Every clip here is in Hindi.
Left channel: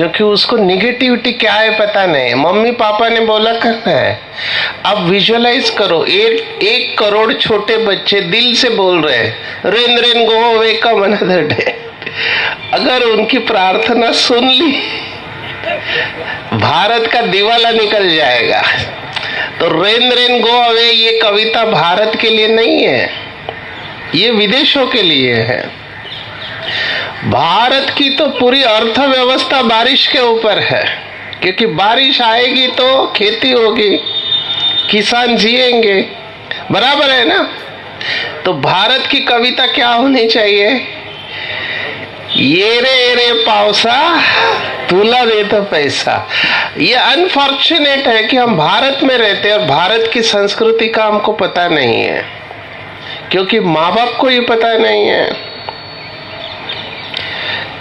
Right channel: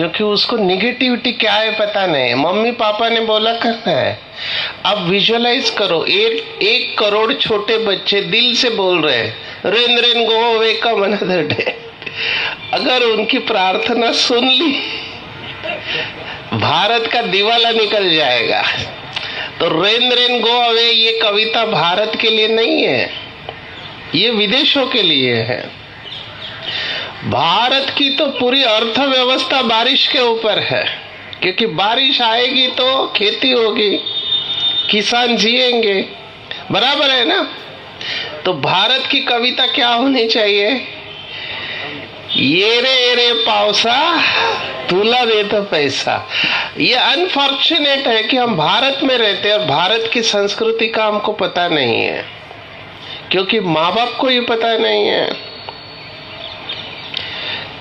क्योंकि उसको निगेटिविटी क्या है पता नहीं। मम्मी पापा ने बोला करना है। अब विजुअलाइज करो, 1 करोड़ छोटे बच्चे दिल से बोल रहे हैं रेन रेन गो अवे कम अनदर डे। अगर उनकी प्रार्थना सुन ली, भारत का दिवाला निकल जाएगा। तो रेन रेन गो अवे ये कविता भारत के लिए नहीं है, ये विदेशों के लिए है। भारत की तो पूरी अर्थव्यवस्था बारिश के ऊपर है, क्योंकि बारिश आएगी तो खेती होगी, किसान जिएंगे, बराबर है ना। तो भारत की कविता क्या होनी चाहिए? ये रे पावसा तुला देता पैसा। ये अनफॉर्चुनेट है कि हम भारत में रहते हैं और भारत की संस्कृति का हमको पता नहीं है, क्योंकि माँ बाप को ये पता नहीं है।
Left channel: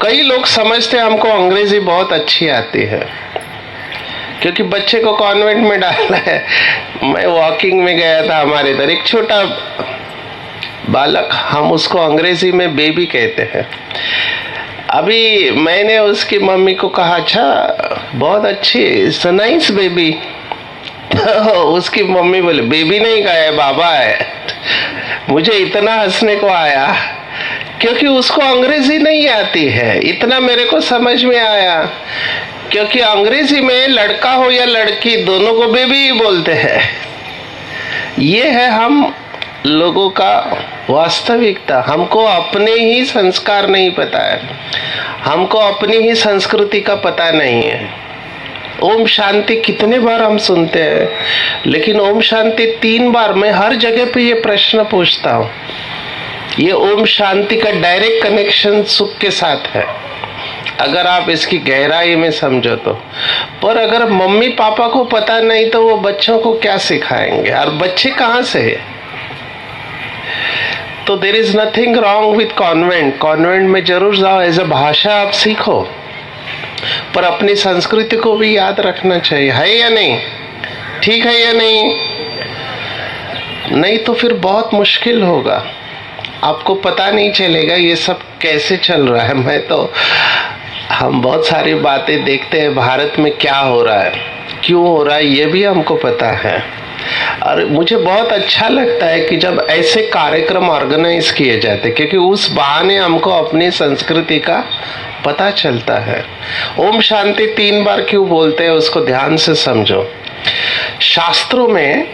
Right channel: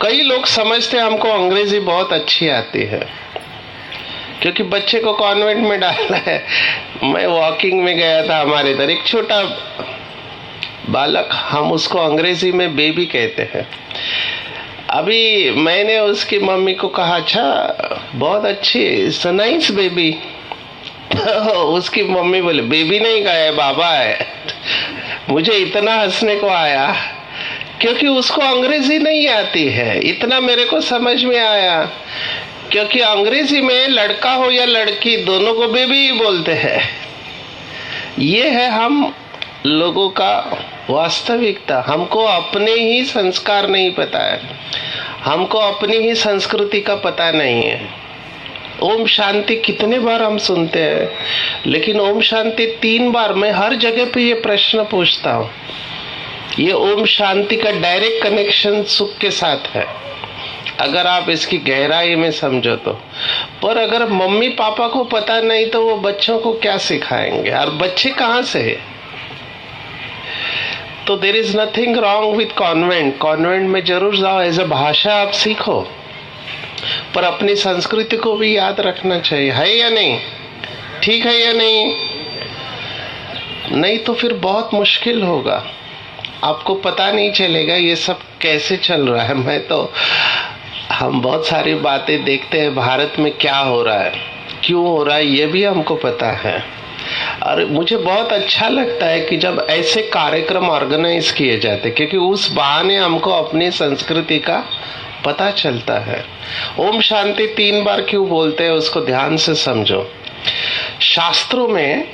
कई लोग समझते हैं हमको अंग्रेजी बहुत अच्छी आती है, क्योंकि बच्चे को कॉन्वेंट में डाला है। मैं वॉकिंग में गया था, हमारे इधर एक छोटा बालक, हम उसको अंग्रेजी में बेबी कहते हैं। अभी मैंने उसकी मम्मी को कहा, अच्छा बहुत अच्छी, इट्स अ नाइस बेबी। उसकी मम्मी बोले बेबी नहीं कहा है, बाबा है। मुझे इतना हंसने को आया, क्योंकि उसको अंग्रेजी नहीं आती है। इतना मेरे को समझ में आया, क्योंकि अंग्रेजी में लड़का हो या लड़की दोनों को बेबी ही बोलते हैं। ये है हम लोगों का वास्तविकता। हमको अपने ही संस्कार नहीं पता है, हमको अपनी ही संस्कृति का पता नहीं है। ओम शांति कितने बार हम सुनते हैं, लेकिन ओम शांति 3 बार मैं हर जगह पे ये प्रश्न पूछता हूँ। ये ओम शांति का डायरेक्ट कनेक्शन सुख के साथ है, अगर आप इसकी गहराई में समझो तो। पर अगर मम्मी पापा को पता नहीं तो वो बच्चों को क्या सिखाएंगे, और बच्चे कहाँ से है? तो there is nothing wrong with convent. Convent में जरूर जाओ, एज अ भाषा आप सीखो, पर अपनी संस्कृति को भी याद रखना चाहिए। है या नहीं? ठीक है या नहीं? नहीं तो फिर बहुत मुश्किल होगा, आपको पता नहीं चलेगा ये सब कैसे चल रहा है। मैं तो, हम बहुत सारी बातें देखते हैं भारत में क्या हो रहा है, क्यों हो रहा है, ये भी हमको पता है। और मुझे बहुत अच्छा लगता है कि जब ऐसे कार्यक्रम ऑर्गेनाइज किए जाते, क्योंकि उस बहाने हमको अपनी संस्कृति का पता चलता है। ओम शांति 3 बार क्यों बोलते हैं उसको ध्यान से समझो। शास्त्रों में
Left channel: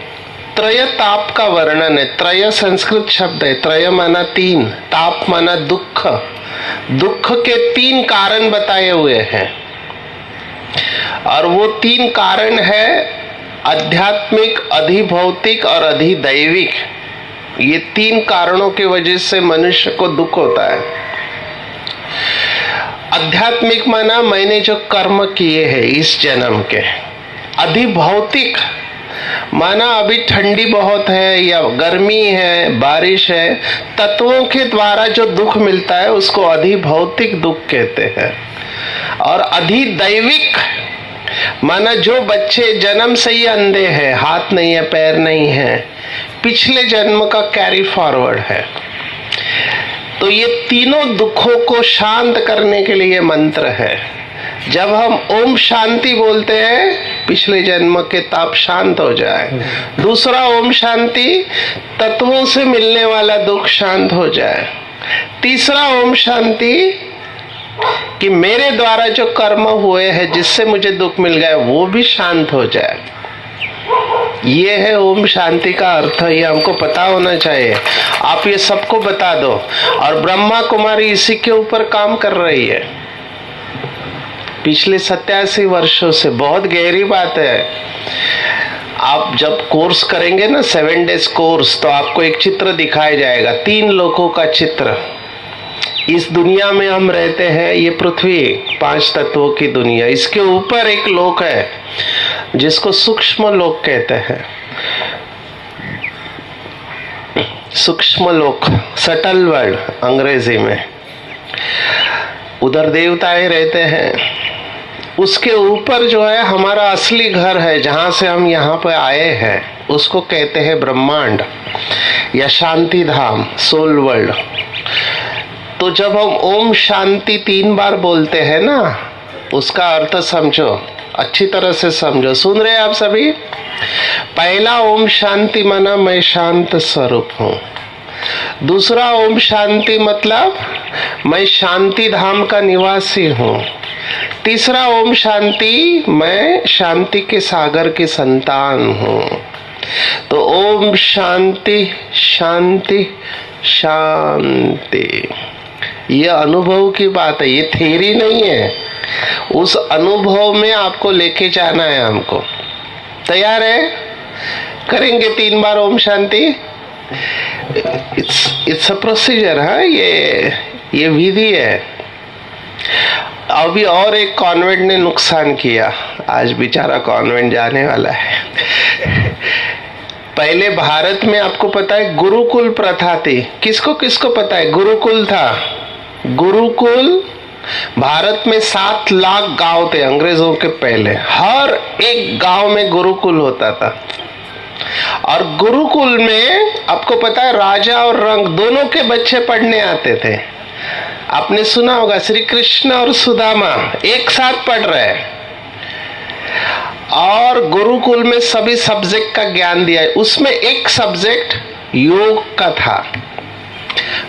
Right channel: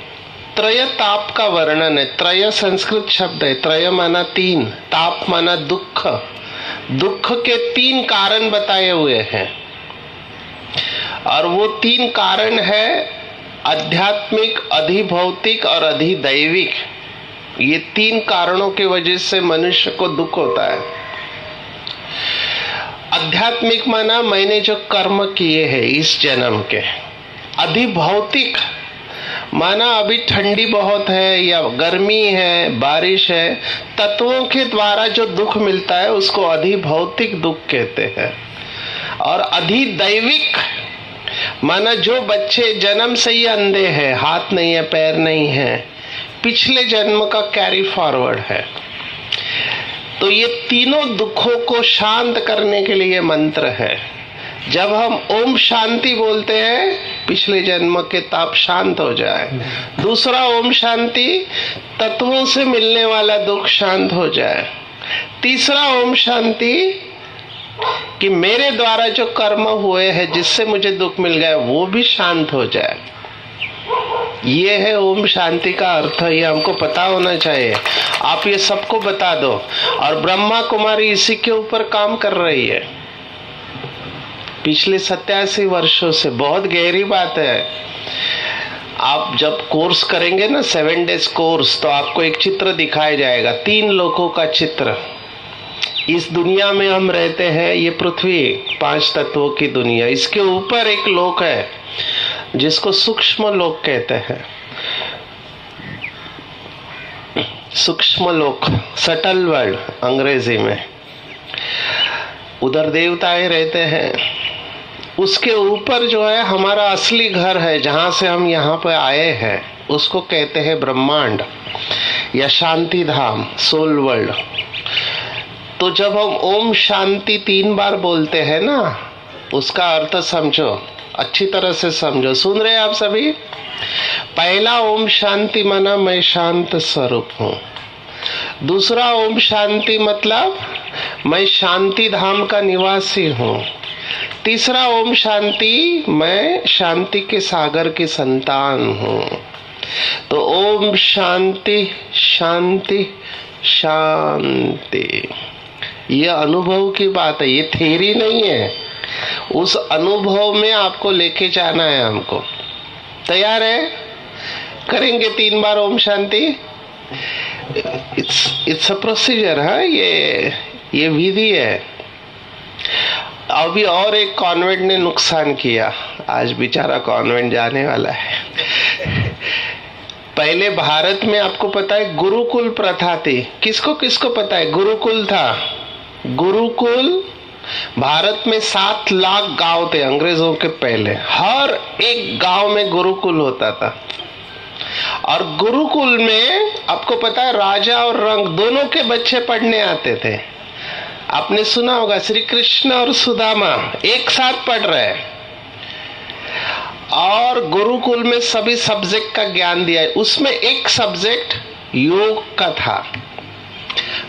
त्रय ताप का वर्णन है। त्रय संस्कृत शब्द है, त्रय माना 3, ताप माना दुख। दुख के 3 कारण बताए हुए हैं, और वो 3 कारण है आध्यात्मिक, अधिभौतिक और अधिदैविक। ये 3 कारणों की वजह से मनुष्य को दुख होता है। आध्यात्मिक माना मैंने जो कर्म किए हैं इस जन्म के। अधिभौतिक माना अभी ठंडी बहुत है या गर्मी है, बारिश है, तत्वों के द्वारा जो दुख मिलता है उसको अधिभौतिक दुख कहते हैं। और अधिदैविक माना जो बच्चे जन्म से ही अंधे हैं, हाथ नहीं है, पैर नहीं है, पिछले जन्म का कैरी फॉरवर्ड है। तो ये तीनों दुखों को शांत करने के लिए मंत्र है। जब हम ओम शांति बोलते हैं, पिछले जन्म के ताप शांत हो जाए। दूसरा ओम शांति, तत्वों से मिलने वाला दुख शांत हो जाए। तीसरा ओम शांति, कि मेरे द्वारा जो कर्म हुए हैं जिससे मुझे दुख मिल गया वो भी शांत हो जाए। ये है ओम शांति का अर्थ। ये हमको पता होना चाहिए। आप ये सबको बता दो। और ब्रह्मा कुमारी इसी के ऊपर काम कर रही है पिछले 87 वर्षों से। बहुत गहरी बात है। आप जब कोर्स करेंगे ना, 7 डेज कोर्स, तो आपको एक चित्र दिखाया जाएगा, 3 लोकों का चित्र। इस दुनिया में हम रहते हैं, ये पृथ्वी 5 तत्वों की दुनिया। इसके ऊपर एक लोक है जिसको सूक्ष्म लोक कहते हैं। सूक्ष्म लोक, सटल वर्ड अंग्रेजी में। उधर देवताएं रहते हैं। उसके ऊपर जो है हमारा असली घर है, जहां से हम यहाँ पे आए हैं, उसको कहते हैं ब्रह्मांड या शांति धाम, सोल वर्ल्ड। तो जब हम ओम शांति 3 बार बोलते हैं ना, उसका अर्थ समझो, अच्छी तरह से समझो। सुन रहे हैं आप सभी? पहला ओम शांति माना मैं शांत स्वरूप हूँ। दूसरा ओम शांति मतलब मैं शांति धाम का निवासी हूँ। तीसरा ओम शांति मैं शांति के सागर की संतान हूँ। तो ओम शांति शांति शांति, ये अनुभव की बात है, ये थ्योरी नहीं है। उस अनुभव में आपको लेके जाना है हमको। तैयार है? करेंगे 3 बार Om Shanti. It's a procedure है, ये विधि है। अभी और एक कॉन्वेंट ने नुकसान किया, आज बेचारा कॉन्वेंट जाने वाला है। पहले भारत में आपको पता है गुरुकुल प्रथा थी। किसको किसको पता है? गुरुकुल था। गुरुकुल भारत में 7 लाख गांव थे अंग्रेजों के पहले। हर एक गांव में गुरुकुल होता था। और गुरुकुल में आपको पता है राजा और रंक दोनों के बच्चे पढ़ने आते थे। आपने सुना होगा श्री कृष्ण और सुदामा एक साथ पढ़ रहे हैं, और गुरुकुल में सभी सब्जेक्ट का ज्ञान दिया है। उसमें एक सब्जेक्ट योग का था।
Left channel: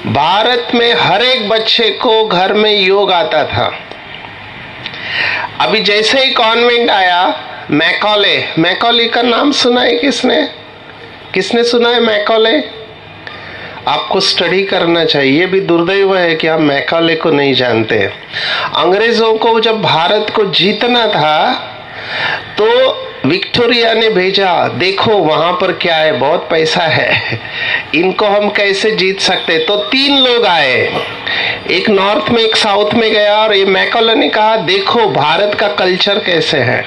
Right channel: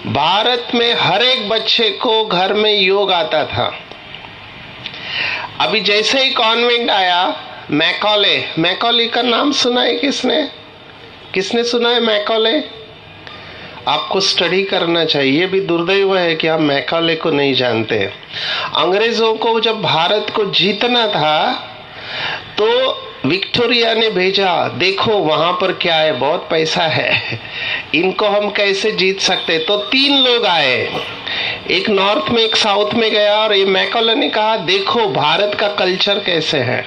भारत में हर एक बच्चे को घर में योग आता था। अभी जैसे ही कॉन्वेंट आया, मैकॉले का नाम सुना है किसने सुना है मैकॉले? आपको स्टडी करना चाहिए। ये भी दुर्दैव है कि आप मैकॉले को नहीं जानते। अंग्रेजों को जब भारत को जीतना था तो विक्टोरिया ने भेजा, देखो वहां पर क्या है, बहुत पैसा है, इनको हम कैसे जीत सकते। तो 3 लोग आए, एक नॉर्थ में एक साउथ में गया, और ये मैकॉले ने कहा देखो भारत का कल्चर कैसे है।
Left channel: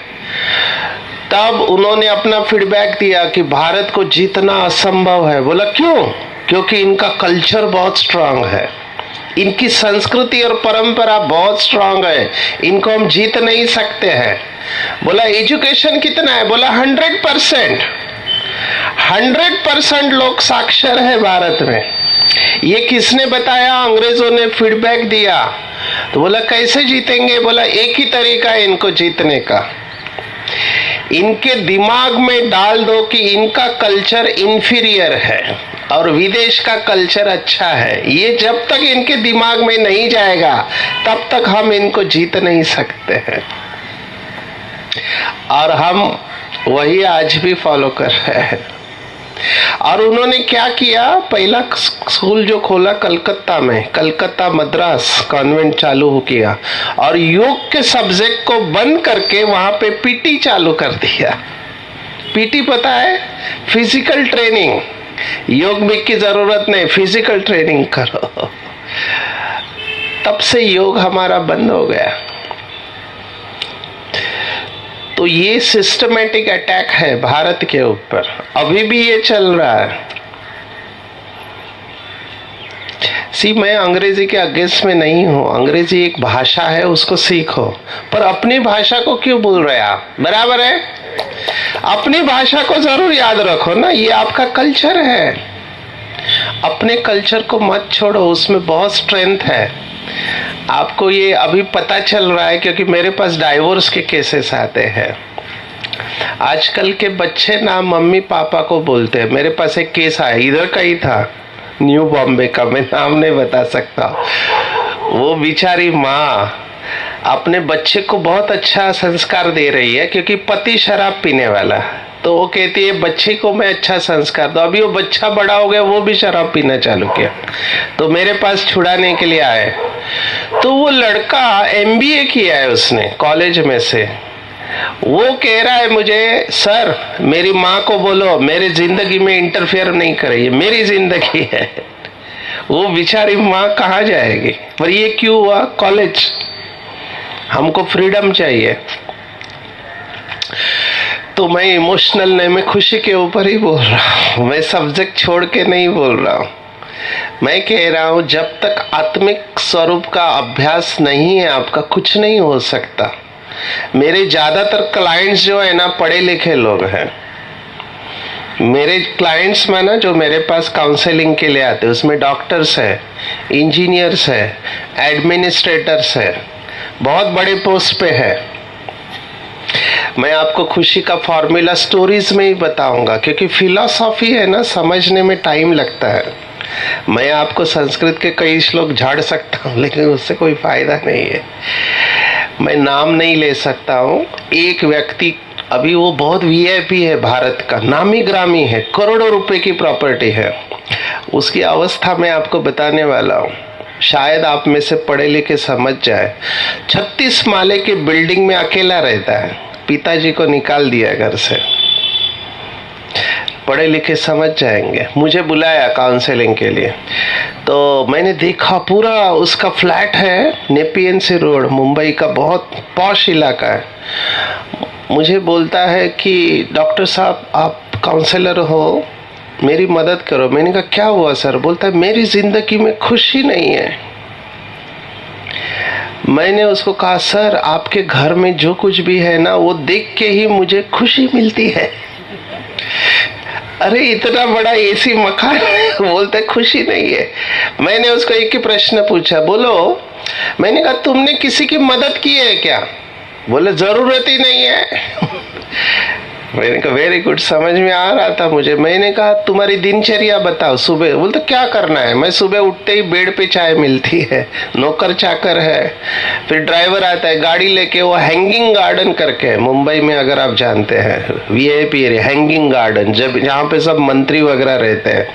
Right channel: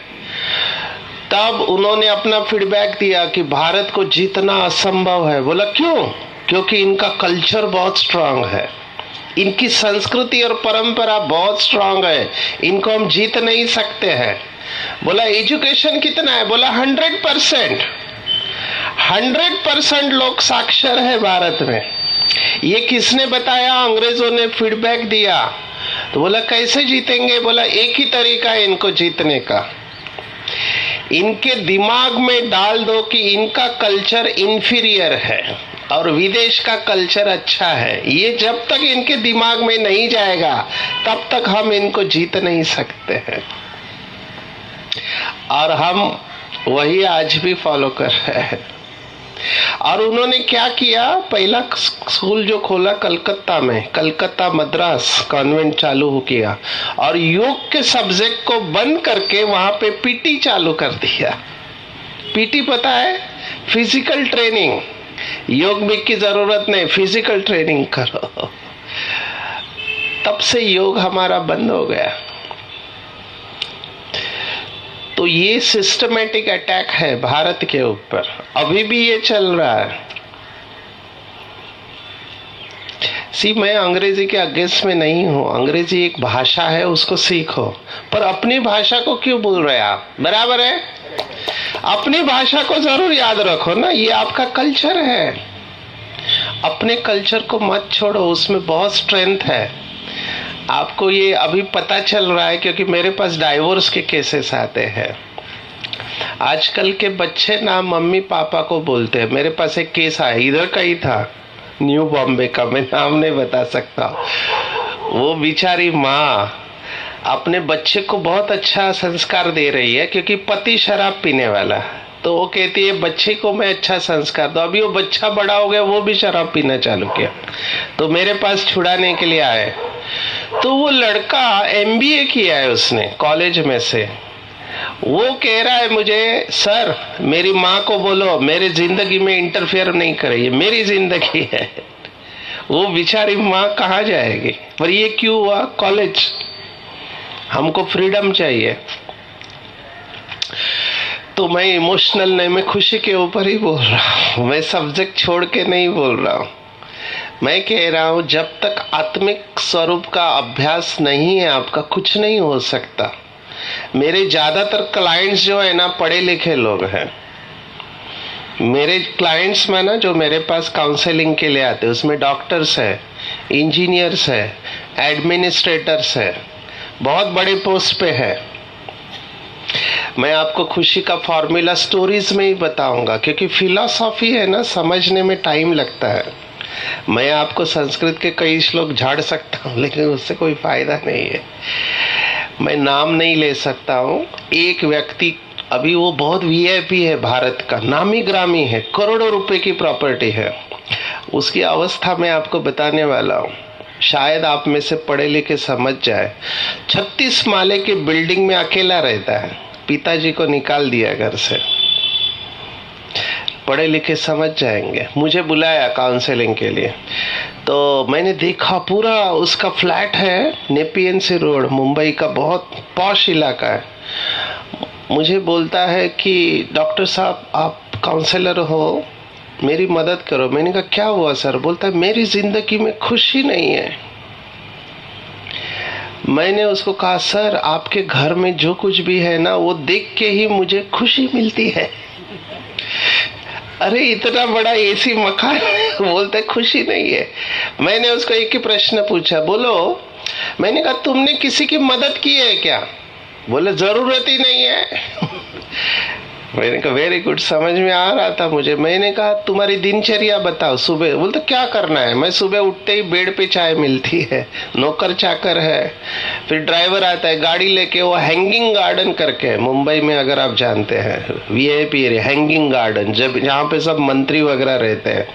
तब उन्होंने अपना फीडबैक दिया कि भारत को जीतना असंभव है। बोला क्यों? क्योंकि इनका कल्चर बहुत स्ट्रांग है, इनकी संस्कृति और परंपरा बहुत स्ट्रांग है, इनको हम जीत नहीं सकते हैं। बोला एजुकेशन कितना है? बोला 100%। 100% लोग साक्षर है भारत में। ये किसने बताया? अंग्रेजों ने फीडबैक दिया। तो बोला कैसे जीतेंगे? बोला एक ही तरीका है इनको जीतने का, इनके दिमाग में डाल दो कि इनका कल्चर इंफीरियर है और विदेश का कल्चर अच्छा है। ये जब तक इनके दिमाग में नहीं जाएगा तब तक हम इनको जीत नहीं सकते हैं। और हम वही आज भी फॉलो कर रहे हैं। और उन्होंने क्या किया, पहला स्कूल जो खोला कलकत्ता में, कलकत्ता मद्रास कॉन्वेंट चालू किया, और योग के सब्जेक्ट को बंद करके वहां पे पीटी चालू कर दिया। पीटी पता है? Physical training. योग में की जरूरत नहीं, फिजिकल ट्रेनिंग करो। तब से योग हमारा बंद हो गया। तो ये सिस्टमेटिक अटैक है भारत के ऊपर, अभी भी ये चल रहा है। मैं अंग्रेजी के अगेंस्ट में नहीं हूं, अंग्रेजी एक भाषा है, उसको सीखो, पर अपनी भाषा को क्यों भूल रहे आप? बराबर है, अपनी भाषा को जरूर याद रखो ना, ये आपका कल्चर है। अपने कल्चर को मत छोड़ो, उसमें बहुत स्ट्रेंथ है। आपको ये अभी पता चल रहा है क्योंकि मेरे पास डाइवोर्स के केसेस आते हैं। आजकल के बच्चे ना मम्मी पापा को बोलते हैं। मेरे पास एक केस आया, इधर का ही था, न्यू बॉम्बे का, मैं नाम नहीं बता सकता। वो बेचारी माँ अपने बच्चे को बहुत अच्छा संस्कार दे रही है क्योंकि पति शराब पीने वाला, तो वो कहती है बच्चे को मैं अच्छा संस्कार दूं। अभी वो बच्चा बड़ा हो गया, वो भी शराब पीना चालू किया, तो मेरे पास छुड़ाने के लिए आए। तो वो लड़का MBA किया है उसने कॉलेज में से। वो कह रहा है मुझे, सर मेरी माँ को बोलो मेरे जिंदगी में इंटरफेयर नहीं करे, ये मेरी जिंदगी है। वो बेचारी माँ कहाँ जाएगी? पर ये क्यों हुआ? कॉलेज। हमको फ्रीडम चाहिए। तो मैं इमोशनल नहीं, मैं खुशी के ऊपर ही बोल रहा हूँ, मैं सब्जेक्ट छोड़ के नहीं बोल रहा हूँ। मैं कह रहा हूं जब तक आत्मिक स्वरूप का अभ्यास नहीं है आपका, कुछ नहीं हो सकता। मेरे ज्यादातर क्लाइंट्स जो है ना पढ़े लिखे लोग हैं। मेरे क्लाइंट्स में ना जो मेरे पास काउंसलिंग के लिए आते हैं उसमें डॉक्टर्स है, इंजीनियर्स है, एडमिनिस्ट्रेटर्स है, बहुत बड़े पोस्ट पे है। मैं आपको खुशी का फॉर्मूला स्टोरीज में ही बताऊंगा, क्योंकि फिलॉसफी है ना, समझने में टाइम लगता है। मैं आपको संस्कृत के कई श्लोक झाड़ सकता हूँ, लेकिन उससे कोई फायदा नहीं है। मैं नाम नहीं ले सकता हूँ। एक व्यक्ति, अभी वो बहुत वीआईपी है, भारत का नामी ग्रामी है, करोड़ों रुपए की प्रॉपर्टी है, उसकी अवस्था मैं आपको बताने वाला हूँ। शायद आप में से पढ़े लिखे समझ जाए। 36 माले की बिल्डिंग में अकेला रहता है, पिताजी को निकाल दिया घर से। पढ़े लिखे समझ जाएंगे। मुझे बुलाया काउंसलिंग के लिए, तो मैंने देखा पूरा उसका फ्लैट है, नेपियन सी रोड, मुंबई का बहुत पॉश इलाका है। मुझे बोलता है कि डॉक्टर साहब आप काउंसलर हो, मेरी मदद करो। मैंने कहा क्या हुआ सर? बोलता है मेरी जिंदगी में खुशी नहीं है। मैंने उसको कहा सर आपके घर में जो कुछ भी है ना, वो देख के ही मुझे खुशी मिलती है। अरे इतना बड़ा एसी मकान बोलता है खुशी नहीं है। मैंने उसको एक ही प्रश्न पूछा, बोलो। मैंने कहा तुमने किसी की मदद की है क्या? बोले जरूरत ही नहीं है। मैंने कहा वेरी गुड, समझ में आ रहा था मुझे। मैंने कहा तुम्हारी दिनचर्या बताओ सुबह। बोलते क्या करना है? मैं सुबह उठते ही बेड पे चाय मिलती है, नौकर चाकर है, फिर ड्राइवर आता है गाड़ी लेके, वो हैंगिंग गार्डन करके है मुंबई में, अगर आप जानते हैं, वीआईपी एरिया हैंगिंग गार्डन, जब जहाँ पे सब मंत्री वगैरह रहते हैं,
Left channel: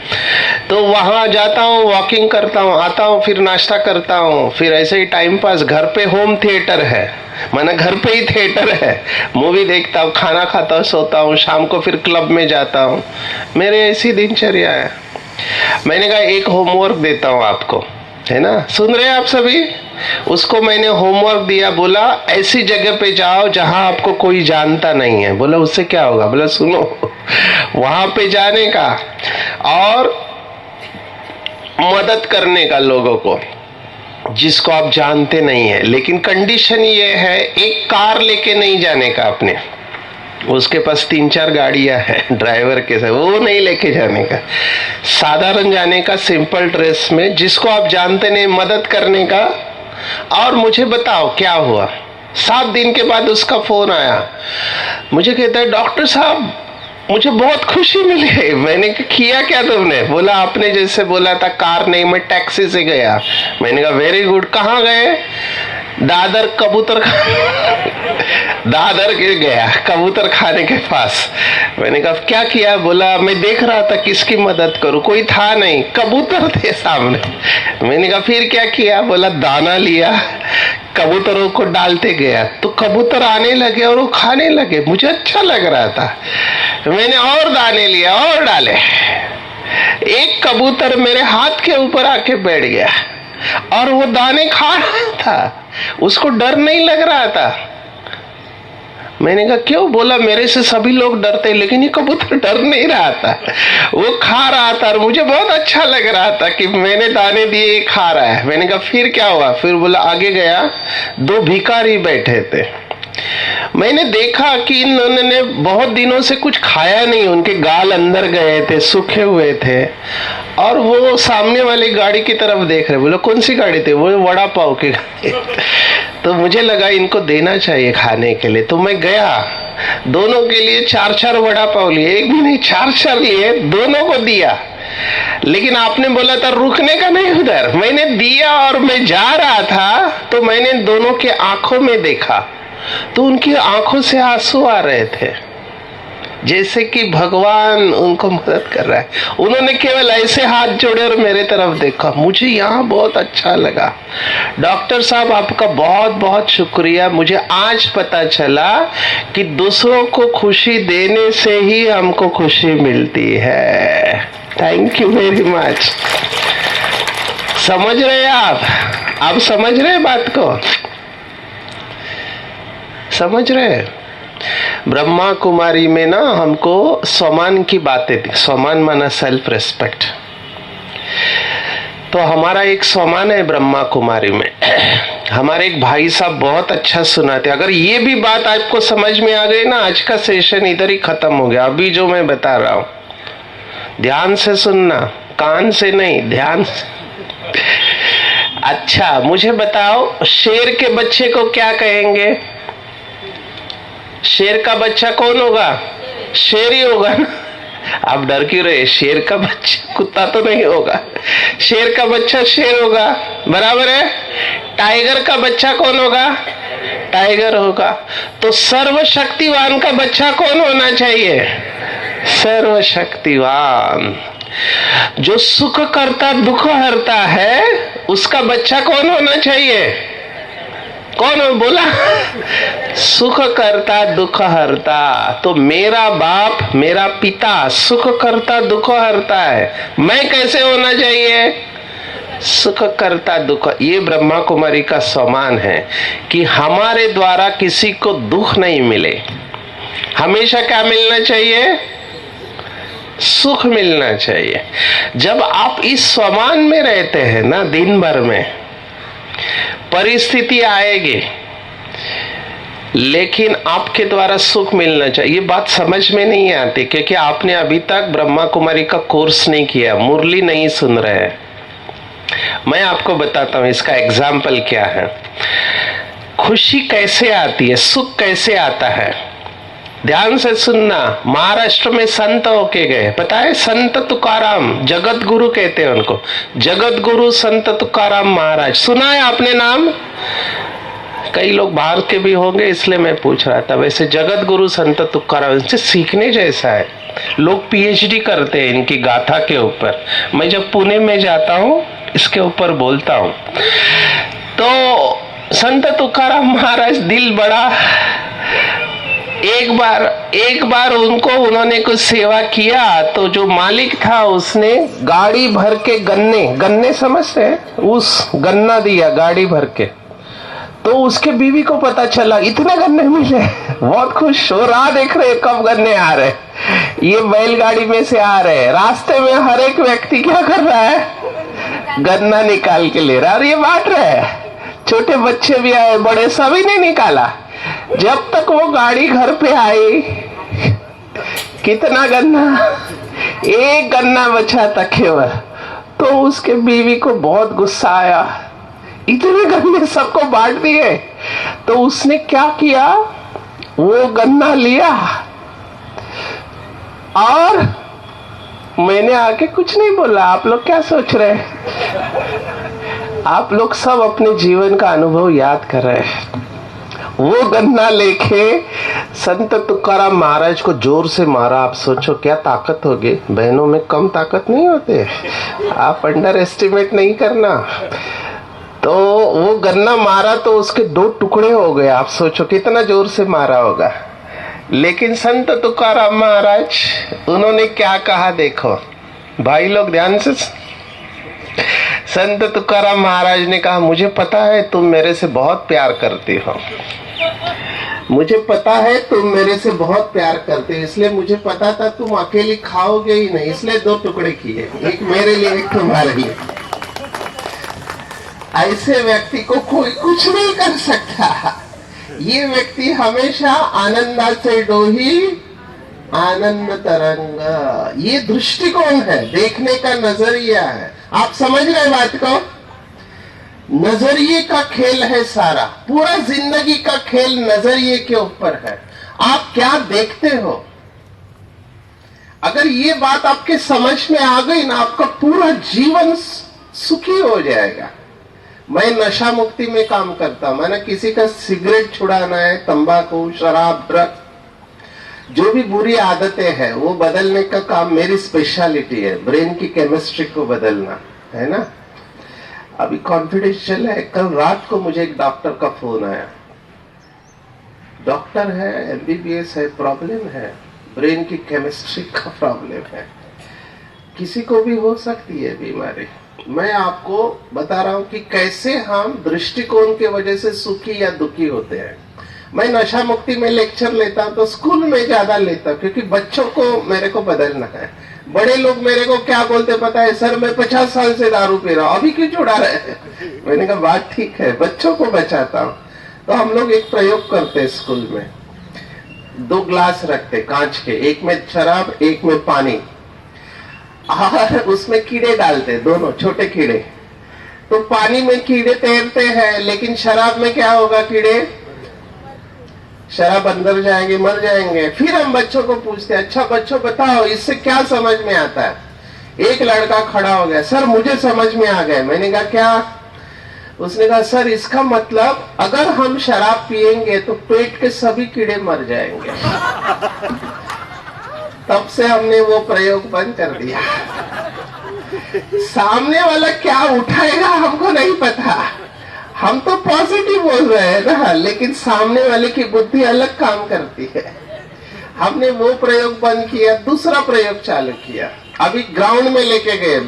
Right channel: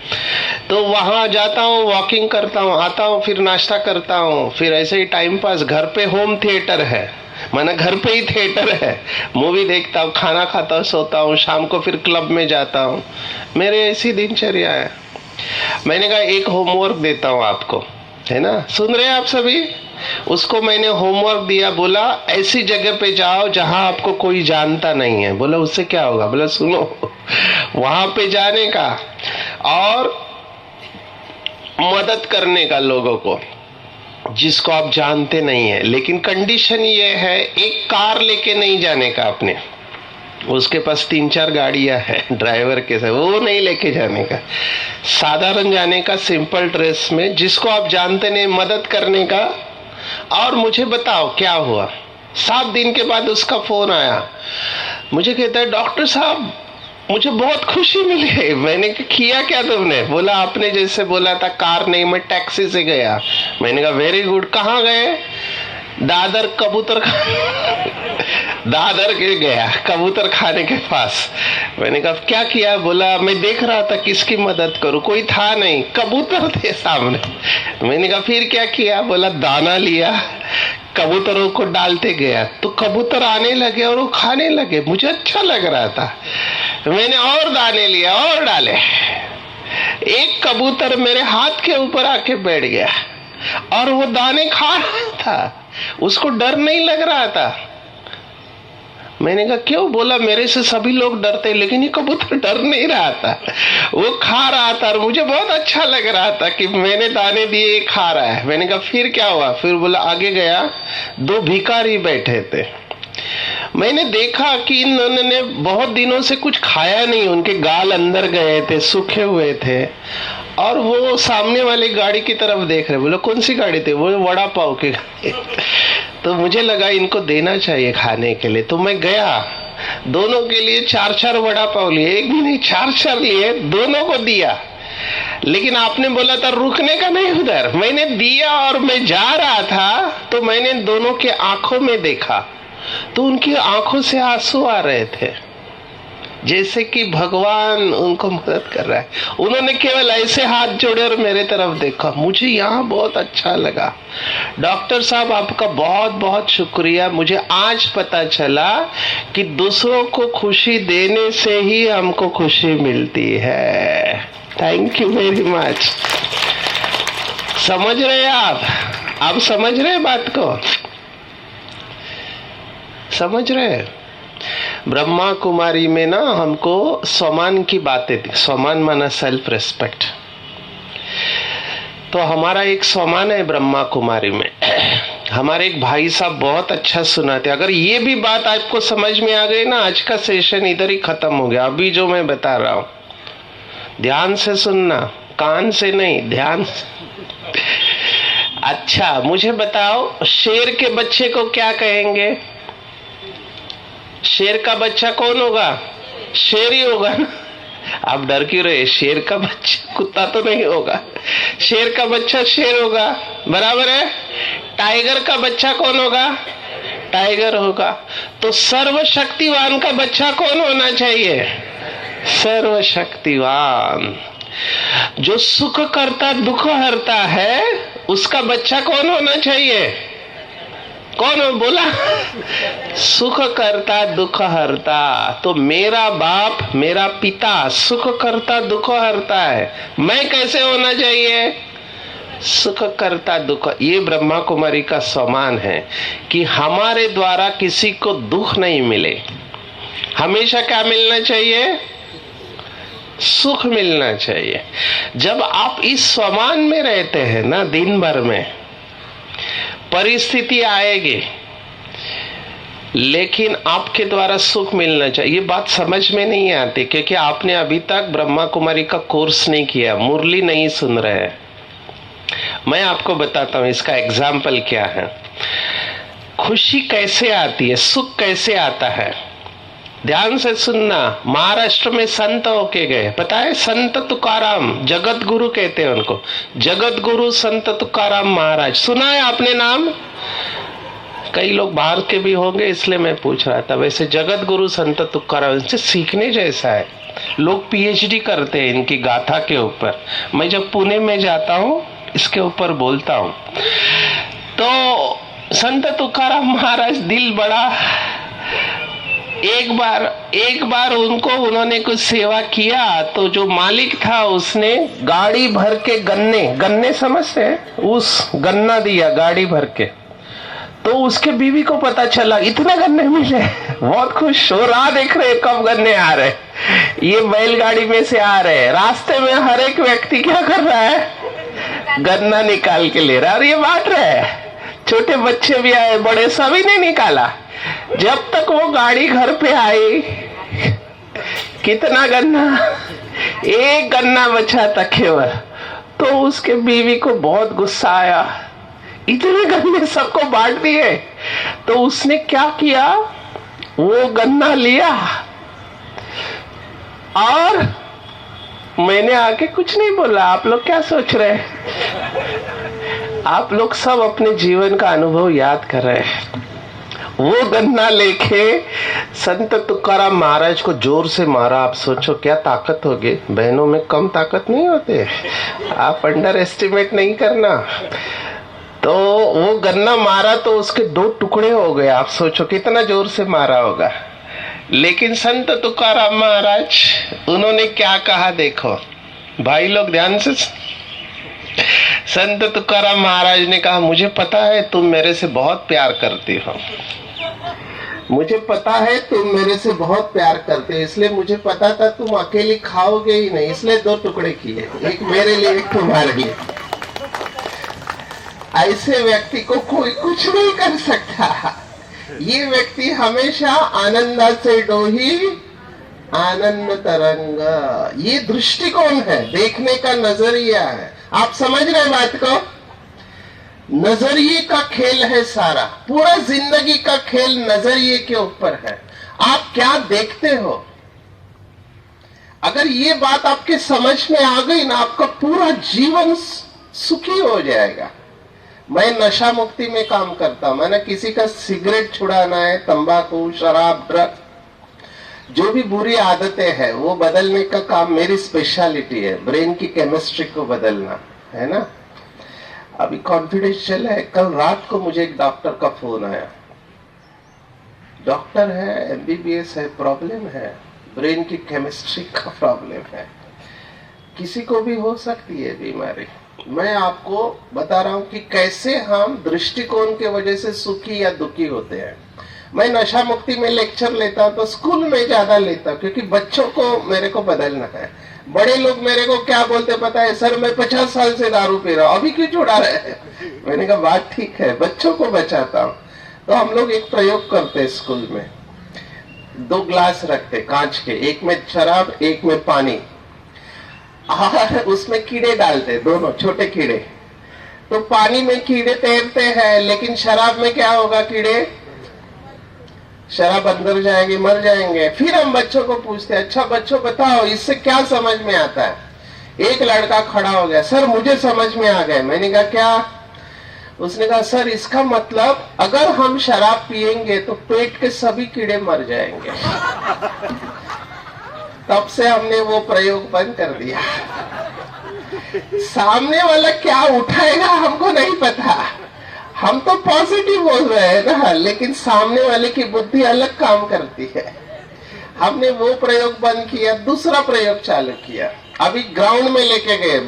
तो वहाँ जाता हूँ, वॉकिंग करता हूँ, आता हूँ, फिर नाश्ता करता हूँ, फिर ऐसे ही टाइम पास। घर पे होम थिएटर है, मैंने घर पे ही थिएटर है, मूवी देखता हूँ, खाना खाता हूँ, सोता हूँ, शाम को फिर क्लब में जाता हूँ। मेरे ऐसी दिनचर्या है। मैंने कहा एक होमवर्क देता हूँ आपको, है ना, सुन रहे हैं आप सभी? उसको मैंने होमवर्क दिया, बोला ऐसी जगह पे जाओ जहां आपको कोई जानता नहीं है। बोला उससे क्या होगा? बोला सुनो, वहां पे जाने का और मदद करने का लोगों को जिसको आप जानते नहीं है, लेकिन कंडीशन ये है एक कार लेके नहीं जाने का अपने। उसके पास 3-4 गाड़ियां हैं ड्राइवर के साथ, वो नहीं लेके जाने का, साधारण जाने का, सिंपल ड्रेस में, जिसको आप जानते नहीं, मदद करने का। और मुझे बताओ क्या हुआ? 7 दिन के बाद उसका फोन आया, मुझे कहता है डॉक्टर साहब मुझे बहुत खुशी मिली है। मैंने कहा किया क्या तुमने? बोला आपने जैसे बोला था कार नहीं, मैं टैक्सी से गया। मैंने कहा वेरी गुड, कहाँ गए? दादर कबूतर दादर के गया, कबूतर खाने के पास। मैंने कहा क्या किया? बोला मैं देख रहा था किसकी मदद करूं, कोई था नहीं, कबूतर थे सामने। मैंने कहा फिर क्या किया? बोला दाना लिया, कबूतरों को डालते गया, तो कबूतर आने लगे और वो खाने लगे। मुझे अच्छा लग रहा था, मैंने और दाने लिया और डाले। एक कबूतर मेरे हाथ के ऊपर आके बैठ गया और वो दाने खा रहा था, उसको डर नहीं लग रहा था। मैंने कहा क्यों? बोला मेरे से सभी लोग डरते, लेकिन ये कबूतर डर नहीं रहा था, वो खा रहा था और मुझे बहुत अच्छा लग रहा था कि मैंने दाने दिए, ये खा रहा है। मैंने कहा फिर क्या हुआ? फिर बोला आगे गया, 2 भिखारी बैठे थे। मैंने देखा कि इन्होंने बहुत दिनों से कुछ खाया नहीं, उनके गाल अंदर गए थे, सूखे हुए थे, और वो सामने वाली गाड़ी की तरफ देख रहे। बोलो कौन सी गाड़ी थी? वो वड़ा पाव की गाड़ी। तो मुझे लगा इनको देना चाहिए खाने के लिए, तो मैं गया, दोनों के लिए 4-4 वड़ा पाव लिए, एक भी नहीं 4-4 लिए, दोनों को दिया। लेकिन आपने बोला था रुकने का नहीं उधर, मैंने दिया और मैं जा रहा था, तो मैंने दोनों के आंखों में देखा, तो उनकी आंखों से आंसू आ रहे थे, जैसे कि भगवान उनको मदद कर रहा है। उन्होंने केवल ऐसे हाथ जोड़े और मेरे तरफ देखा। मुझे यहाँ बहुत अच्छा लगा। डॉक्टर साहब आपका बहुत बहुत शुक्रिया। मुझे आज पता चला कि दूसरों को खुशी देने से ही हमको खुशी मिलती है। Thank you very much. समझ रहे हैं आप समझ रहे हैं बात को? समझ रहे हैं? ब्रह्मा कुमारी में ना हमको सम्मान की बातें थी। सम्मान माना सेल्फ रेस्पेक्ट। तो हमारा एक सम्मान है ब्रह्मा कुमारी में। हमारे एक भाई साहब बहुत अच्छा सुनाते। अगर ये भी बात आपको समझ में आ गई ना, आज का सेशन इधर ही खत्म हो गया। अभी जो मैं बता रहा हूं ध्यान से सुनना, कान से नहीं, ध्यान से। अच्छा मुझे बताओ, शेर के बच्चे को क्या कहेंगे? शेर का बच्चा कौन होगा? शेर ही होगा ना। आप डर क्यों रहे? शेर का बच्चा कुत्ता तो नहीं होगा, शेर का बच्चा शेर होगा, बराबर है। टाइगर का बच्चा कौन होगा? टाइगर होगा। तो सर्वशक्तिवान का बच्चा कौन होना चाहिए? सर्वशक्तिवान। जो सुख करता दुख हरता है, उसका बच्चा कौन होना चाहिए? कौन हो बोला? सुख करता दुख हरता। तो मेरा बाप, मेरा पिता सुख करता दुख हरता है, मैं कैसे होना चाहिए? सुख करता दुख। ये ब्रह्मा कुमारी का सम्मान है कि हमारे द्वारा किसी को दुख नहीं मिले। हमेशा क्या मिलना चाहिए? सुख मिलना चाहिए। जब आप इस सम्मान में रहते हैं ना, दिन भर में परिस्थिति आएगी, लेकिन आपके द्वारा सुख मिलना चाहिए। ये बात समझ में नहीं आती क्योंकि आपने अभी तक ब्रह्मा कुमारी का कोर्स नहीं किया, मुरली नहीं सुन रहे हैं। मैं आपको बताता हूं इसका एग्जाम्पल क्या है। खुशी कैसे आती है, सुख कैसे आता है, ध्यान से सुनना। महाराष्ट्र में संत होके गए, पता है? संत तुकाराम, जगत गुरु कहते हैं उनको, जगत गुरु संत तुकाराम महाराज। सुना है आपने नाम? कई लोग बाहर के भी होंगे इसलिए मैं पूछ रहा था। वैसे जगत गुरु संत तुकाराम, इनसे सीखने जैसा है। लोग पीएचडी करते हैं इनकी गाथा के ऊपर। मैं जब पुणे में जाता हूँ इसके ऊपर बोलता हूँ। तो संत तुकाराम महाराज दिल बड़ा। एक बार उन्होंने कुछ सेवा किया तो जो मालिक था उसने गाड़ी भर के गन्ने समझते हैं, उस गन्ना दिया गाड़ी भर के। तो उसके बीवी को पता चला इतने गन्ने मिले, बहुत खुश हो रहा, देख रहे कब गन्ने आ रहे, ये बैलगाड़ी में से आ रहे। रास्ते में हर एक व्यक्ति क्या कर रहा है? गन्ना निकाल के ले रहा और ये बांट रहे हैं। छोटे बच्चे भी आए, बड़े, सभी ने निकाला। जब तक वो गाड़ी घर पे आई, कितना गन्ना? एक गन्ना बचा था केवल। तो उसके बीवी को बहुत गुस्सा आया, इतने गन्ने सबको बांट दिए। तो उसने क्या किया, वो गन्ना लिया और मैंने आके कुछ नहीं बोला। आप लोग क्या सोच रहे हैं? आप लोग सब अपने जीवन का अनुभव याद कर रहे हैं। वो गन्ना लेके संत तुकाराम महाराज को जोर से मारा। आप सोचो क्या ताकत होगी? बहनों में कम ताकत नहीं होते, आप अंडर एस्टिमेट नहीं करना। तो वो गन्ना मारा तो उसके 2 टुकड़े हो गए। आप सोचो कितना जोर से मारा होगा। लेकिन संत तुकाराम महाराज उन्होंने क्या कहा, देखो भाई लोग ध्यान से। संत तुकाराम महाराज ने कहा, मुझे पता है तुम मेरे से बहुत प्यार करती हो, मुझे पता है तुम मेरे से बहुत प्यार करते हो, इसलिए मुझे पता था तुम अकेली खाओगे ही नहीं, इसलिए 2 टुकड़े किए, एक मेरे लिए एक तुम्हारे लिए। ऐसे व्यक्ति को कोई कुछ नहीं कर सकता। ये व्यक्ति हमेशा आनंदाचे डोही आनंद तरंग। ये दृष्टिकोण है, देखने का नजरिया है। आप समझ रहे बात को? नजरिए का खेल है सारा, पूरा जिंदगी का खेल नजरिए के ऊपर है। आप क्या देखते हो? अगर ये बात आपके समझ में आ गई ना, आपका पूरा जीवन सुखी हो जाएगा। मैं नशा मुक्ति में काम करता हूं। मैंने किसी का सिगरेट छुड़ाना है, तंबाकू, शराब, ड्रग, जो भी बुरी आदतें हैं वो बदलने का काम मेरी स्पेशलिटी है। ब्रेन की केमिस्ट्री को बदलना है ना। अभी कॉन्फिडेंशियल है। कल रात को मुझे एक डॉक्टर का फोन आया। डॉक्टर है, एमबीबीएस है, प्रॉब्लम है, ब्रेन की केमिस्ट्री का प्रॉब्लम है। किसी को भी हो सकती है बीमारी। मैं आपको बता रहा हूं कि कैसे हम दृष्टिकोण की वजह से सुखी या दुखी होते हैं। मैं नशा मुक्ति में लेक्चर लेता हूं तो स्कूल में ज्यादा लेता हूं क्योंकि बच्चों को मेरे को बदलना है। बड़े लोग मेरे को क्या बोलते पता है? सर मैं 50 साल से दारू पी रहा हूं, अभी क्यों छुड़ा रहे हैं? मैंने कहा बात ठीक है, बच्चों को बचाता हूं। तो हम लोग एक प्रयोग करते स्कूल में, 2 ग्लास रखते कांच के, एक में शराब एक में पानी, और उसमें कीड़े डालते, दोनों छोटे कीड़े। तो पानी में कीड़े तैरते हैं, लेकिन शराब में क्या होगा? कीड़े शराब अंदर जाएंगे, मर जाएंगे। फिर हम बच्चों को पूछते हैं, अच्छा बच्चों बताओ इससे क्या समझ में आता है? एक लड़का खड़ा हो गया, सर मुझे समझ में आ गया। मैंने कहा क्या? उसने कहा सर इसका मतलब अगर हम शराब पिएंगे तो पेट के सभी कीड़े मर जाएंगे। तब से हमने वो प्रयोग बंद कर दिया। सामने वाला क्या उठाएगा हमको नहीं पता, हम तो पॉजिटिव बोल रहे हैं ना, लेकिन सामने वाले की बुद्धि अलग काम करती है। हमने वो प्रयोग बंद किया, दूसरा प्रयोग चालू किया। अभी ग्राउंड में लेके गए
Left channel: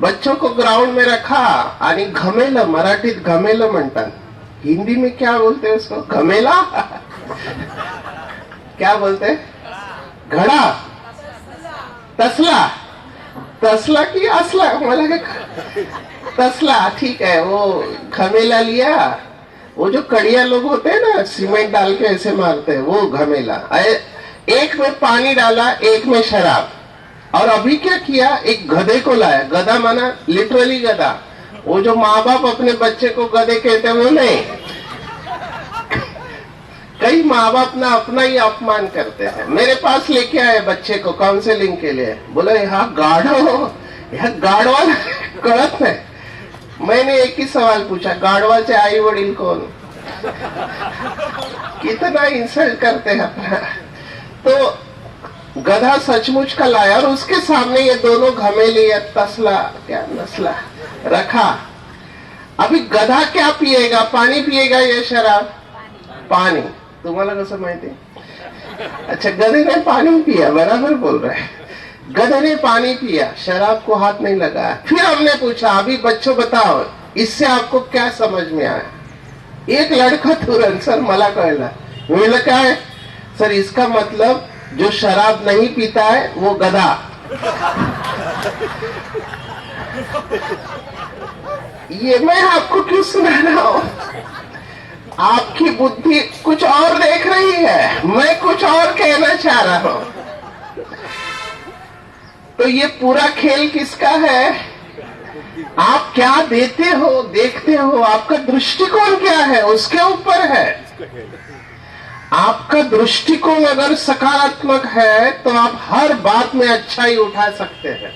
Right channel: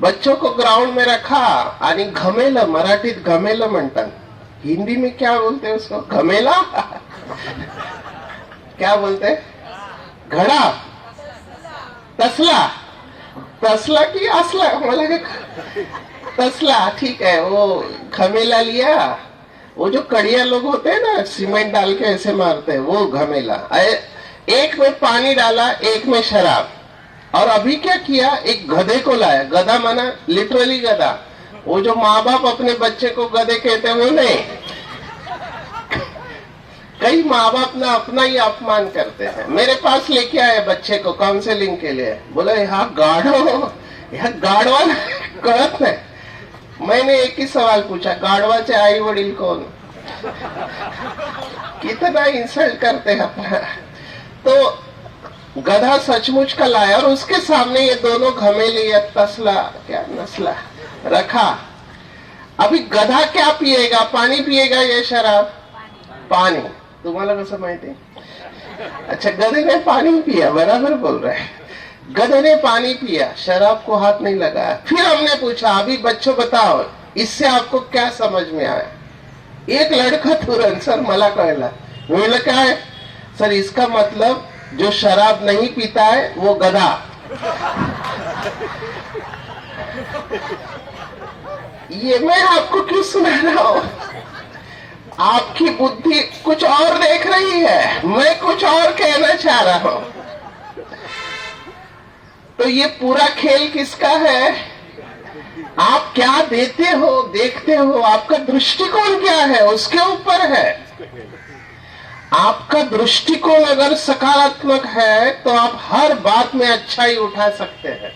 बच्चों को ग्राउंड में रखा आणि घमेला, मराठीत घमेला म्हणतात, हिंदी में क्या बोलते हैं उसको? घमेला क्या बोलते? घड़ा, तसला, तसला की असला, मला तसला ठीक है। वो घमेला लिया, वो जो कड़िया लोग होते हैं ना सीमेंट डाल के ऐसे मारते हैं, वो घमेला। एक में पानी डाला, एक में शराब। और अभी क्या किया, एक गधे को लाया। गधा माना लिटरली गधा, वो जो माँ बाप अपने बच्चे को गधे कहते हैं वो नहीं। कई माँ बाप ना अपना ही अपमान करते हैं। मेरे पास लेके आए बच्चे को काउंसलिंग के लिए, बोले यहाँ गाढवा कळत नाही। मैंने एक ही सवाल पूछा, गाढवाचे आई वडील कौन? कितना इंसल्ट करते हैं अपना। तो गधा सचमुच का लाया और उसके सामने ये दोनों घमेले या तसला क्या नस्ला रखा। अभी गधा क्या पिएगा, पानी पिएगा या शराब? पानी। तुम्हाला कसं माहिती? अच्छा, गधे ने पानी पिया, बराबर बोल रहे हैं। गधे ने पानी पिया, शराब को हाथ नहीं लगाया। फिर हमने पूछा, अभी बच्चों बताओ इससे आपको क्या समझ में आया? एक लड़का तुरंत, सर मला कळला। म्हणलं काय? सर इसका मतलब जो शराब नहीं पीता है वो गधा। ये मैं आपको क्यों सुना रहा हूं? आपकी बुद्धि कुछ और देख रही है, मैं कुछ और कहना चाह रहा हूं। तो ये पूरा खेल किसका है? आप क्या देते हो, देखते हो, आपका दृष्टिकोण क्या है उसके ऊपर है। आपका दृष्टिकोण अगर सकारात्मक है तो आप हर बात में अच्छाई उठा सकते हैं।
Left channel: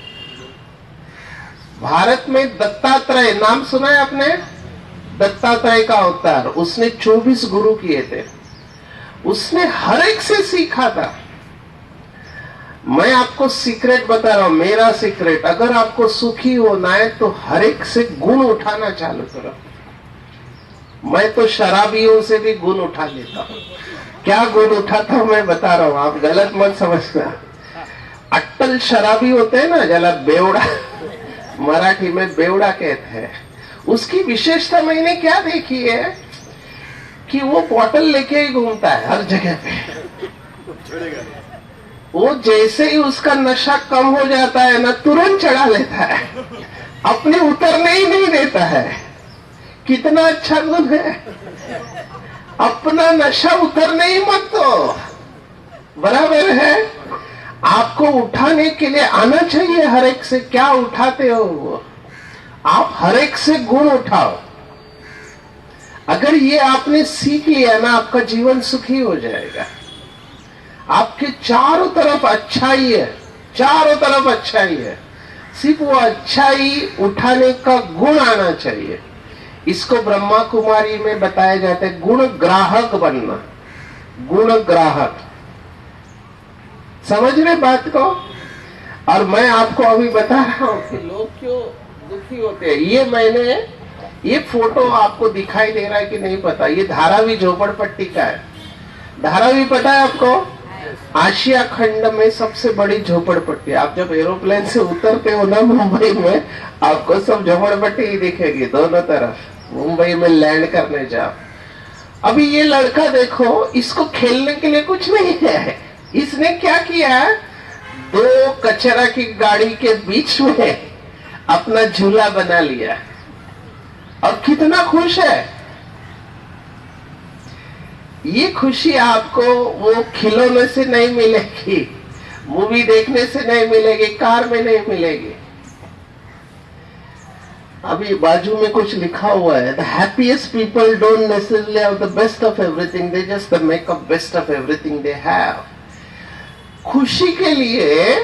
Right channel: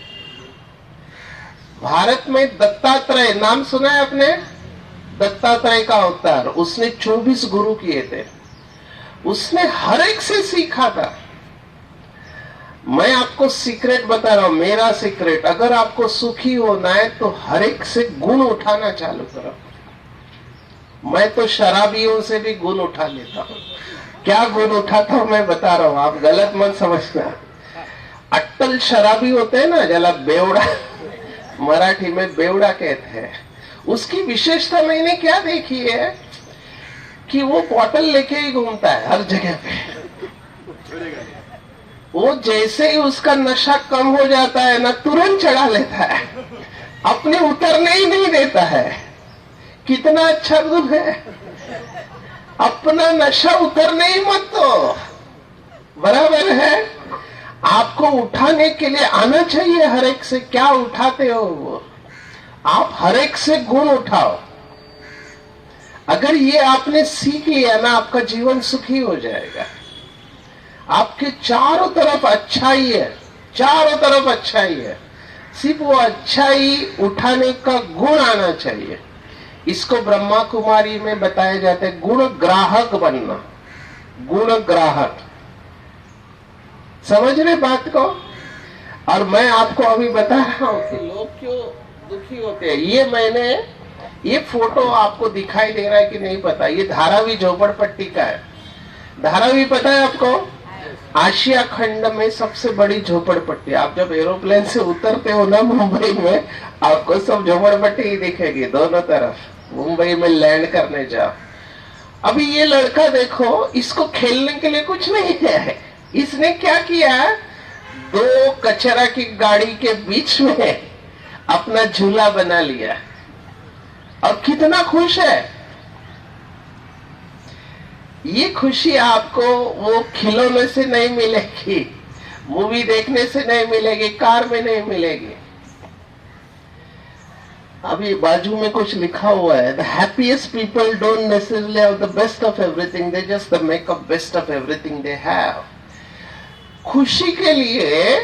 भारत में दत्तात्रेय नाम सुना है आपने? दत्तात्रेय का अवतार, उसने 24 गुरु किए थे। उसने हर एक से सीखा था। मैं आपको सीक्रेट बता रहा हूं, मेरा सीक्रेट, अगर आपको सुखी होना है तो हर एक से गुण उठाना चालू करो। मैं तो शराबियों से भी गुण उठा लेता हूं। क्या गुण उठाता हूं मैं बता रहा हूं, आप गलत मत समझना। अट्टल शराबी होते हैं ना, जला बेवड़ा, मराठी में बेवड़ा कहते हैं। उसकी विशेषता मैंने क्या देखी है कि वो बॉटल लेके ही घूमता है हर जगह पे। वो जैसे ही उसका नशा कम हो जाता है ना, तुरंत चढ़ा लेता है, अपने उतरने ही नहीं देता है। कितना अच्छा गुण है। अपना नशा उतरने ही मत दो, बराबर है। आपको उठाने के लिए आना चाहिए हर एक से। क्या उठाते हो वो? आप हर एक से गुण उठाओ। अगर ये आपने सीख लिया ना, आपका जीवन सुखी हो जाएगा। आपके चारों तरफ अच्छाई है, चारों तरफ अच्छाई है। सिर्फ वो अच्छाई उठाने का गुण आना चाहिए। इसको ब्रह्मा कुमारी में बताया जाता है गुण ग्राहक बनना। गुण ग्राहक, समझ रहे बात को? और मैं आपको अभी बता रहा हूं कि लोग क्यों दुखी होते हैं। ये फोटो आपको दिखाई दे रहा है कि नहीं पता, ये धारावी झोपड़पट्टी का है। धारावी पता है आपको? आशिया खंड में सबसे बड़ी झोपड़पट्टी। आप जब एरोप्लेन से उतरते हो ना मुंबई में, आपको सब झोपड़पट्टी ही दिखेगी दोनों तरफ। मुंबई में लैंड करने जाओ। अभी ये लड़का देखो, इसको खेलने के लिए कुछ नहीं है। इसने क्या किया, 2 कचरा की गाड़ी के बीच में अपना झूला बना लिया और कितना खुश है। ये खुशी आपको वो खिलौने से नहीं मिलेगी, मूवी देखने से नहीं मिलेगी, कार में नहीं मिलेगी। अभी बाजू में कुछ लिखा हुआ है, the happiest people don't necessarily have the best of everything, they just make a best of everything they have. खुशी के लिए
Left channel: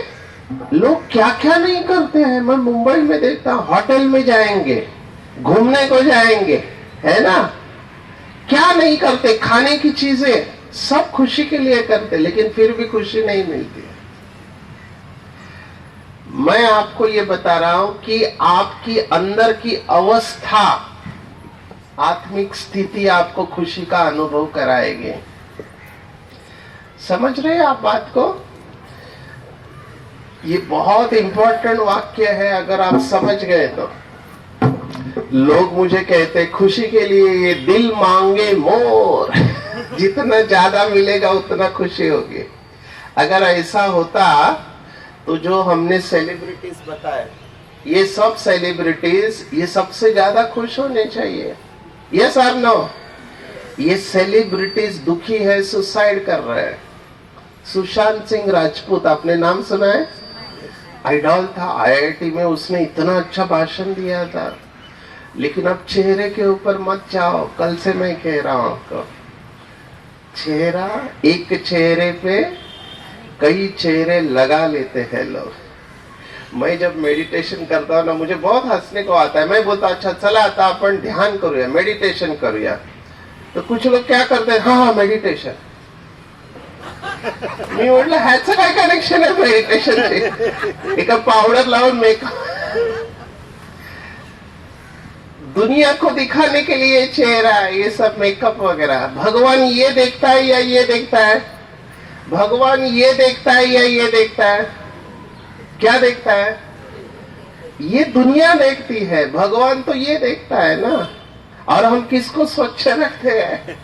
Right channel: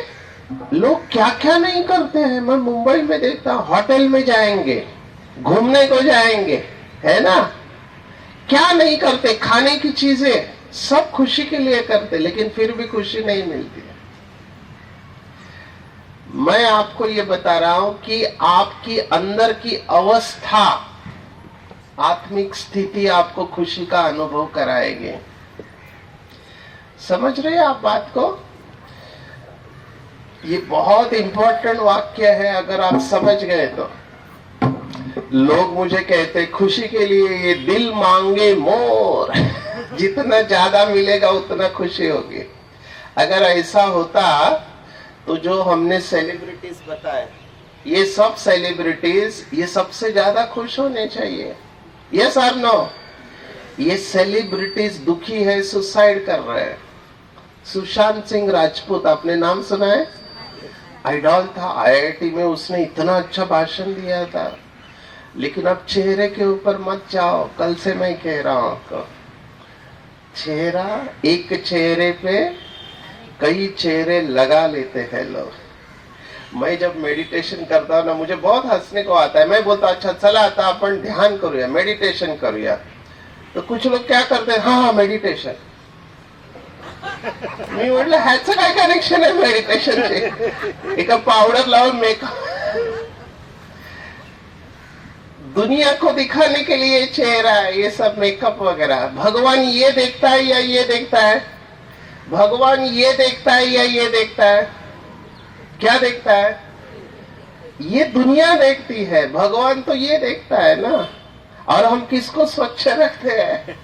लोग क्या क्या नहीं करते हैं। मैं मुंबई में देखता हूं, होटल में जाएंगे, घूमने को जाएंगे, है ना, क्या नहीं करते, खाने की चीजें सब खुशी के लिए करते, लेकिन फिर भी खुशी नहीं मिलती है। मैं आपको ये बता रहा हूं कि आपकी अंदर की अवस्था, आत्मिक स्थिति आपको खुशी का अनुभव कराएगी। समझ रहे हैं आप बात को? ये बहुत इंपॉर्टेंट वाक्य है, अगर आप समझ गए तो। लोग मुझे कहते खुशी के लिए ये दिल मांगे मोर, जितना ज्यादा मिलेगा उतना खुशी होगी। अगर ऐसा होता तो जो हमने सेलिब्रिटीज बताए, ये सब सेलिब्रिटीज ये सबसे ज्यादा खुश होने चाहिए। यस और नो? ये सेलिब्रिटीज दुखी है, सुसाइड कर रहे हैं। सुशांत सिंह राजपूत, आपने नाम सुना है? आइडॉल था, आईआईटी में उसने इतना अच्छा भाषण दिया था, लेकिन अब चेहरे के ऊपर मत जाओ। कल से मैं कह रहा हूं आपको, चेहरा, एक चेहरे पे कई चेहरे लगा लेते हैं लोग। मैं जब मेडिटेशन करता हूं ना, मुझे बहुत हंसने को आता है। मैं बोलता अच्छा चला आता आपण ध्यान करूया, मेडिटेशन करूया, तो कुछ लोग क्या करते हैं, हाँ हाँ मेडिटेशन। मी म्हटलं ह्याचं काय कनेक्शन आहे मेडिटेशन? एका पावडर लावून मेकअप, दुनिया को दिखाने के लिए चेहरा, ये सब मेकअप वगैरह। भगवान ये देखता है या ये देखता है? भगवान ये देखता है या ये देखता है? क्या देखता है? ये दुनिया देखती है, भगवान तो ये देखता है ना। और हम किसको स्वच्छ रखते हैं?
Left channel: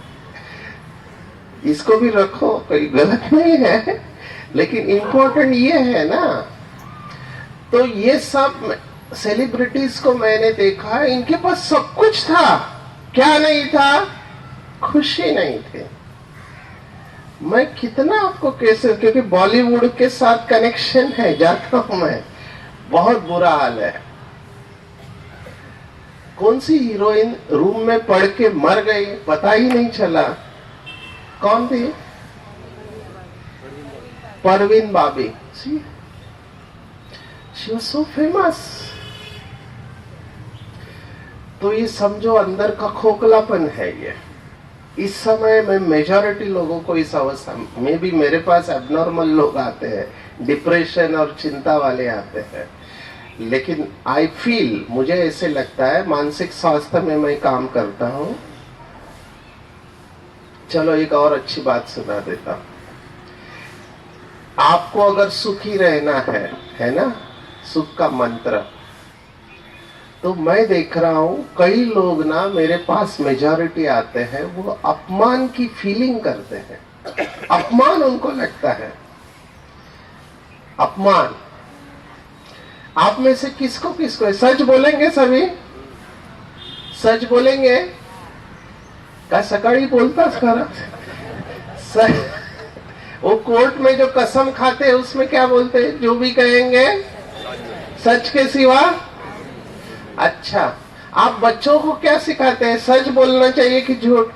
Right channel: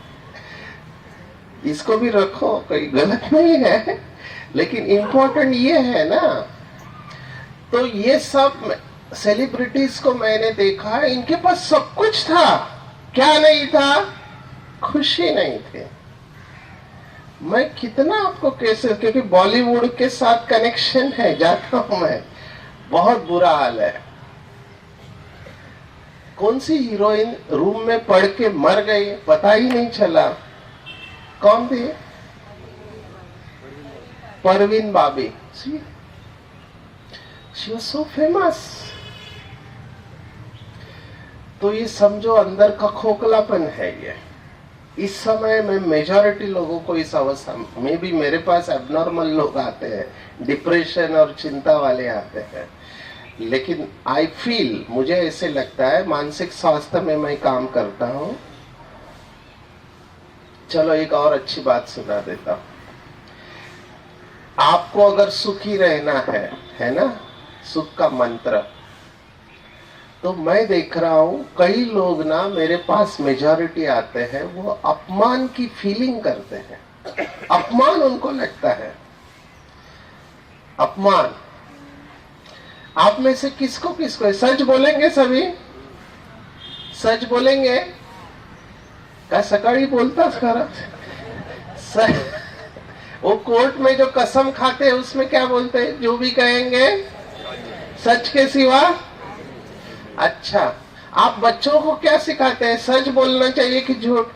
इसको भी रखो, कोई गलत नहीं है, लेकिन इंपॉर्टेंट ये है ना। तो ये सब सेलिब्रिटीज को मैंने देखा, इनके पास सब कुछ था, क्या नहीं था? खुशी नहीं थी। मैं कितना आपको कैसे, क्योंकि बॉलीवुड के साथ कनेक्शन है, जाता हूं मैं, बहुत बुरा हाल है। कौन सी हीरोइन रूम में पड़ के मर गई, पता ही नहीं चला। कौन थी? Parveen Babi. She was so famous. तो ये समझो अंदर का खोखलापन है ये। इस समय में मेजॉरिटी लोगों को इस अवस्था में भी, मेरे पास एबनॉर्मल लोग आते हैं, डिप्रेशन और चिंता वाले आते हैं, लेकिन आई फील, मुझे ऐसे लगता है, मानसिक स्वास्थ्य में मैं काम करता हूं। चलो एक और अच्छी बात सुना देता। आपको अगर सुखी रहना है ना, सुख का मंत्र, तो मैं देख रहा हूं कई लोग ना मेरे पास मेजॉरिटी आते हैं, वो अपमान की फीलिंग करते हैं। अपमान उनको लगता है, अपमान। आप में से किसको किसको है? सच बोलेंगे सभी? सच बोलेंगे? क्या सकाळी बोलतास खरंच? वो कोर्ट में जो कसम खाते हैं उसमें क्या बोलते हैं? जो भी कहेंगे सच के सिवा। अच्छा, आप बच्चों को क्या सिखाते हैं? सच बोलना चाहिए कि झूठ?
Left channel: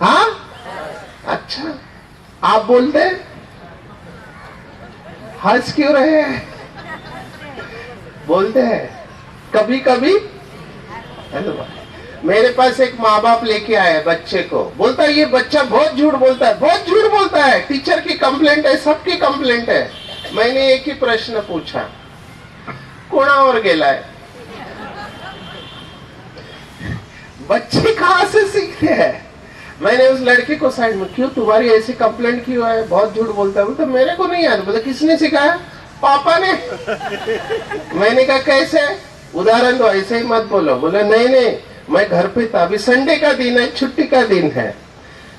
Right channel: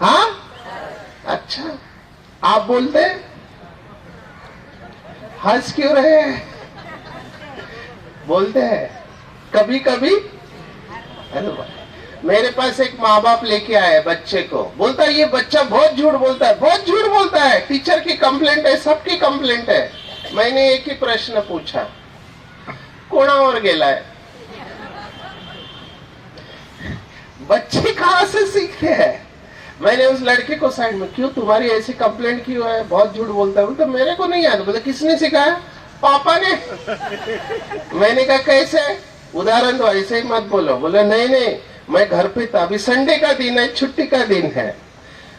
हाँ, अच्छा, आप बोलते हैं? हंस क्यों रहे हैं? बोलते हैं कभी कभी। मेरे पास एक माँ बाप लेके आया बच्चे को, बोलता है ये बच्चा बहुत झूठ बोलता है, बहुत झूठ बोलता है, टीचर की कंप्लेंट है, सबकी कंप्लेंट है। मैंने एक ही प्रश्न पूछा, कोणावर गेला है? बच्चे कहां से सीखते हैं? मैंने उस लड़के को साइड में, क्यों तुम्हारी ऐसी कंप्लेंट क्यों है, बहुत झूठ बोलता है? बोलता मेरे को नहीं याद। बोलता किसने सिखाया? पापा ने। मैंने कहा कैसे? उदाहरण दो, ऐसे ही मत बोलो। बोला नहीं नहीं, मैं घर पे था, अभी संडे का दिन है, छुट्टी का दिन है,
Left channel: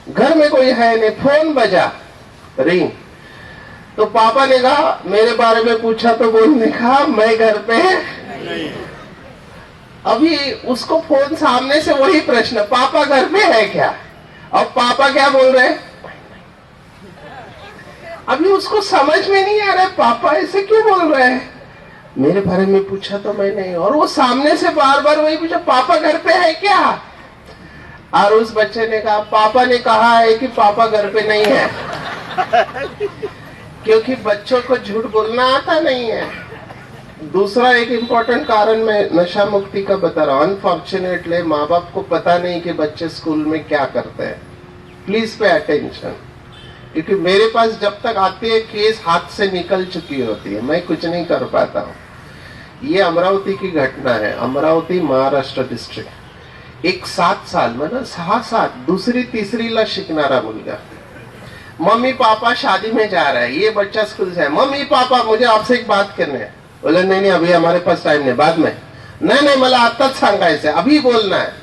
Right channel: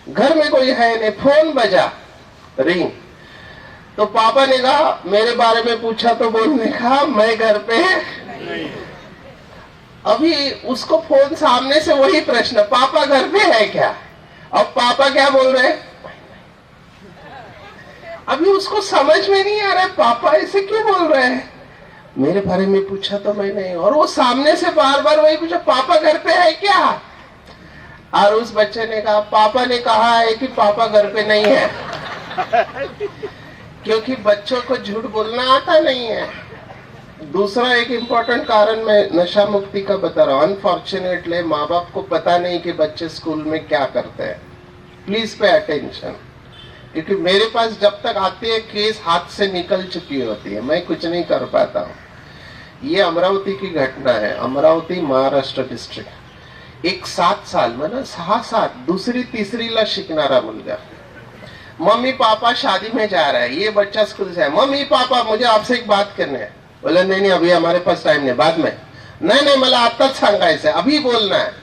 घर में कोई है नहीं, फोन बजा, रिंग, तो पापा ने कहा, मेरे बारे में पूछा तो बोलने कहा मैं घर पे नहीं। अभी उसको फोन सामने से वही प्रश्न, पापा घर पे है क्या? और पापा क्या बोल रहे हैं? अभी उसको समझ में नहीं आ रहा है पापा ऐसे क्यों बोल रहे हैं। मेरे बारे में पूछा तो मैं नहीं, और वो सामने से बार बार वही पूछा, पापा घर पे है क्या? और उस बच्चे ने कहा, पापा ने कहा है कि पापा घर पे नहीं है। क्योंकि बच्चों को झूठ बोलना आता नहीं है। दूसरा एक इम्पोर्टेंट कारण मैं नशा मुक्ति का बता रहा हूं, अनफॉर्चुनेटली माँ बाप को पता नहीं कि बच्चे स्कूल में क्या करते हैं। प्लीज पे अटेंशन, क्योंकि मेरे पास जब तक आती है केस हाथ से निकल चुकी होती है, मैं कुछ नहीं कर पाता हूँ। ये अमरावती की घटना है, अमरावती महाराष्ट्र डिस्ट्रिक्ट। एक 7 साल मतलब 6-7 दूसरी तीसरीला शिकणारा मुलगा, मम्मी पापा शादी में जा रहा है, ये बच्चा स्कूल से है, मम्मी पापा मुझे आपसे एक बात करनी है। बोले नहीं नहीं अभी हमारे पास टाइम नहीं, बाद में। नहीं नहीं मला आताच सांगायचं, अभी बोलना है।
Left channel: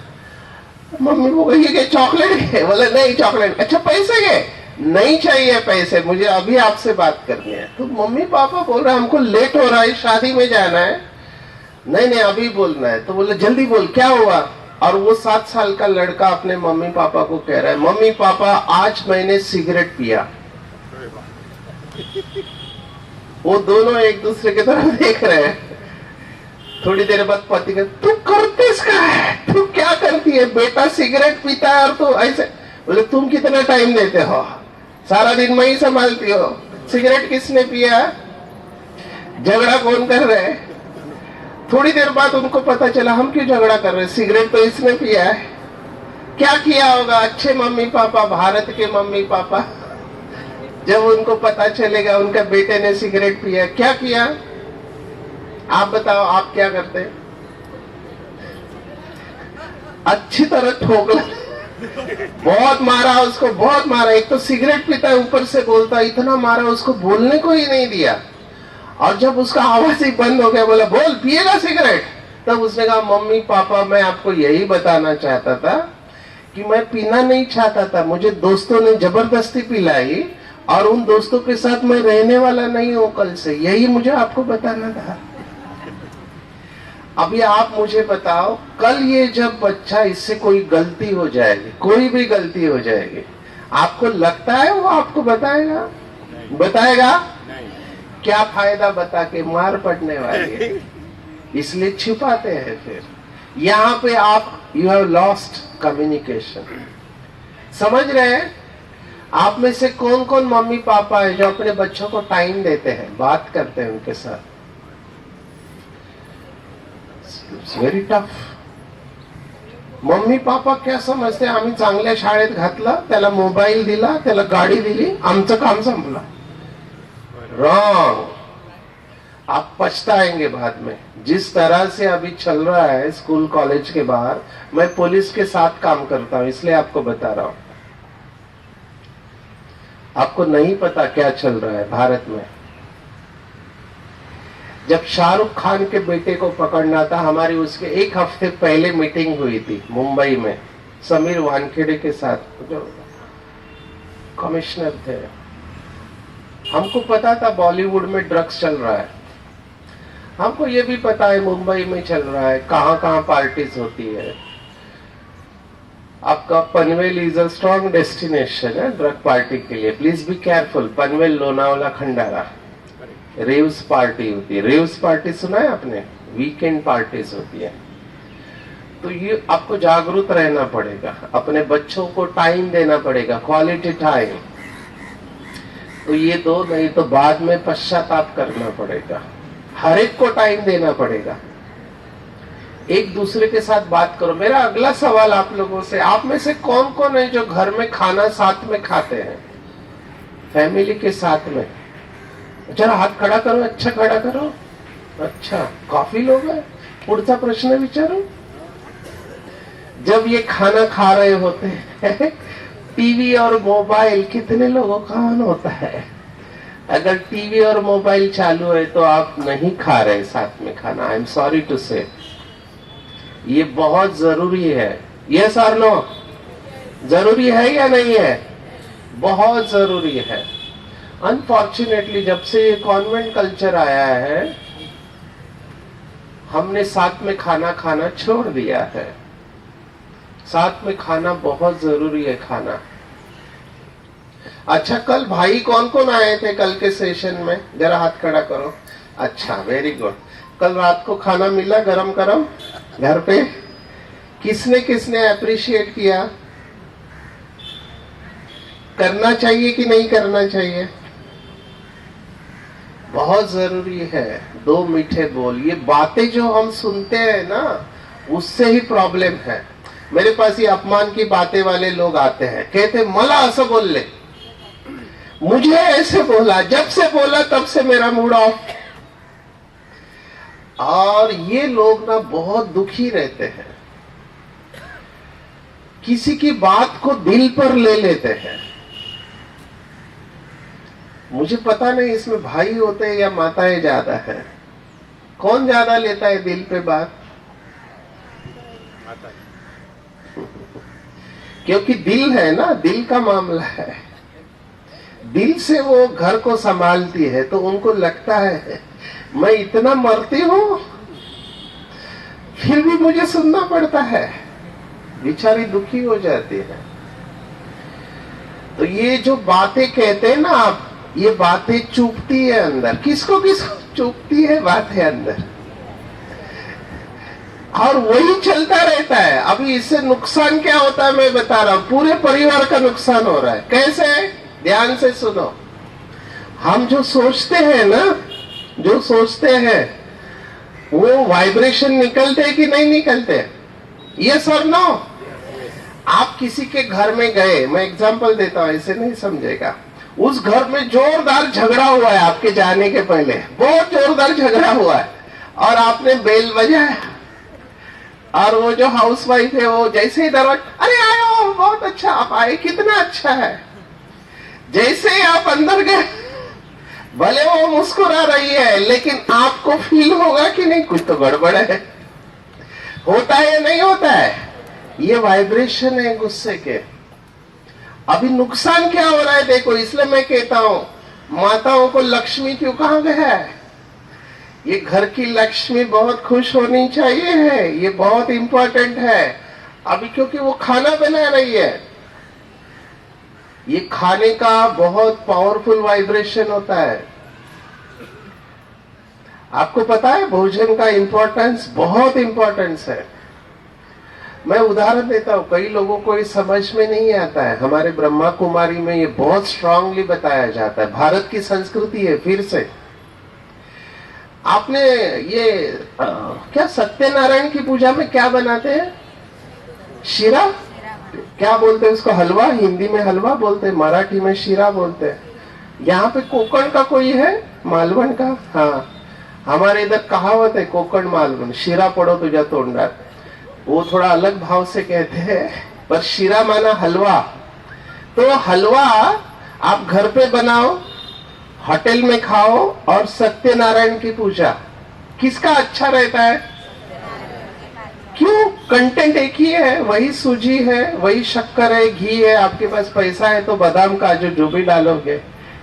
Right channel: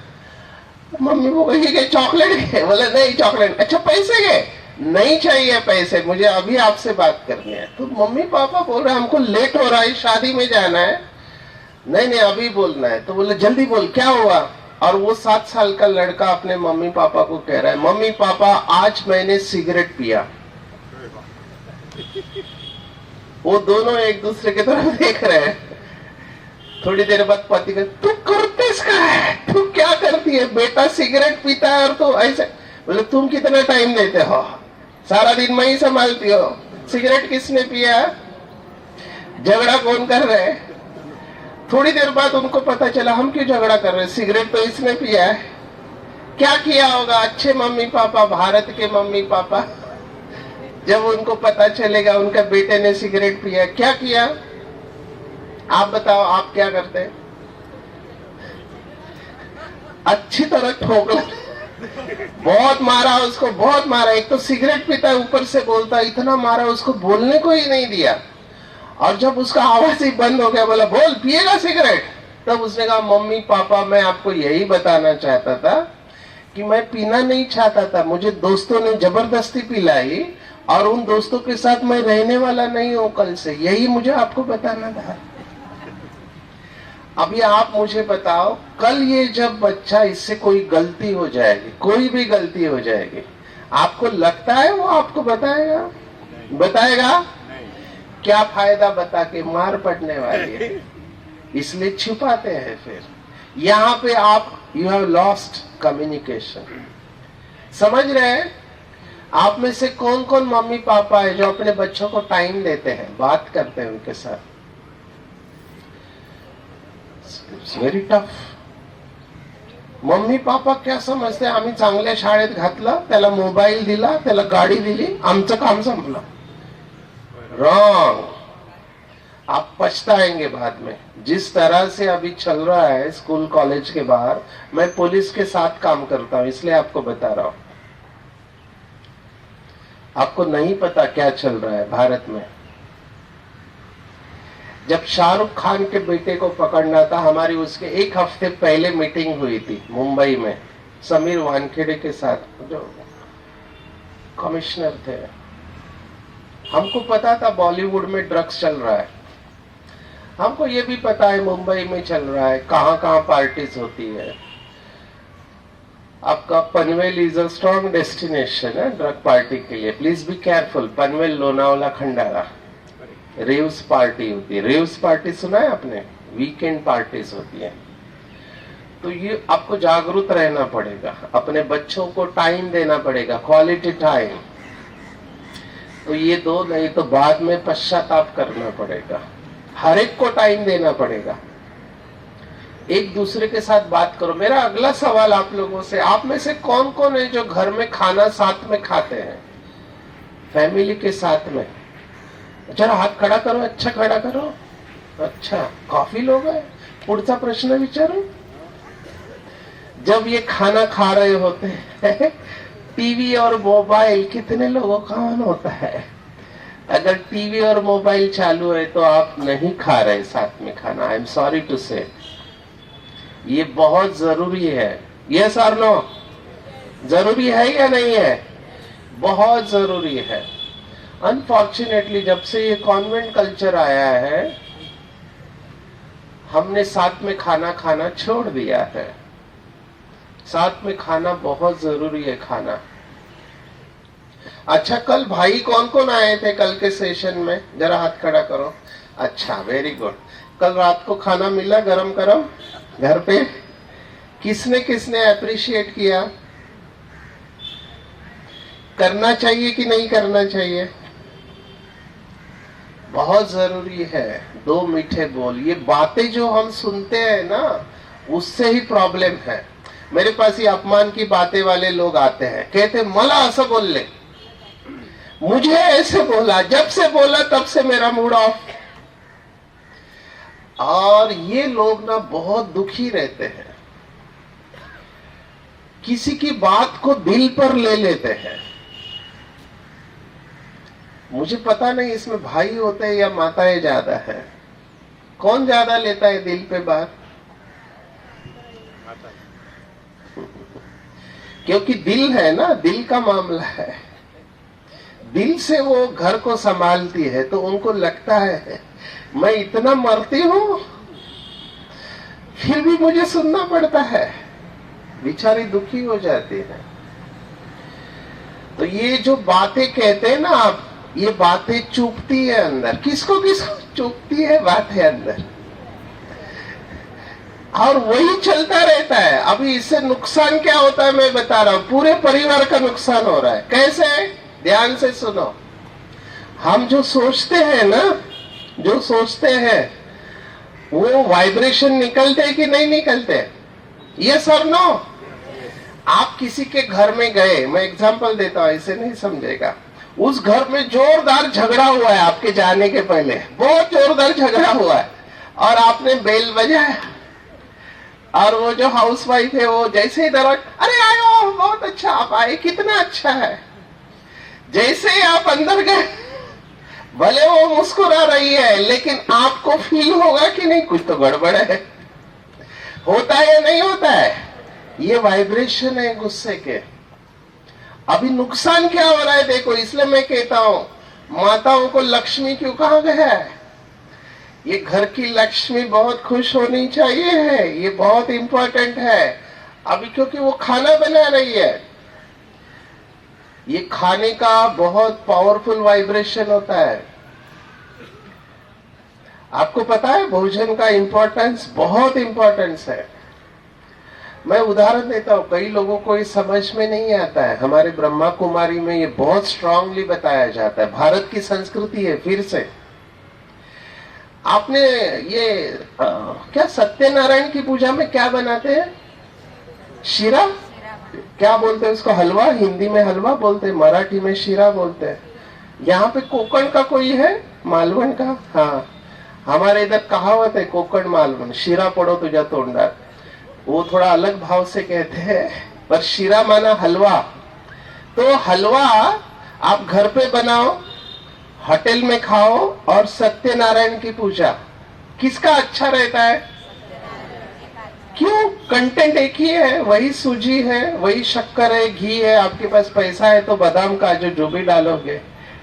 मम्मी वो कही चॉकलेट है, बोले नहीं चॉकलेट, अच्छा पैसे गए, नहीं चाहिए पैसे, मुझे अभी आपसे बात करनी है। तो मम्मी पापा बोल रहे हमको लेट हो रहा है, शादी में जाना है। नहीं नहीं अभी बोलना है। तो बोले जल्दी बोल क्या हुआ? और वो 7 साल का लड़का अपने मम्मी पापा को कह रहा है, मम्मी पापा आज मैंने सिगरेट पिया। वो दोनों एक दूसरे की तरफ देख रहे हैं। थोड़ी देर बाद पति का, तू करतेस क्या है, तू क्या करती है? बेटा सिगरेट पीता है और तू ऐसे। बोले तुम कितना टाइम देते हो? सारा दिन मैं ही संभालती हो, सिगरेट किसने पिया? झगड़ा कौन कर रहे? थोड़ी देर बाद उनको पता चला हम क्यों झगड़ा कर रहे, सिगरेट तो इसने पिया है। क्या किया होगा अच्छे मम्मी पापा, भारत के मम्मी पापा, जब उनको पता चलेगा उनका बेटे ने सिगरेट पिया, क्या किया? आप बताओ आप क्या करते? अच्छी तरह ठोकला, बहुत मारा उसको, बहुत मारा। एक तो सिगरेट पीता है, ऊपर से बोलता, इतना मारा उसको, बोलने को ही नहीं दिया। और जब उसका आवाज ही बंद हो गया, बोला बोल पिएगा सिगरेट, तब उसने कहा मम्मी पापा मैं आपको यही बताना चाहता था कि मैं पीना नहीं चाहता था, मुझे दोस्तों ने जबरदस्ती पिलाई और उन दोस्तों के साथ मैं रहने वाला नहीं हूं कल से, यही मुझे आपको बताना था। अभी आप मुझे बताओ, कल ये जब बच्चा, इससे कोई गलती हो जाएगी, कोई भी गलती हो जाएगी, आपको लगता है वो आपको बताएगा? बताएगा? क्या फायदा बता के, मार पड़ने वाली है, इसलिए छिपाते हैं। फिर यहाँ पे आप यू हैव लॉस्ट कम्युनिकेशन। समझ रहे हैं? आप में से कौन कौन मम्मी पापा है जो अपने बच्चों को टाइम देते हैं, बात करते हैं उनके साथ? It's very tough. Mummy papa क्या समजते, आम्ही चांगल्या शाळेत घातलं, त्याला मोबाईल दिला, त्याला गाडी दिली, आमचं काम संपलं। रॉन्ग। आप पछताएंगे बाद में। जिस तरह से अभी चल रहा है स्कूल कॉलेज के बाहर, मैं पुलिस के साथ काम करता हूं इसलिए आपको बता रहा हूं। आपको नहीं पता क्या चल रहा है भारत में। जब शाहरुख खान के बेटे को पकड़ना था, हमारी उसके 1 हफ्ते पहले मीटिंग हुई थी मुंबई में समीर वानखेड़े के साथ, जो कमिश्नर थे। हमको पता था बॉलीवुड में ड्रग्स चल रहा है, हमको ये भी पता है मुंबई में चल रहा है, कहां कहां पार्टीज होती है। आपका Panvel is a strong destination है ड्रग पार्टी के लिए, please be careful. Panvel, Lonavala, Khandara रेव्स party होती है। रेव्स पार्टी सुना है आपने? वीकेंड पार्टीज होती है। तो ये आपको जागरूक रहना पड़ेगा, अपने बच्चों को टाइम देना पड़ेगा, क्वालिटी टाइम। तो ये दो, नहीं तो बाद में पश्चाताप करना पड़ेगा। हर एक को टाइम देना पड़ेगा, एक दूसरे के साथ बात करो। मेरा अगला सवाल आप लोगों से, आप में से कौन कौन है जो घर में खाना साथ में खाते हैं, फैमिली के साथ में? जरा हाथ खड़ा करो, अच्छा खड़ा करो। अच्छा, काफी लोग हैं। पुढचा प्रश्न विचारो। जब ये खाना खा रहे होते हैं, टीवी और मोबाइल कितने लोगों का ऑन होता है? अगर टीवी और मोबाइल चालू है तो आप नहीं खा रहे साथ में खाना। आई एम सॉरी टू से, ये बहुत जरूरी है। यस और नो? जरूरी है या नहीं है? बहुत जरूरी है। अनफॉर्चुनेटली जब से ये कॉन्वेंट कल्चर आया है, हमने साथ में खाना खाना छोड़ दिया है। साथ में खाना बहुत जरूरी है, खाना। अच्छा, कल भाई कौन कौन आए थे कल के सेशन में? जरा हाथ खड़ा करो। अच्छा, वेरी गुड। कल रात को खाना मिला गरम गरम घर पे? किसने किसने अप्रिशिएट किया? करना चाहिए कि नहीं करना चाहिए? बहुत जरूरी है। दो मीठे बोल, ये बातें जो हम सुनते हैं ना, उससे ही प्रॉब्लम है। मेरे पास ये अपमान की बातें वाले लोग आते हैं, कहते मला ऐसा बोल ले, मुझे ऐसे बोला, जब से बोला तब से मेरा मूड ऑफ। और ये लोग ना बहुत दुखी रहते हैं, किसी की बात को दिल पर ले लेते हैं। मुझे पता नहीं इसमें भाई होते हैं या माताएं ज्यादा है, कौन ज्यादा लेता है दिल पे बात? क्योंकि दिल है ना, दिल का मामला है। दिल से वो घर को संभालती है, तो उनको लगता है मैं इतना मरती हूं फिर भी मुझे सुनना पड़ता है। बेचारी दुखी हो जाती है। तो ये जो बातें कहते हैं ना आप, ये बातें चुभती है अंदर। किसको किसको चुभती है बातें अंदर, और वही चलता रहता है। अभी इससे नुकसान क्या होता है मैं बता रहा हूं, पूरे परिवार का नुकसान हो रहा है। कैसे? ध्यान से सुनो। हम जो सोचते हैं ना, जो सोचते हैं वो वाइब्रेशन निकलते कि नहीं निकलते? ये सर नो। आप किसी के घर में गए, मैं एग्जांपल देता हूं, ऐसे नहीं समझेगा। उस घर में जोरदार झगड़ा हुआ है आपके जाने के पहले, बहुत जोरदार झगड़ा हुआ है, और आपने बेल बजाया, और वो जो हाउसवाइफ है वो जैसे ही दरवाजा, अरे आयो, बहुत अच्छा आप आए, कितना अच्छा है। जैसे ही आप अंदर गए, भले वो मुस्कुरा रही है, लेकिन आपको फील होगा कि नहीं कुछ तो गड़बड़ है। होता है या नहीं होता है? ये वाइब्रेशन है गुस्से के। अभी नुकसान क्या हो रहा है देखो, इसलिए मैं कहता हूं माताओं को लक्ष्मी क्यों कहा गया है? ये घर की लक्ष्मी बहुत खुश होनी चाहिए है, ये बहुत इंपॉर्टेंट है। अभी क्योंकि वो खाना बना रही है, ये खाने का बहुत पावरफुल वाइब्रेशन होता है। आपको पता है भोजन का इंपॉर्टेंस, बहुत इंपॉर्टेंस है। मैं उदाहरण देता हूं, कई लोगों को ये समझ में नहीं आता है। हमारे ब्रह्मा कुमारी में ये बहुत स्ट्रांगली बताया जाता है। भारत की संस्कृति है। फिर से आपने ये क्या सत्यनारायण की पूजा में क्या बनाते हैं? शीरा, क्या बोलते हैं उसको? हलवा। हिंदी में हलवा बोलते हैं, मराठी में शीरा बोलते हैं। यहाँ पे कोकण का कोई है? मालवण का? हाँ, हमारे इधर कहावत है, कोकण मालवण, शीरा पड़ो तुझा तोंडात। वो थोड़ा अलग भाव से कहते हैं, पर शीरा माना हलवा। तो हलवा आप घर पे बनाओ, होटल में खाओ, और सत्यनारायण की पूजा, किसका अच्छा रहता है? क्यों? कंटेंट एक ही है, वही सूजी है, वही शक्कर है, घी है, आपके पास पैसा है तो बादाम काजू जो भी डालोगे,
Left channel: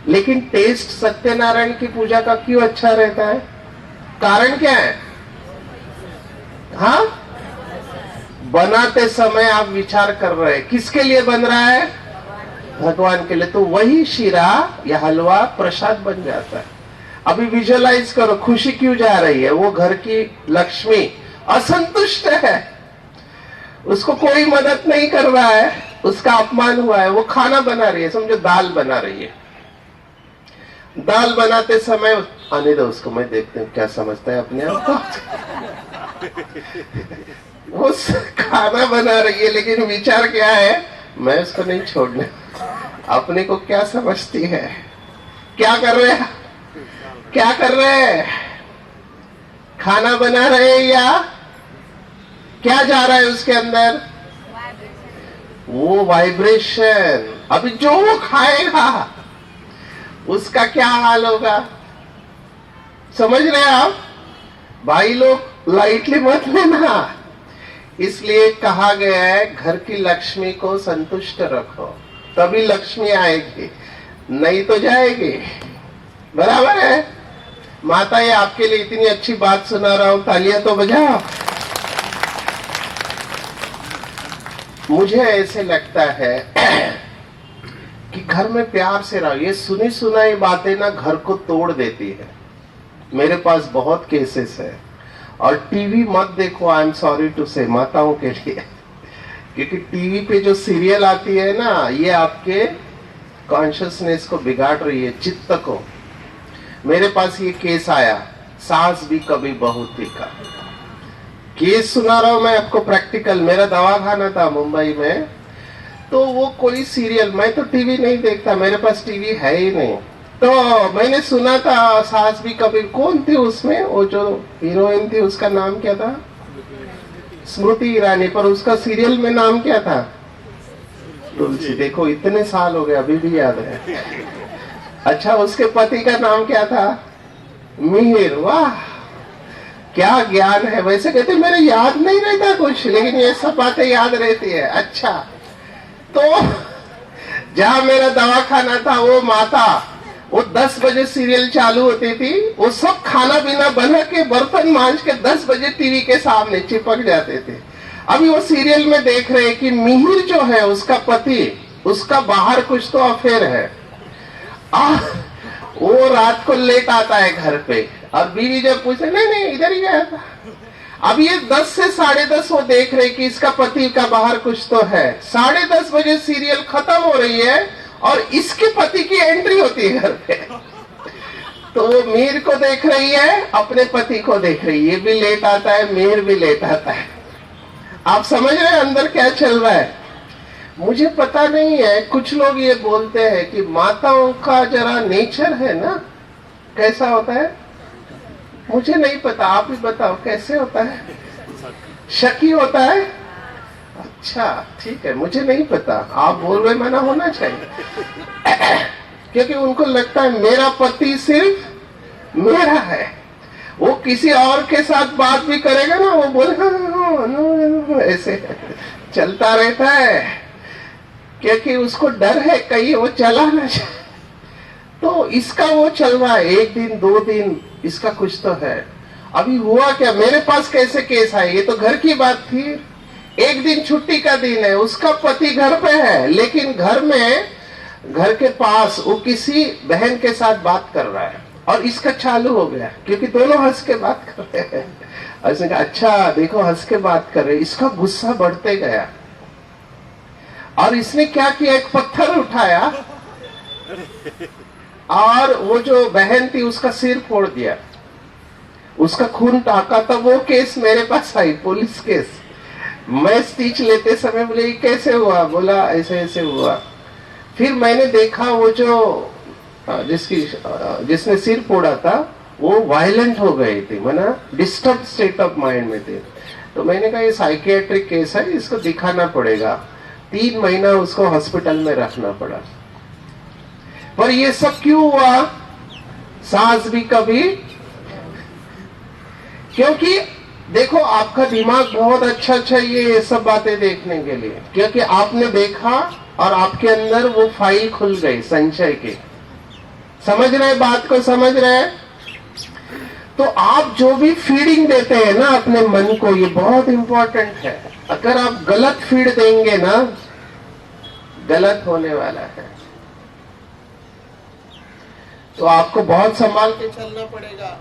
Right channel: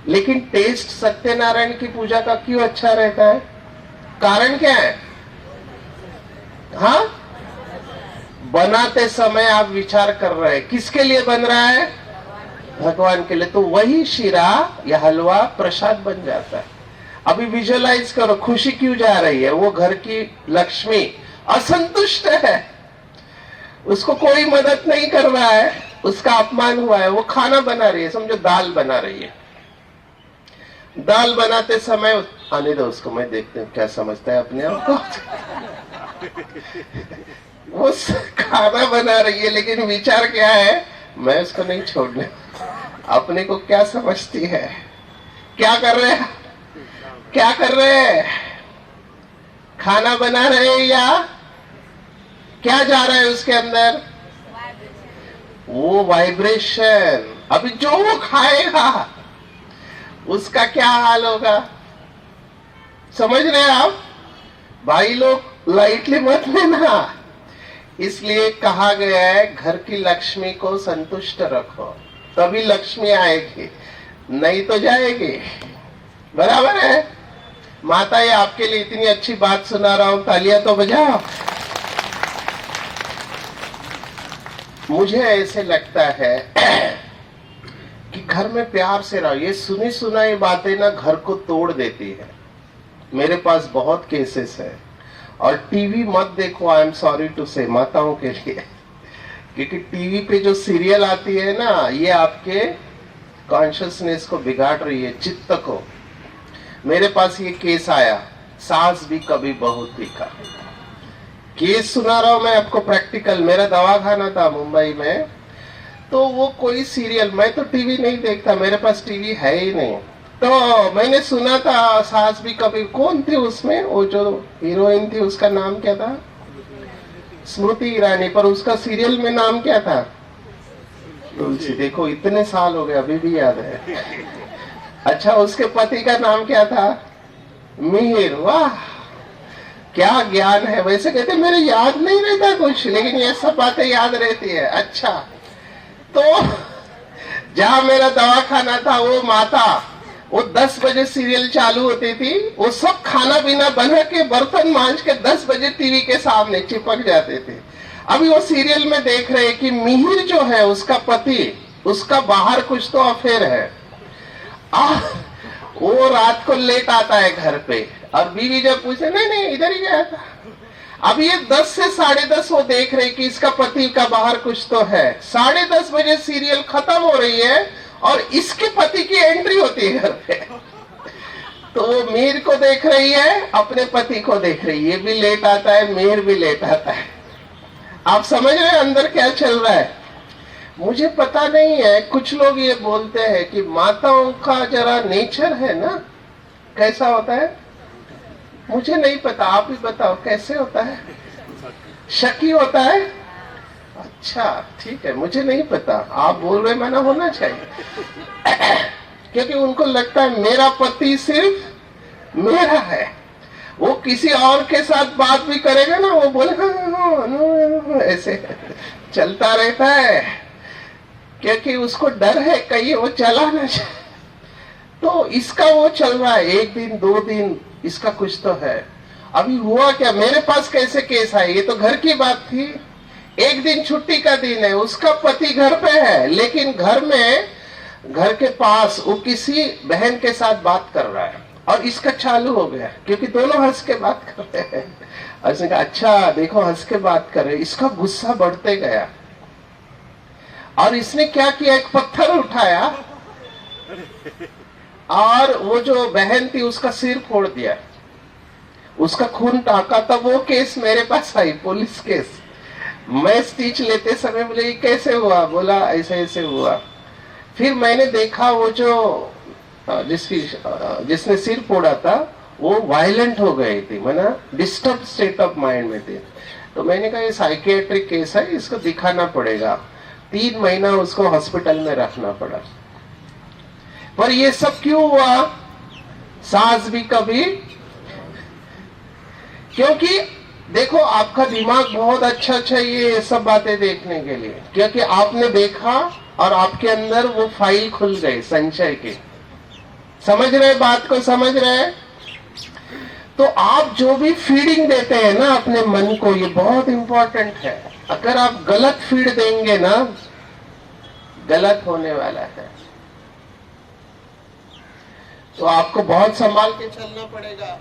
लेकिन टेस्ट सत्यनारायण की पूजा का क्यों अच्छा रहता है? कारण क्या है? हाँ, बनाते समय आप विचार कर रहे हैं किसके लिए बन रहा है? भगवान के लिए। तो वही शीरा या हलवा प्रसाद बन जाता है। अभी विजुअलाइज करो, खुशी क्यों जा रही है? वो घर की लक्ष्मी असंतुष्ट है, उसको कोई मदद नहीं कर रहा है, उसका अपमान हुआ है, वो खाना बना रही है, समझो दाल बना रही है। दाल बनाते समय, आने दो उसको, मैं देखते हूँ क्या समझता है अपने आप को। वो खाना बना रही है, लेकिन विचार क्या है? मैं उसको नहीं छोड़ने। अपने को क्या समझती है? क्या कर रहे हैं? क्या कर रहे हैं? खाना बना रहे हैं या क्या जा रहा है उसके अंदर? वो वाइब्रेशन। अभी जो वो खाएगा उसका क्या हाल होगा? समझ रहे हैं आप? भाई लोग लाइटली मत लेना। इसलिए कहा गया है घर की लक्ष्मी को संतुष्ट रखो, तभी लक्ष्मी आएगी, नहीं तो जाएगी। बराबर है? माता, ये आपके लिए इतनी अच्छी बात सुना रहा हूं, तालियां तो बजाओ। मुझे ऐसे लगता है कि घर में प्यार से रहो। ये सुनी सुनाई बातें ना घर को तोड़ देती है। मेरे पास बहुत केसेस है, और टीवी मत देखो, आई एम सॉरी टू से, माताओं के लिए, क्योंकि टीवी पे जो सीरियल आती है ना, ये आपके कॉन्शियसनेस को बिगाड़ रही है, चित्त को। मेरे पास ये केस आया, सास भी कभी बहू थी का केस सुना रहा हूं मैं आपको प्रैक्टिकल। मेरा दवाखाना था मुंबई में, तो वो कोई सीरियल, मैं तो टीवी नहीं देखता, मेरे पास टीवी है ही नहीं, तो मैंने सुना था सास भी कभी। कौन थी उसमें, वो जो हीरोइन थी उसका नाम क्या था, स्मृति ईरानी, पर उसका सीरियल में नाम क्या था, तुलसी। देखो इतने साल हो गए अभी भी याद है। अच्छा, उसके पति का नाम क्या था, मिहिर। वाह क्या ज्ञान है। वैसे कहते मेरे याद नहीं रहता कुछ, लेकिन ये सब बातें याद रहती है। अच्छा, तो जहां मेरा दवाखाना था, वो माता, वो 10 बजे सीरियल चालू होती थी, वो सब खाना पीना बना के बर्तन मांज के 10 बजे टीवी के सामने चिपक जाते थे। अभी वो सीरियल में देख रहे कि मिहिर जो है उसका पति, उसका बाहर कुछ तो अफेयर है। वो रात को लेट आता है घर पे, और बीवी जब पूछे, नहीं नहीं इधर ही गया था। अब ये 10 से 10:30 वो देख रहे कि इसका पति का बाहर कुछ तो है। 10:30 बजे सीरियल खत्म हो रही है और इसके पति की एंट्री होती है घर पे। तो वो मीर को देख रही है, अपने पति को देख रही है, ये भी लेट आता है, मीर भी लेट आता है। आप समझ रहे हैं अंदर क्या चल रहा है। मुझे पता नहीं है, कुछ लोग ये बोलते हैं कि माताओं का जरा नेचर है ना, कैसा होता है, मुझे नहीं पता, आप ही बताओ कैसे होता है। शकी होता है, अच्छा ठीक है, मुझे नहीं पता, आप बोल रहे माना होना चाहिए। क्योंकि उनको लगता है मेरा पति सिर्फ मेरा है, वो किसी और के साथ बात भी करेगा ना, वो बोलेगा ऐसे चलता रहता है, क्योंकि उसको डर है कहीं वो चला ना जाए। तो इसका वो चल रहा है, 1 दिन 2 दिन इसका कुछ तो है। अभी हुआ क्या, मेरे पास कैसे केस आए, ये तो घर की बात थी। एक दिन छुट्टी का दिन है, उसका पति घर पे है, लेकिन घर में, घर के पास वो किसी बहन के साथ बात कर रहा है, और इसका चालू हो गया, क्योंकि दोनों हंस के बात कर रहे हैं। उसने कहा अच्छा देखो हंस के बात कर रहे, इसका गुस्सा बढ़ते गया, और इसने क्या किया, एक पत्थर उठाया और वो जो बहन थी उसका सिर फोड़ दिया, उसका खून टाका। तब वो केस मेरे पास आई, पुलिस केस। मैं स्पीच लेते समय बोले ये कैसे हुआ, बोला ऐसे ऐसे हुआ। फिर मैंने देखा वो जो जिसने सिर फोड़ा था वो वायलेंट हो गई थी, मैंने डिस्टर्ब स्टेट ऑफ माइंड में थे। तो मैंने कहा ये साइकियाट्रिक केस है, इसको दिखाना पड़ेगा। 3 महीना उसको हॉस्पिटल में रखना पड़ा। पर ये सब क्यों हुआ, सास भी कभी, क्योंकि देखो आपका दिमाग बहुत अच्छा चाहिए ये सब बातें देखने के लिए, क्योंकि आपने देखा और आपके अंदर वो फाइल खुल गई संचय की। समझ रहे बात को, समझ रहे। तो आप जो भी फीडिंग देते हैं ना अपने मन को, ये बहुत इंपॉर्टेंट है। अगर आप गलत फीड देंगे ना, गलत होने वाला है। तो आपको बहुत संभाल के चलना पड़ेगा,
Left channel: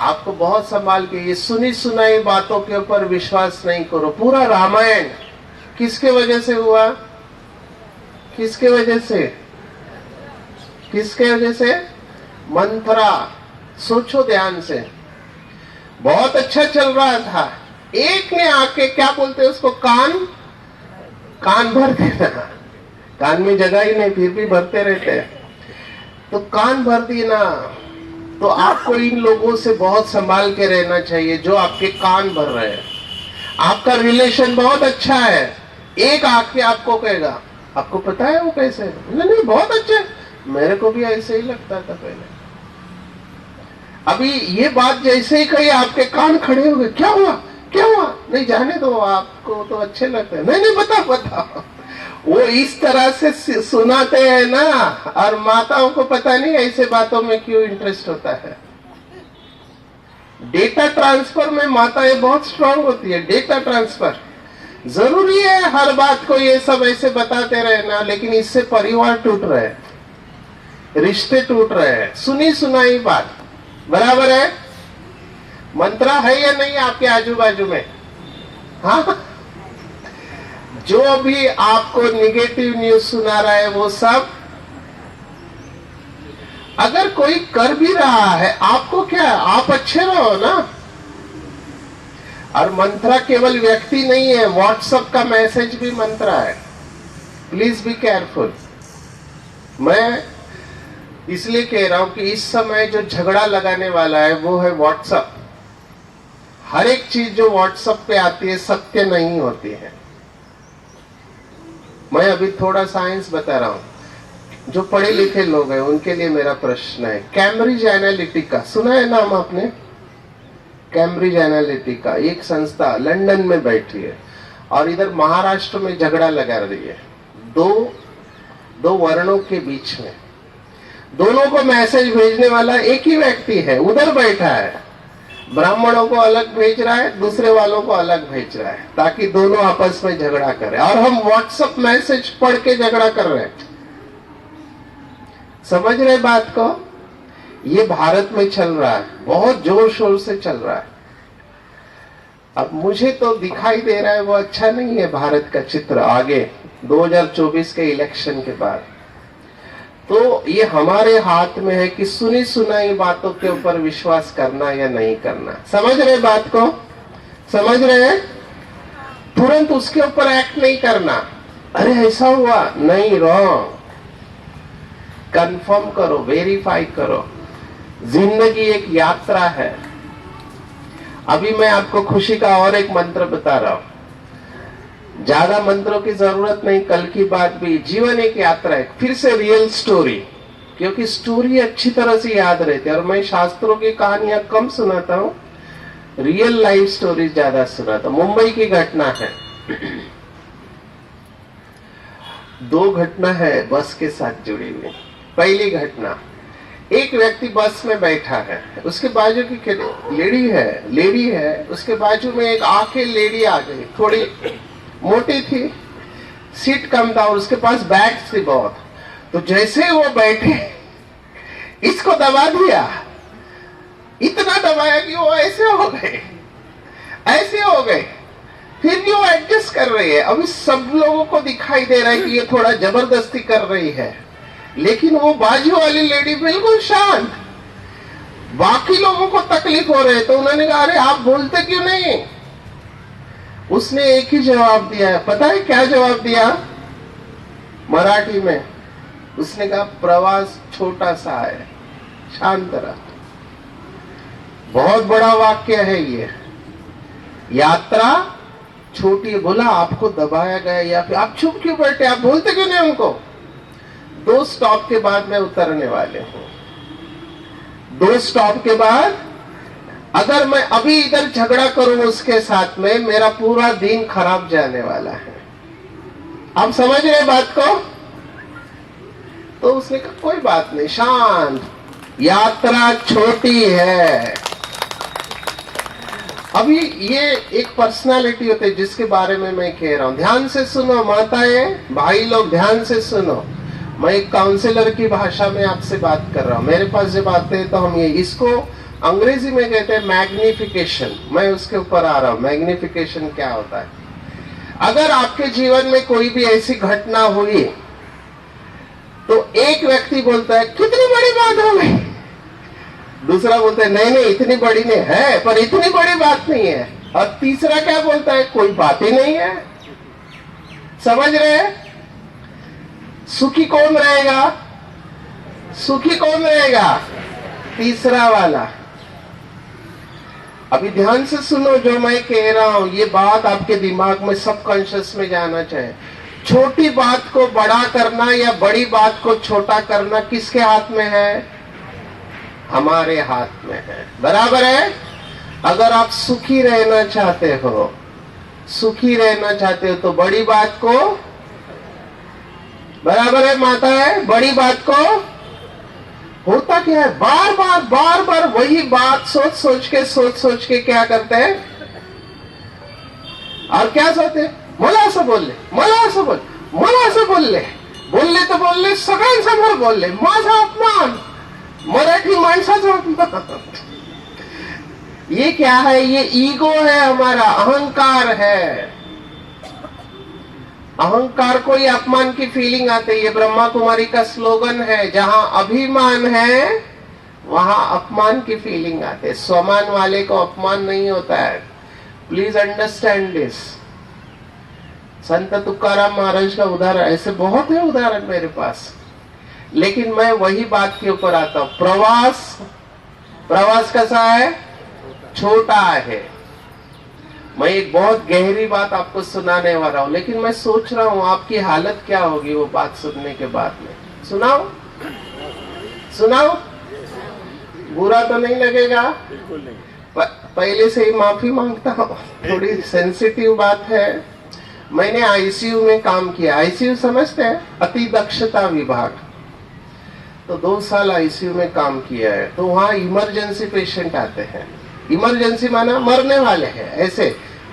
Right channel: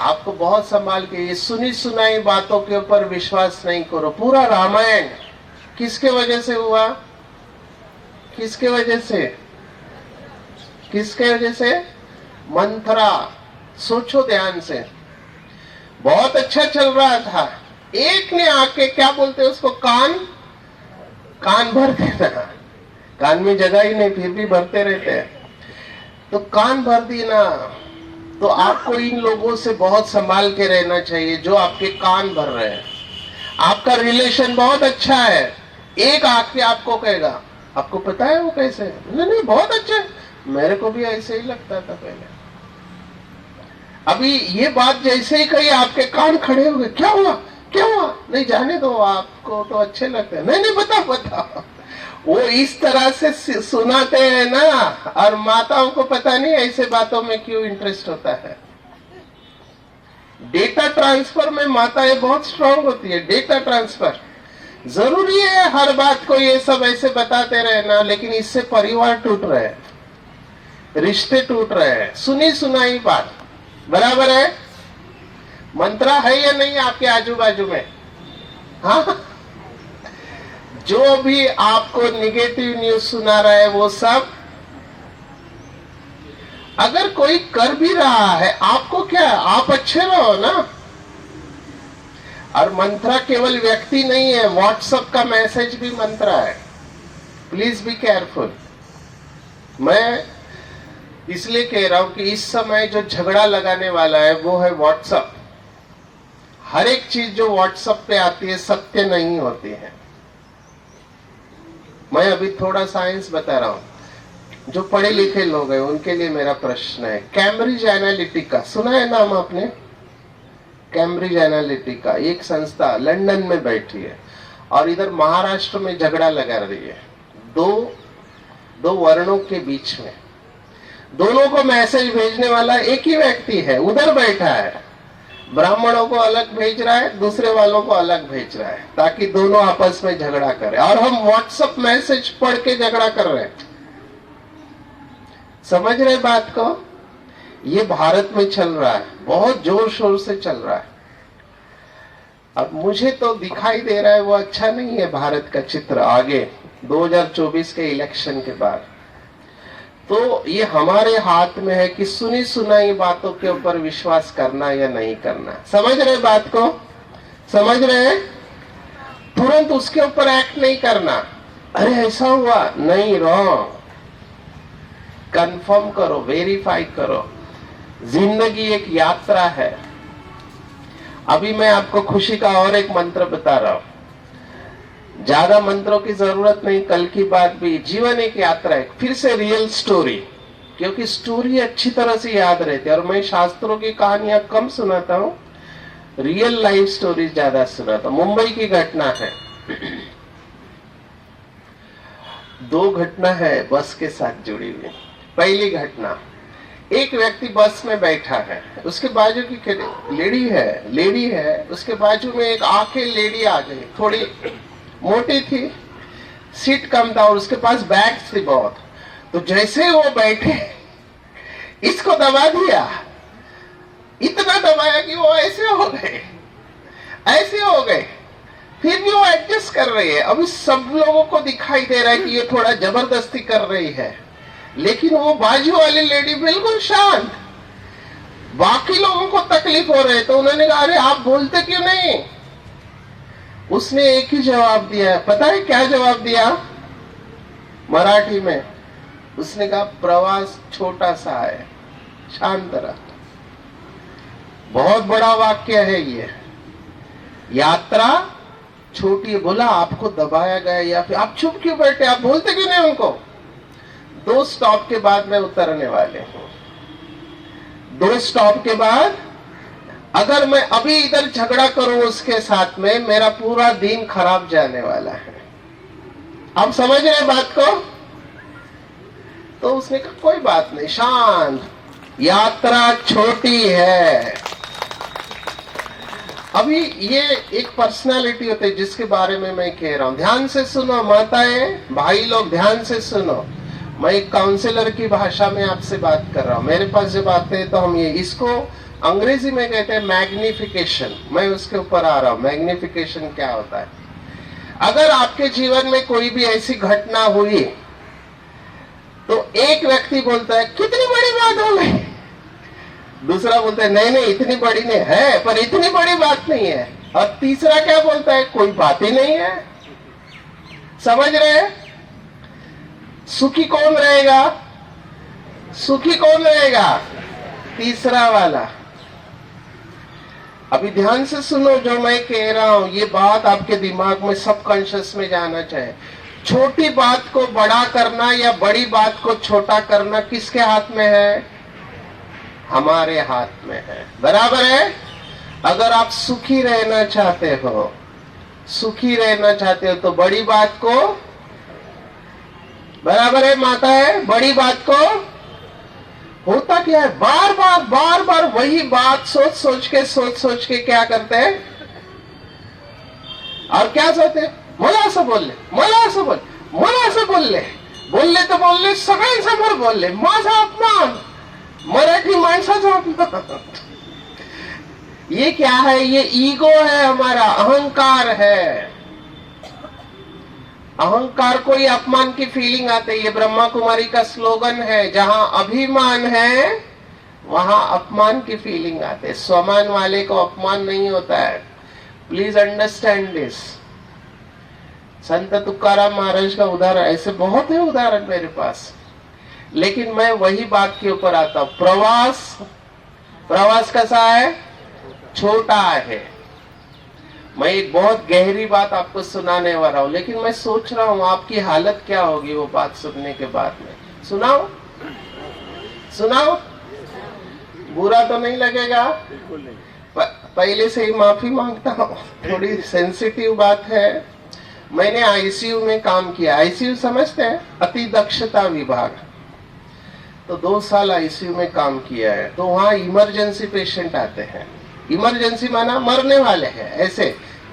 आपको बहुत संभाल के। ये सुनी सुनाई बातों के ऊपर विश्वास नहीं करो। पूरा रामायण किसके वजह से हुआ, किसके वजह से, किसके वजह से, मंथरा। सोचो ध्यान से, बहुत अच्छा चल रहा था, एक ने आके क्या बोलते हैं उसको, कान भर देना। कान में जगह ही नहीं, फिर भी भरते रहते हैं। तो कान भर दी ना, तो आपको इन लोगों से बहुत संभाल के रहना चाहिए जो आपके कान भर रहे हैं। आपका रिलेशन बहुत अच्छा है, एक आके आपको कहेगा, आपको पता है वो कैसे, नहीं बहुत अच्छा है, मेरे को भी ऐसे ही लगता था पहले। अभी ये बात जैसे ही कही आपके कान खड़े हो गए, क्या हुआ क्या हुआ, नहीं जाने दो, आपको तो अच्छे लगते हैं, नहीं नहीं बता। वो इस तरह से सुनाते हैं ना, और माताओं को पता नहीं ऐसे बातों में क्यों इंटरेस्ट होता है। डेटा ट्रांसफर में माताएं बहुत स्ट्रांग होती है। डेटा ट्रांसफर जरूरी है, हर बात को ये सब ऐसे बताते रहना, लेकिन इससे परिवार टूट रहे हैं, रिश्ते टूट रहे हैं। सुनी सुनाई बात, बराबर है? मंत्रा है या नहीं आपके आजू बाजू में? हाँ, जो भी आपको निगेटिव न्यूज सुना रहा है वो सब, अगर कोई कर भी रहा है आपको क्या, आप अच्छे रहो ना। और मंत्रा केवल व्यक्ति नहीं है, व्हाट्सएप का मैसेज भी मंत्रा है। Please be careful. मैं इसलिए कह रहा हूं कि इस समय जो झगड़ा लगाने वाला है वो है व्हाट्सएप। हर एक चीज जो व्हाट्सएप पे आती है सत्य नहीं होती है। मैं अभी थोड़ा साइंस बता रहा हूं। जो पढ़े लिखे लोग हैं उनके लिए मेरा प्रश्न है, कैम्ब्रिज एनालिटिका सुना है नाम आपने? कैम्ब्रिज एनालिटिका एक संस्था लंदन में बैठी है और इधर महाराष्ट्र में झगड़ा लगा रही है दो वर्णों के बीच में। दोनों को मैसेज भेजने वाला एक ही व्यक्ति है, उधर बैठा है, ब्राह्मणों को अलग भेज रहा है, दूसरे वालों को अलग भेज रहा है, ताकि दोनों आपस में झगड़ा करें। और हम व्हाट्सएप मैसेज पढ़ के झगड़ा कर रहे हैं। समझ रहे बात को? ये भारत में चल रहा है, बहुत जोर शोर से चल रहा है। अब मुझे तो दिखाई दे रहा है वो अच्छा नहीं है भारत का चित्र आगे 2024 के इलेक्शन के बाद। तो ये हमारे हाथ में है कि सुनी सुनाई बातों के ऊपर विश्वास करना या नहीं करना। समझ रहे बात को? समझ रहे हैं? तुरंत उसके ऊपर एक्ट नहीं करना। अरे ऐसा हुआ नहीं, रॉन्ग। कंफर्म करो, वेरीफाई करो। जिंदगी एक यात्रा है। अभी मैं आपको खुशी का और एक मंत्र बता रहा हूं। ज्यादा मंत्रों की जरूरत नहीं, कल की बात भी। जीवन एक यात्रा है। फिर से रियल स्टोरी, क्योंकि स्टोरी अच्छी तरह से याद रहती है और मैं शास्त्रों की कहानियां कम सुनाता हूं, रियल लाइफ स्टोरी ज्यादा सुनाता हूं। मुंबई की घटना है। दो घटना है बस के साथ जुड़ी हुई। पहली घटना, एक व्यक्ति बस में बैठा है, उसके बाजू की लेडी है, उसके बाजू में एक आके लेडी आ गई, थोड़ी मोटी थी, सीट कम था और उसके पास बैग्स थी बहुत। तो जैसे वो बैठे इसको दबा दिया, इतना दबाया कि वो ऐसे हो गए। फिर भी वो एडजस्ट कर रही है। अभी सब लोगों को दिखाई दे रहा है कि ये थोड़ा जबरदस्ती कर रही है, लेकिन वो बाजू वाली लेडी बिल्कुल शांत। बाकी लोगों को तकलीफ हो रही है तो उन्होंने कहा अरे आप बोलते क्यों नहीं? उसने एक ही जवाब दिया है। पता है क्या जवाब दिया? मराठी में उसने कहा प्रवास छोटा सा है, शांत रहा। बहुत बड़ा वाक्य है ये। यात्रा छोटी है। बोला आपको दबाया गया या फिर आप चुप क्यों बैठे, आप बोलते क्यों नहीं उनको? 2 स्टॉप के बाद मैं उतरने वाले हूं। 2 स्टॉप के बाद अगर मैं अभी इधर झगड़ा करूं उसके साथ में, मेरा पूरा दिन खराब जाने वाला है। आप समझ रहे बात को? तो उसने कहा कोई बात नहीं, शांत, यात्रा छोटी है। अभी ये एक पर्सनालिटी होती है जिसके बारे में मैं कह रहा हूं। ध्यान से सुनो माताएं, भाई लोग, ध्यान से सुनो। मैं एक काउंसलर की भाषा में आपसे बात कर रहा हूं। मेरे पास जब आते हैं तो हम इसको अंग्रेजी में कहते हैं मैग्निफिकेशन। मैं उसके ऊपर आ रहा हूं, मैग्निफिकेशन क्या होता है। अगर आपके जीवन में कोई भी ऐसी घटना हुई तो एक व्यक्ति बोलता है कितनी बड़ी बात हो गई, दूसरा बोलता है नहीं इतनी बड़ी नहीं है, पर इतनी बड़ी बात नहीं है, और तीसरा क्या बोलता है कोई बात ही नहीं है। समझ रहे हैं? सुखी कौन रहेगा? सुखी कौन रहेगा? तीसरा वाला। अभी ध्यान से सुनो जो मैं कह रहा हूं, ये बात आपके दिमाग में सबकॉन्शियस में जाना चाहिए। छोटी बात को बड़ा करना या बड़ी बात को छोटा करना किसके हाथ में है? हमारे हाथ में है। बराबर है? अगर आप सुखी रहना चाहते हो, तो बड़ी बात को, बराबर है माता है, बड़ी बात को, होता क्या है बार बार वही बात सोच सोच के क्या करते हैं, और क्या सोचते हैं मला असं बोलले सगळ्यांसमोर बोलले, माझा अपमान, मराठी माणसाचा ये क्या है? ये ईगो है हमारा, अहंकार है। अहंकार को ही अपमान की फीलिंग आती है। ये ब्रह्मा कुमारी का स्लोगन है, जहां अभिमान है वहां अपमान की फीलिंग आती है। स्वमान वाले को अपमान नहीं होता है। Please understand this. संत तुकाराम महाराज का उदाहरण, ऐसे बहुत है उदाहरण मेरे पास, लेकिन मैं वही बात के ऊपर आता हूं। प्रवास कैसा है? छोटा है। मैं एक बहुत गहरी बात आपको सुनाने वाला हूं, लेकिन मैं सोच रहा हूं आपकी हालत क्या होगी वो बात सुनने के बाद में। सुनाओ सुनाओ, बुरा तो नहीं लगेगा? बिल्कुल नहीं। पहले से ही माफी मांगता हूं, थोड़ी सेंसिटिव बात है। मैंने आईसीयू में काम किया। आईसीयू समझते हैं? अति दक्षता विभाग। तो 2 साल आईसीयू में काम किया है। तो वहां इमरजेंसी पेशेंट आते हैं। इमरजेंसी माना मरने वाले हैं, ऐसे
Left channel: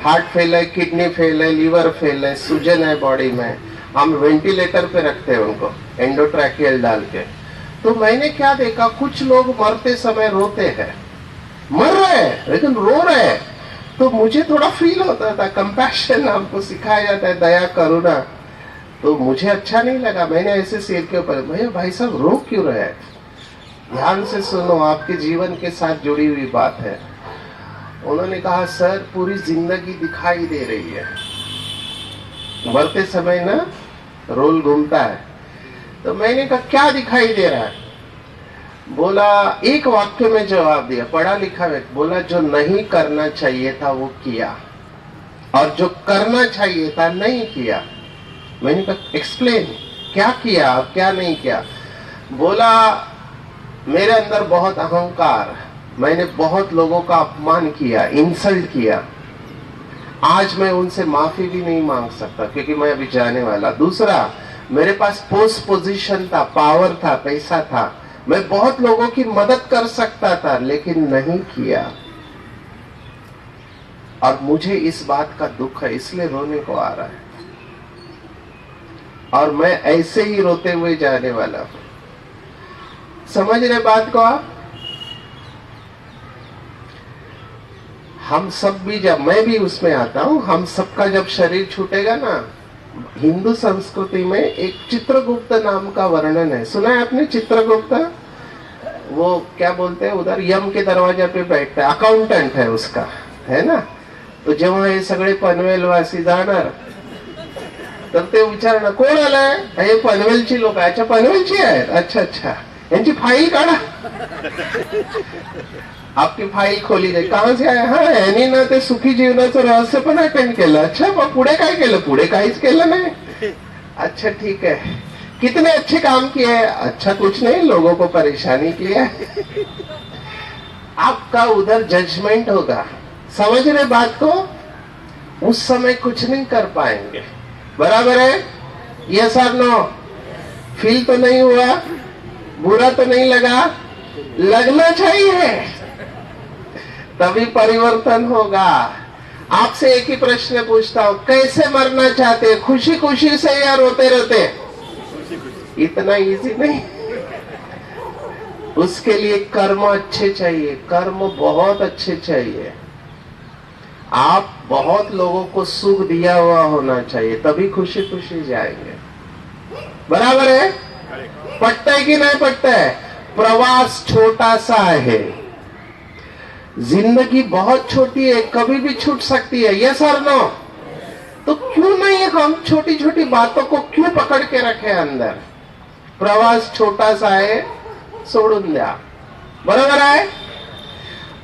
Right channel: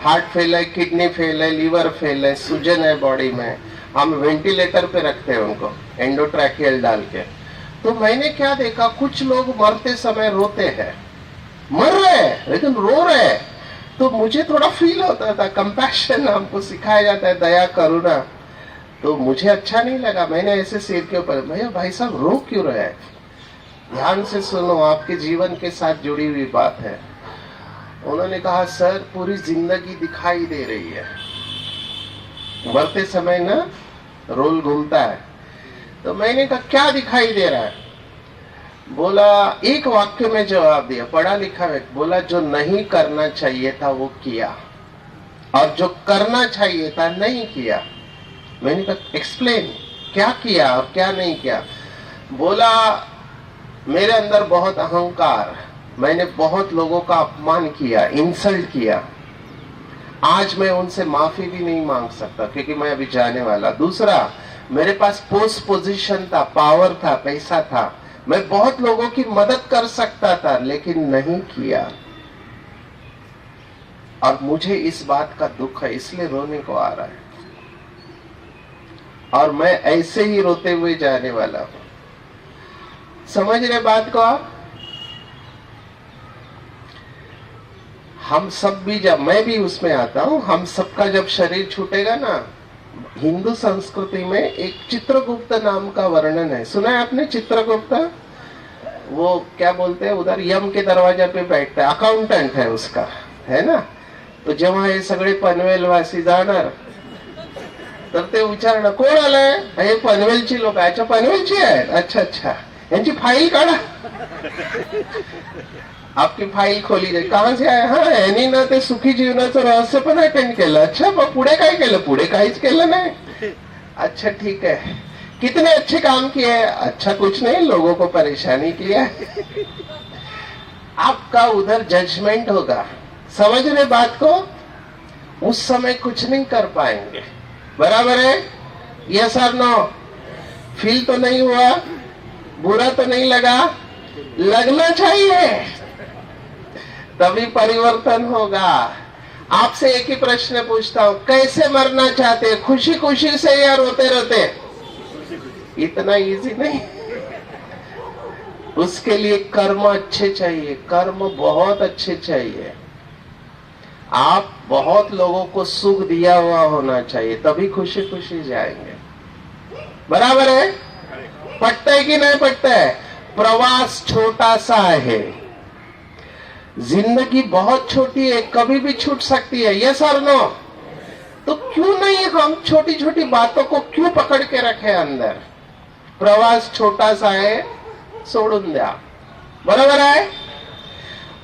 हार्ट फेल है, किडनी फेल है, लीवर फेल है, सूजन है बॉडी में, हम वेंटिलेटर पे रखते हैं उनको एंडोट्रैकियल डाल के। तो मैंने क्या देखा, कुछ लोग मरते समय रोते हैं, मर रहे हैं लेकिन रो रहे हैं। तो मुझे थोड़ा फील होता था, कंपैशन हमको सिखाया जाता है, दया करुणा। तो मुझे अच्छा नहीं लगा। मैंने ऐसे सिर के ऊपर, भैया भाई साहब रो क्यों रहे हैं? ध्यान से सुनो, आपके जीवन के साथ जुड़ी हुई बात है। उन्होंने कहा, सर पूरी जिंदगी दिखाई दे रही है, मरते समय ना रोल घूमता है। तो मैंने कहा क्या दिखाई दे रहा है? बोला, एक वाक्य में जवाब दिया, पढ़ा लिखा है। बोला, जो नहीं करना चाहिए था वो किया, और जो करना चाहिए था नहीं किया। मैंने कहा एक्सप्लेन, क्या किया और क्या नहीं किया? बोला, मेरे अंदर बहुत अहंकार, मैंने बहुत लोगों का अपमान किया, इंसल्ट किया। आज मैं उनसे माफी भी नहीं मांग सकता, क्योंकि मैं अभी जाने वाला। दूसरा, मेरे पास पोस्ट पोजीशन था, पावर था, पैसा था, मैं बहुत लोगों की मदद कर सकता था, लेकिन नहीं किया। और मुझे इस बात का दुख है, इसलिए रोने को आ रहा है। और मैं ऐसे ही रोते हुए जाने वाला हूं। समझ रहे बात को आप? हम सब भी, जब मैं भी उसमें आता हूं, हम सबका जब शरीर छूटेगा ना, हिंदू संस्कृति में एक चित्रगुप्त नाम का वर्णन है। सुना है आपने चित्रगुप्त? वो क्या बोलते हैं, उधर यम के दरवाजा पे बैठता है, अकाउंटेंट है उसका, है ना? तो जेव्हा हे सगळे पनवेलवासी जाणार, तर ते विचारणार, कोण आलाय? हे पनवेलची लोक. अच्छा, पनवेलची आहेत? अच्छा अच्छा, यांची फाईल काढा. आपकी फाईल खोली जाईल. कहां से आए? हा, यांनी ना ते सुखी जीवनाचं रहस्य पण अटेंड केलं. अच्छा, मग पुढे काय केलं? पुढे काहीच केलं नाही. अच्छा ठीक है, कितने अच्छे काम किए? अच्छा कुछ नहीं, लोगों को परेशानी किया. आपका उधर जजमेंट होगा। समझ रहे बात को? उस समय कुछ नहीं कर पाएंगे। बराबर है? यस और नो? फील तो नहीं हुआ? बुरा तो नहीं लगा? लगना चाहिए, तभी परिवर्तन होगा। आपसे एक ही प्रश्न पूछता हूं, कैसे मरना चाहते? खुशी खुशी से या रोते रोते? इतना इजी नहीं। उसके लिए कर्म अच्छे चाहिए, कर्म बहुत अच्छे चाहिए। आप बहुत लोगों को सुख दिया हुआ होना चाहिए, तभी खुशी खुशी जाएंगे। बराबर है? पटता है कि नहीं पटता है? प्रवास छोटा सा है, जिंदगी बहुत छोटी है, कभी भी छूट सकती है। यस और नो? तो क्यों नहीं हम छोटी छोटी बातों को क्यों पकड़ के रखे अंदर? प्रवास छोटा सा है, सोडून द्या। बराबर है?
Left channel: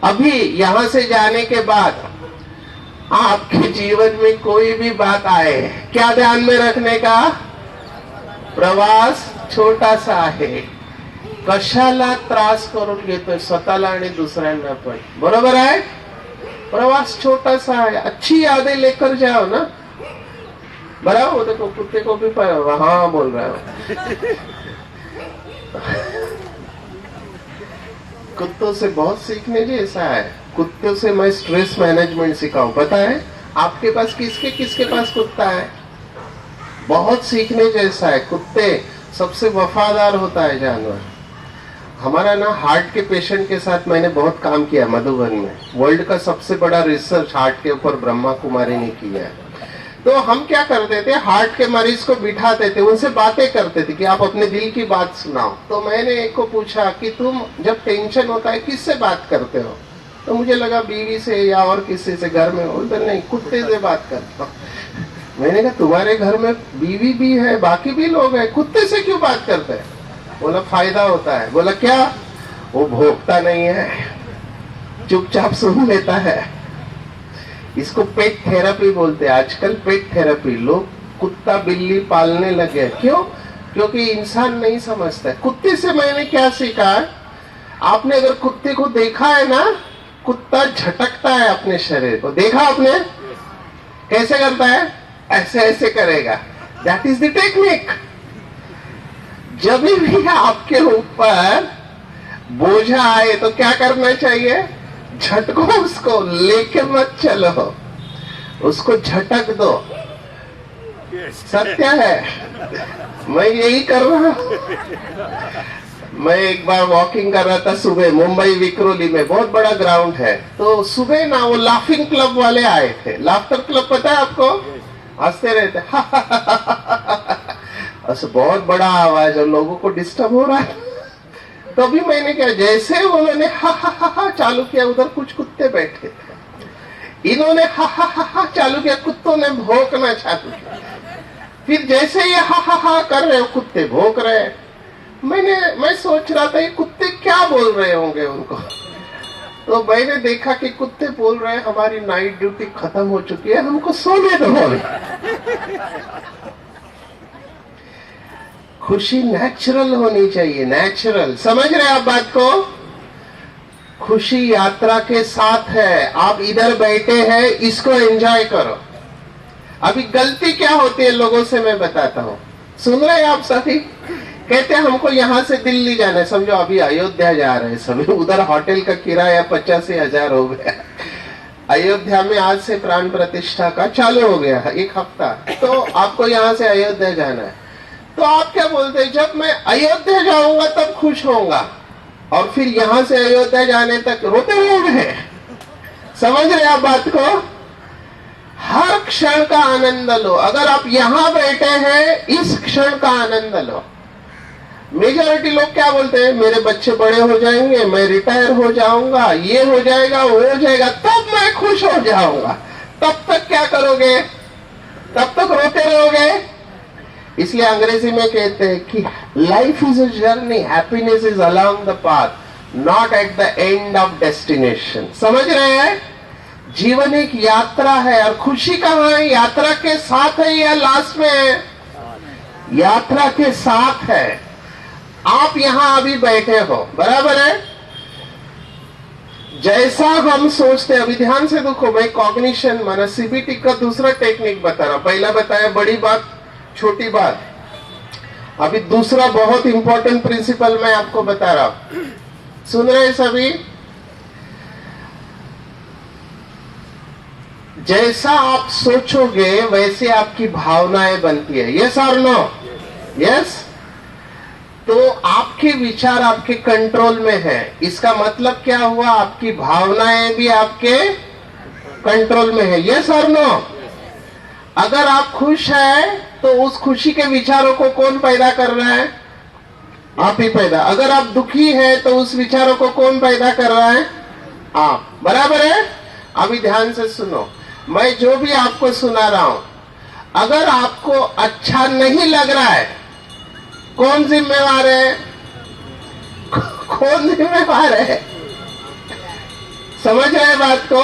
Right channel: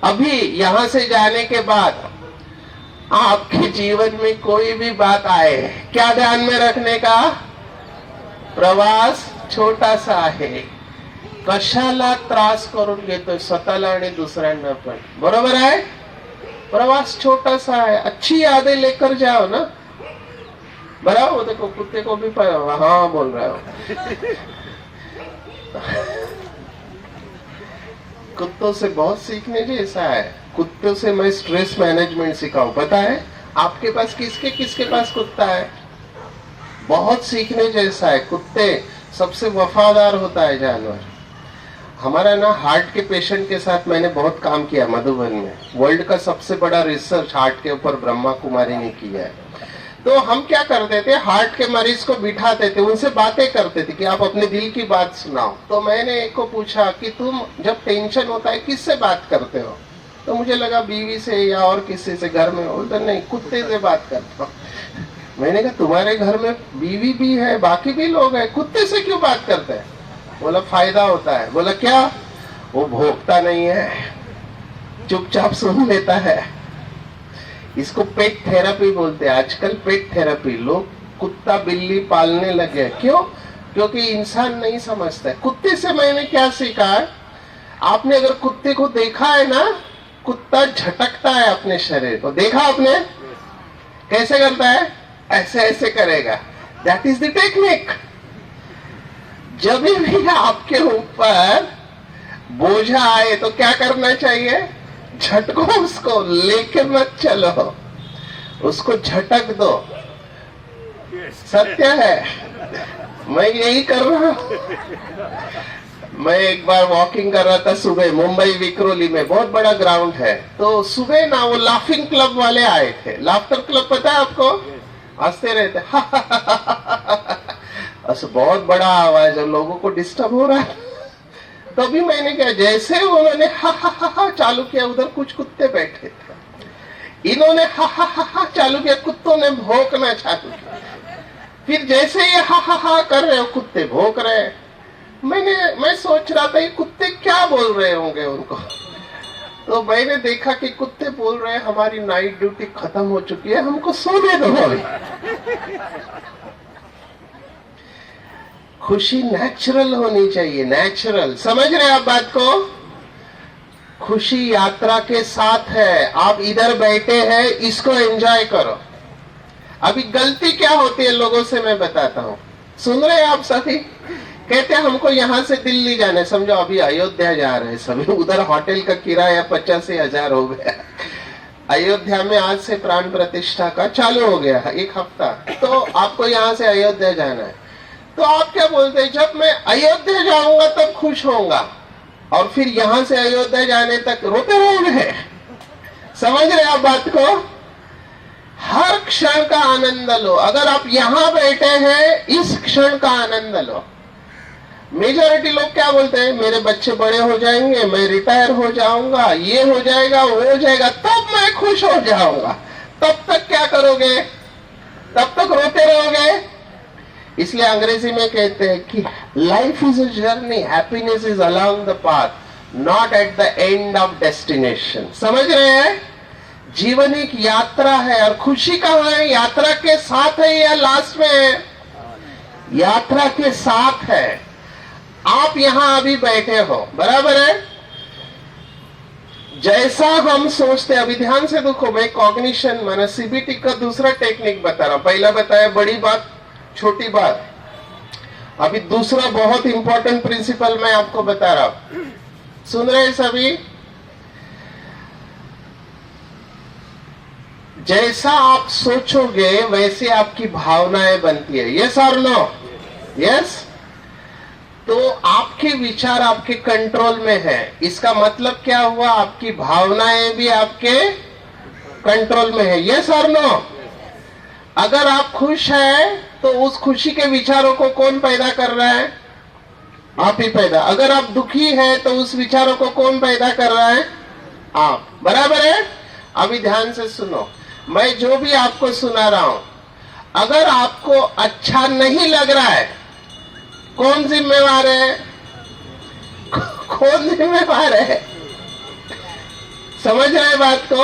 अभी यहां से जाने के बाद आपके जीवन में कोई भी बात आए, क्या ध्यान में रखने का? प्रवास छोटा सा आहे, कशाला त्रास करून घेतोय स्वतःला आणि दुसऱ्यांना पण. बरोबर है? प्रवास छोटा सा है, अच्छी यादें लेकर जाओ ना। बराबर? देखो कुत्ते को भी हाँ बोल रहा हो। कुत्तों से बहुत सीखने जैसा है। कुत्तों से मैं स्ट्रेस मैनेजमेंट सिखाऊं, पता है आपके पास? किसके किसके पास कुत्ता है? बहुत सीखने जैसा है। कुत्ते सबसे वफादार होता है जानवर। हमारा ना हार्ट के पेशेंट के साथ मैंने बहुत काम किया मधुबन में। वर्ल्ड का सबसे बड़ा रिसर्च हार्ट के ऊपर ब्रह्मा कुमारी ने किया है। तो हम क्या करते थे, हार्ट के मरीज को बिठाते थे, उनसे बातें करते थे कि आप अपने दिल की बात सुनाओ। तो मैंने एक को पूछा कि तुम जब टेंशन होता है किससे बात करते हो? तो मुझे लगा बीवी से या और किसी से घर में। बोलते नहीं, कुत्ते से बात करता हूँ। मैंने कहा तुम्हारे घर में बीवी भी है, बाकी भी लोग हैं, कुत्ते से क्यों बात करते हैं? बोला फायदा होता है। बोला क्या? वो भोंकता नहीं है, चुपचाप सुन लेता है। इसको पेट थेरेपी बोलते हैं आजकल। पेट थेरेपी, लोग कुत्ता बिल्ली पालने लगे। क्यों? क्योंकि इंसान नहीं समझता है। कुत्ते से मैंने क्या सीखा, आपने अगर कुत्ते को देखा है ना, कुत्ता झटकता है अपने शरीर को। देखा आपने कैसे करता है? ऐसे ऐसे करेगा। That is the technique. जब भी आपके ऊपर बोझा आए तो क्या करना चाहिए? झटको, उसको लेके मत चलो, उसको झटक दो। सत्य है, मैं यही कर रहा हूं। मैं एक बार वॉकिंग कर रहा था सुबह मुंबई विक्रोली में, बहुत बड़ा ग्राउंड है। तो सुबह ना वो लाफिंग क्लब वाले आए थे। लाफ्टर क्लब पता है आपको? हंसते रहते ऐसे बहुत बड़ा आवाज और लोगों को डिस्टर्ब हो रहा है। तभी मैंने क्या, जैसे उन्होंने हा चालू किया, उधर कुछ कुत्ते बैठे थे। इन्होंने हा चालू किया, कुत्तों ने भौंकना चालू किया। फिर जैसे ये हा कर रहे हो, कुत्ते भौंक रहे हैं। मैं सोच रहा था ये कुत्ते क्या बोल रहे होंगे उनको। तो मैंने देखा कि कुत्ते बोल रहे हैं हमारी नाइट ड्यूटी खत्म हो चुकी है, हमको सोने दो। खुशी नेचुरल होनी चाहिए, नेचुरल। समझ रहे आप बात को? खुशी यात्रा के साथ है। आप इधर बैठे हैं, इसको एंजॉय करो। अभी गलती क्या होती है लोगों से मैं बताता हूँ। सुन रहे हैं आप सभी? कहते हैं हमको यहाँ से दिल्ली जाना है। समझो अभी अयोध्या जा रहे हैं सभी, उधर होटल का किराया 85,000 हो गया। अयोध्या में आज से प्राण प्रतिष्ठा का चालू हो गया है, 1 हफ्ता। तो आपको यहाँ से अयोध्या जाना है। तो आप क्या बोलते हैं? जब मैं अयोध्या जाऊंगा तब खुश होऊंगा, और फिर यहाँ से अयोध्या जाने तक रोते रहेंगे। समझ रहे आप बात को? हर क्षण का आनंद लो। अगर आप यहाँ बैठे हैं, इस क्षण का आनंद लो। मेजॉरिटी लोग क्या बोलते हैं? मेरे बच्चे बड़े हो जाएंगे, मैं रिटायर हो जाऊंगा, ये हो जाएगा, वो हो जाएगा, तब मैं खुश हो जाऊंगा। तब तक क्या करोगे? तब तक रोते रहोगे। इसलिए अंग्रेजी में कहते हैं कि life is a journey, happiness is along the path, not at the end of destination. समझ रहे हैं? जीवन एक यात्रा है, और खुशी कहाँ है? यात्रा के साथ है या लास्ट में है? यात्रा के साथ है। आप यहां अभी बैठे हो, बराबर है? जैसा हम सोचते हैं, अभी ध्यान से देखो, मैं कॉग्निशन माना सीबीटी का दूसरा टेक्निक बता रहा हूं। पहला बताया बड़ी बात छोटी बात, अभी दूसरा बहुत इंपॉर्टेंट प्रिंसिपल मैं आपको बता रहा हूं। सुन रहे सभी? जैसा आप सोचोगे वैसे आपकी भावनाएं बनती है। यस और नो? यस। तो आपके विचार आपके कंट्रोल में है। इसका मतलब क्या हुआ? आपकी भावनाएं भी आपके कंट्रोल में है। यस और नो? अगर आप खुश हैं तो उस खुशी के विचारों को कौन पैदा कर रहा है? आप ही पैदा। अगर आप दुखी हैं तो उस विचारों को कौन पैदा कर रहा है? आप। बराबर है? अभी ध्यान से सुनो, मैं जो भी आपको सुना रहा हूं, अगर आपको अच्छा नहीं लग रहा है, कौन जिम्मेवार है? कौन जिम्मेवार है? समझ रहे बात को?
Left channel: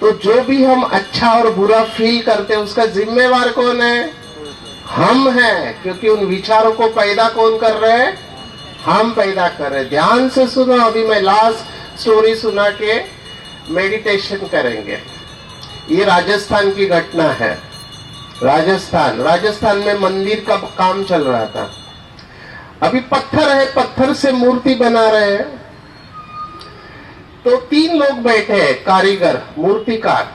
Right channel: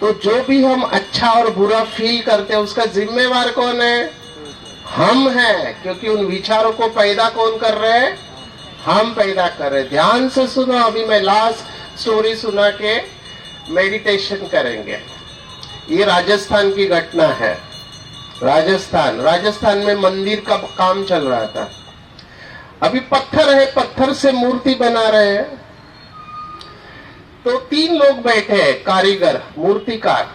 तो जो भी हम अच्छा और बुरा फील करते हैं, उसका जिम्मेवार कौन है? हम हैं। क्योंकि उन विचारों को पैदा कौन कर रहे हैं? हम पैदा कर रहे हैं। ध्यान से सुनो, अभी मैं लास्ट स्टोरी सुना के मेडिटेशन करेंगे। ये राजस्थान की घटना है। राजस्थान में मंदिर का काम चल रहा था। अभी पत्थर है, पत्थर से मूर्ति बना रहे हैं। तो 3 लोग बैठे हैं, कारीगर, मूर्तिकार।